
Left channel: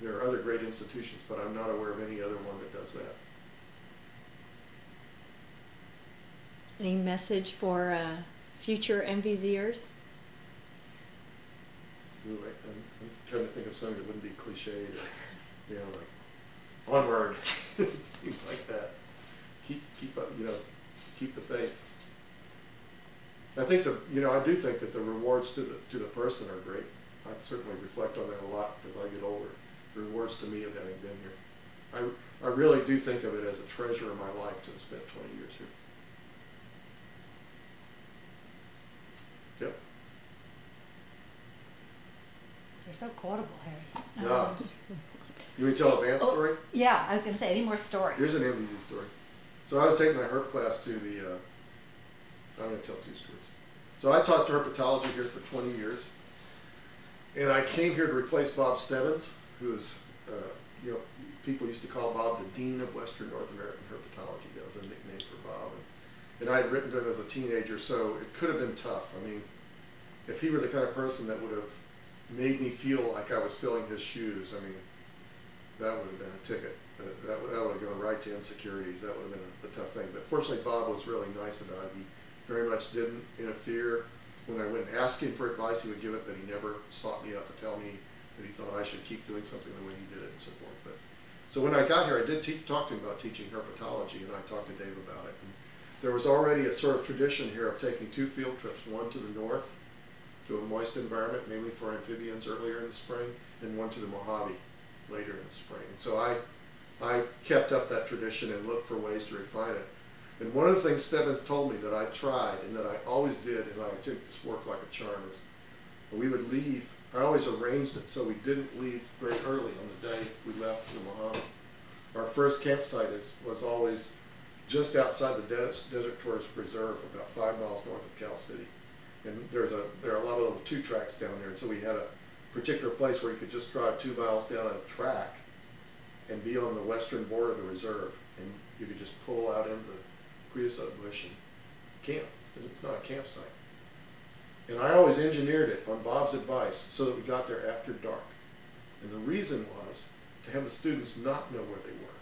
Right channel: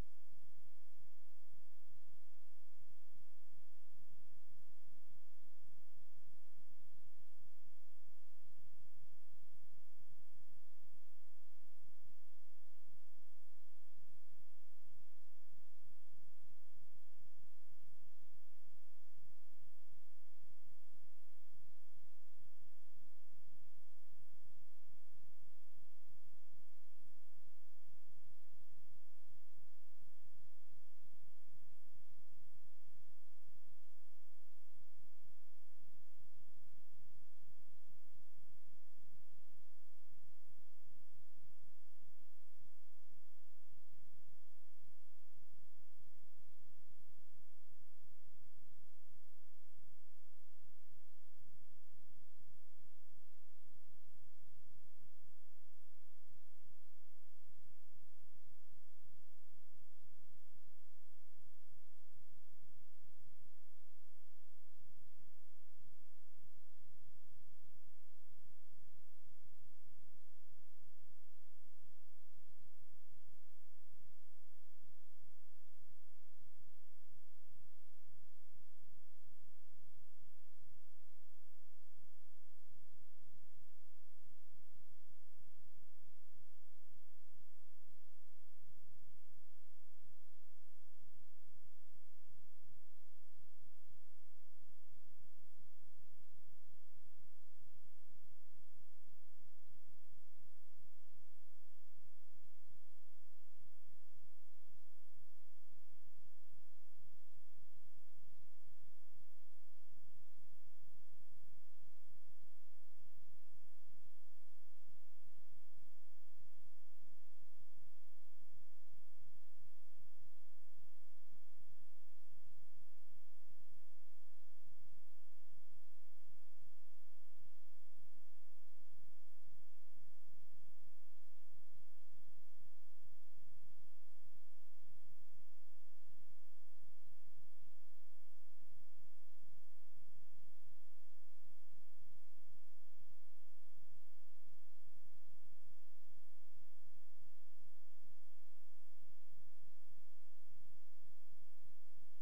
There are other great institutions, but I'm not aware of any other one that does that. Any message for future MVZers? Ooh, I'm trying to think of something that wouldn't be cliche, you know, like onward, things like that. Keep up, you know, keep the faith. I think I do think that the rewards to the person are great. I certainly reflect on that a lot as I get older. The rewards to me of having been here. I really do think of it as a treasure in my life to have spent 20 years here. Yep. You're so quotable, Harry. Yeah. You want me to tell a Vance story? Yeah, I was going to say, any more stories? Here's an MVZ story. So I was taking my herp class to the, I'm going to tell two stories. So I taught herpetology here for 20 years. And I came here to replace Bob Stebbins, who is, people used to call Bob the Dean of Western North American Herpetology. That was a nickname for Bob. And I had written to him as a teenager, so it could have been tough. I mean, if he were the kind of person that would have made me feel like I was filling his shoes, I mean, that would have been a ticket. That would have gone right to insecurities. That would have been a tough thing. But fortunately, Bob was really nice about it. He very much didn't interfere. When I went and asked him for advice, he would give it, but he never sought me out to tell me that he thought I should keep doing something the way he did it and so forth. But so when I got here, I did talk to him about teaching herpetology, and I talked to Dave about it. And there was already a sort of tradition here of taking 2 field trips, one to the north, to a moist environment, mainly for amphibians earlier in the spring, and one to the Mojave later in the spring. And so I kept up that tradition and looked for ways to refine it. And one of the things Stebbins told me that I tried and that I always did, and I think this worked like a charm, is we would leave. I always arranged it so we didn't leave very early on the day we left for the Mojave. Our first campsite was always just outside the Desert Tourist Reserve, about 5 miles north of Cal City. And there are a lot of little 2 tracks down there, and so we had a particular place where you could just drive 2 miles down a track and be on the western border of the reserve, and you could just pull out into the creosote bush and camp. It's not a campsite. And I always engineered it on Bob's advice so that we got there after dark. And the reason was to have the students not know where they were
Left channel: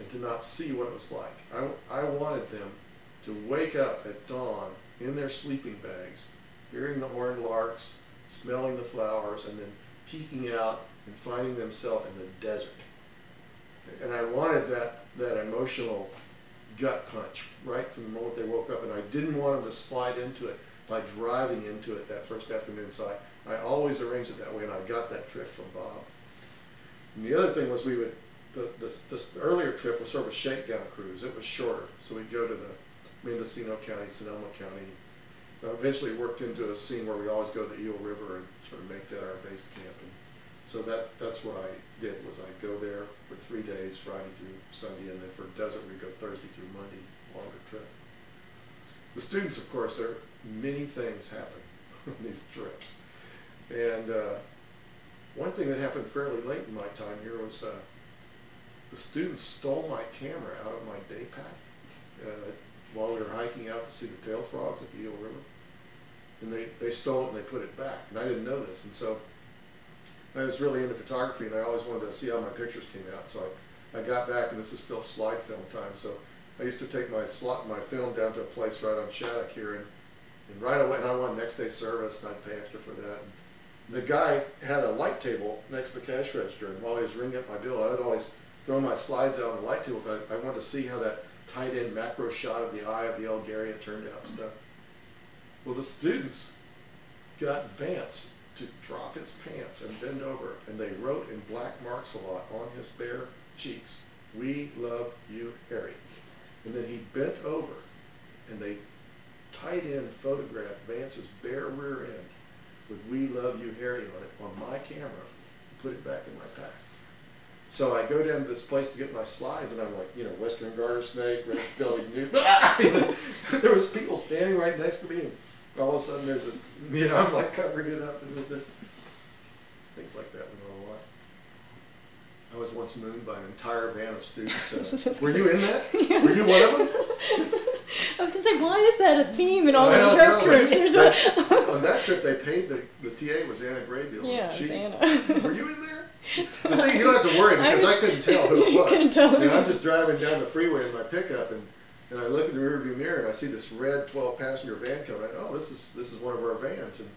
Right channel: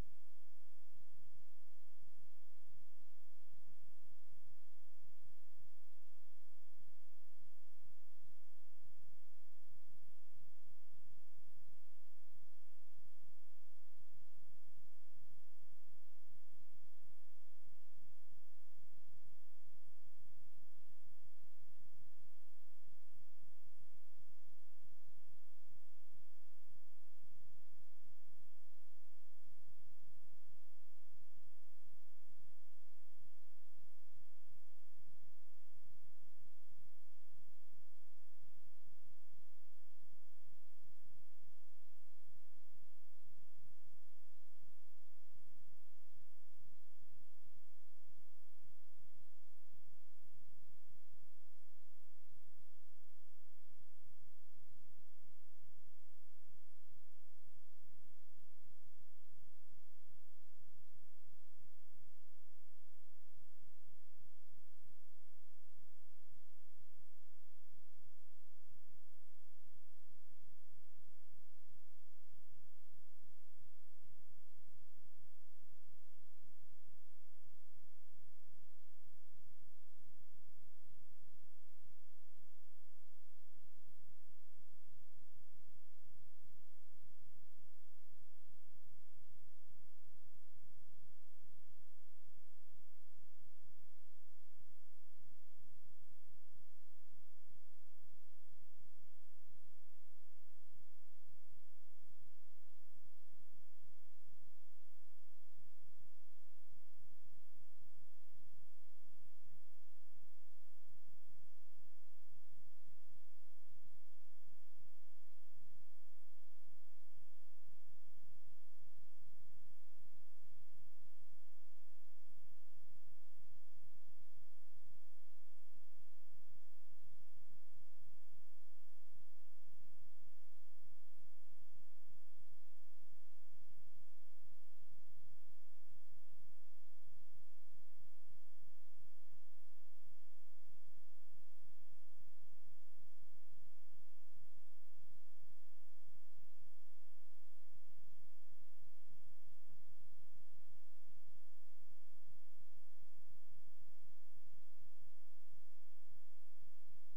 and to not see what it was like. I wanted them to wake up at dawn in their sleeping bags, hearing the horned larks, smelling the flowers, and then peeking out and finding themselves in the desert. And I wanted that emotional gut punch right from the moment they woke up, and I didn't want them to slide into it by driving into it that first afternoon. So I always arranged it that way, and I got that trick from Bob. And the other thing was this earlier trip was sort of a shakedown cruise. It was shorter, so we'd go to the Mendocino County, Sonoma County. Eventually worked into a scene where we always go to the Eel River and sort of make that our base camp. And so that's what I did, was I'd go there for 3 days, Friday through Sunday, and then for desert we'd go Thursday through Monday, longer trip. The students, of course, many things happen on these trips. And one thing that happened fairly late in my time here was the students stole my camera out of my day pack while we were hiking out to see the tail frogs at the Eel River. And they stole it and they put it back. And I didn't know this. And so I was really into photography, and I always wanted to see how my pictures came out. So I got back, and this is still slide film time. So I used to take my film down to a place right on Shattuck here, and right away, and I wanted next day service, and I'd pay extra for that. And the guy had a light table next to the cash register, and while he was ringing up my bill, I would always throw my slides out on the light table. I wanted to see how that tight-end macro shot of the eye of the Algaria turned out and stuff. Well, the students got Vance to drop his pants and bend over, and they wrote in black marks a lot on his bare cheeks, "We love you, Harry." And then he bent over, and they tight-end photographed Vance's bare rear end with "We love you, Harry" on it on my camera, and put it back in my pack. So I go down to this place to get my slides, and I'm like, Western garter snake, red-bellied newt. There was people standing right next to me, and all of a sudden there's this, I'm like covering it up, and things like that went on a lot. I was once mooned by an entire van of students. Were you in that? Yeah. Were you one of them? I was going to say, why is that a theme in all these herp trips? On that trip, they paid, the TA was Anna Graybill. Yeah, it was Anna. Were you in there? The thing, you don't have to worry, because I couldn't tell who it was. Couldn't tell I'm just driving down the freeway in my pickup, and I look in the rearview mirror, and I see this red 12-passenger van coming. This is one of our vans, and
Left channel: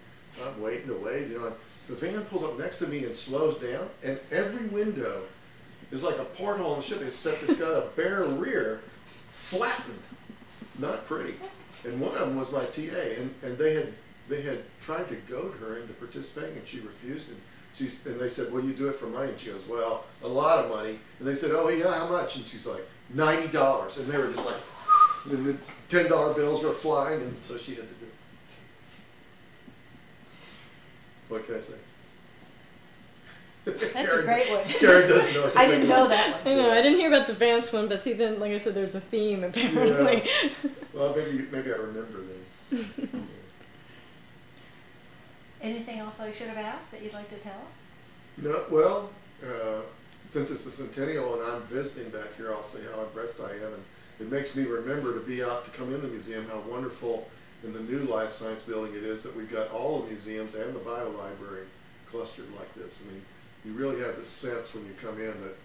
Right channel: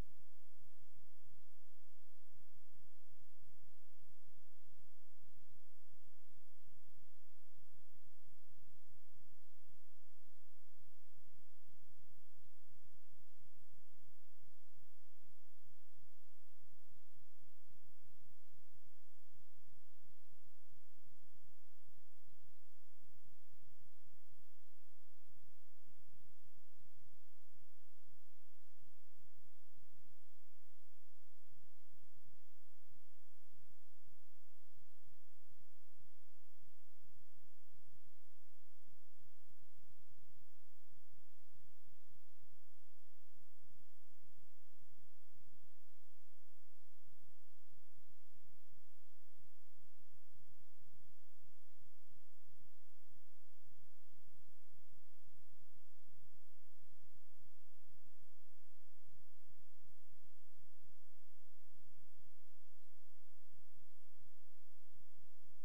I'm waiting to wait. And the van pulls up next to me and slows down, and every window is like a porthole in the ship, except it's got a bare rear, flattened, not pretty. And one of them was my TA, and they had tried to goad her into participating, and she refused. And they said, "Will you do it for money?" And she goes, "Well, a lot of money." And they said, "Oh yeah, how much?" And she's like, $90. And they were just like, and the $10 bills were flying, and so she had to do it. What can I say? That's Karen, a great one. Karen doesn't know what to I think didn't know about. that one. I know, I didn't hear about the Vance one, but see, then, like I said, there's a theme, apparently. Yeah. Well, maybe I remember then. Anything else I should have asked that you'd like to tell? No, well, since it's the centennial and I'm visiting back here, I'll say how impressed I am. And it makes me remember to be out to come in the museum, how wonderful in the new Life Science building it is that we've got all the museums and the bio library clustered like this. I mean, you really have the sense when you come in that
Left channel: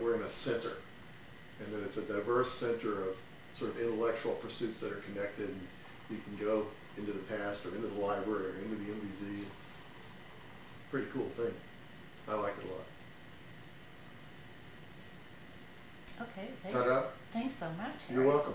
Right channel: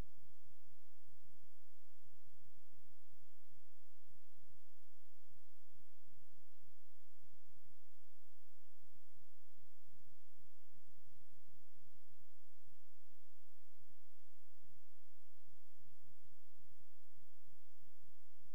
we're in a center, and that it's a diverse center of sort of intellectual pursuits that are connected. And you can go into the past or into the library or into the MBZ. Pretty cool thing. I like it a lot. Okay, Ta-da. thanks so much. You're welcome.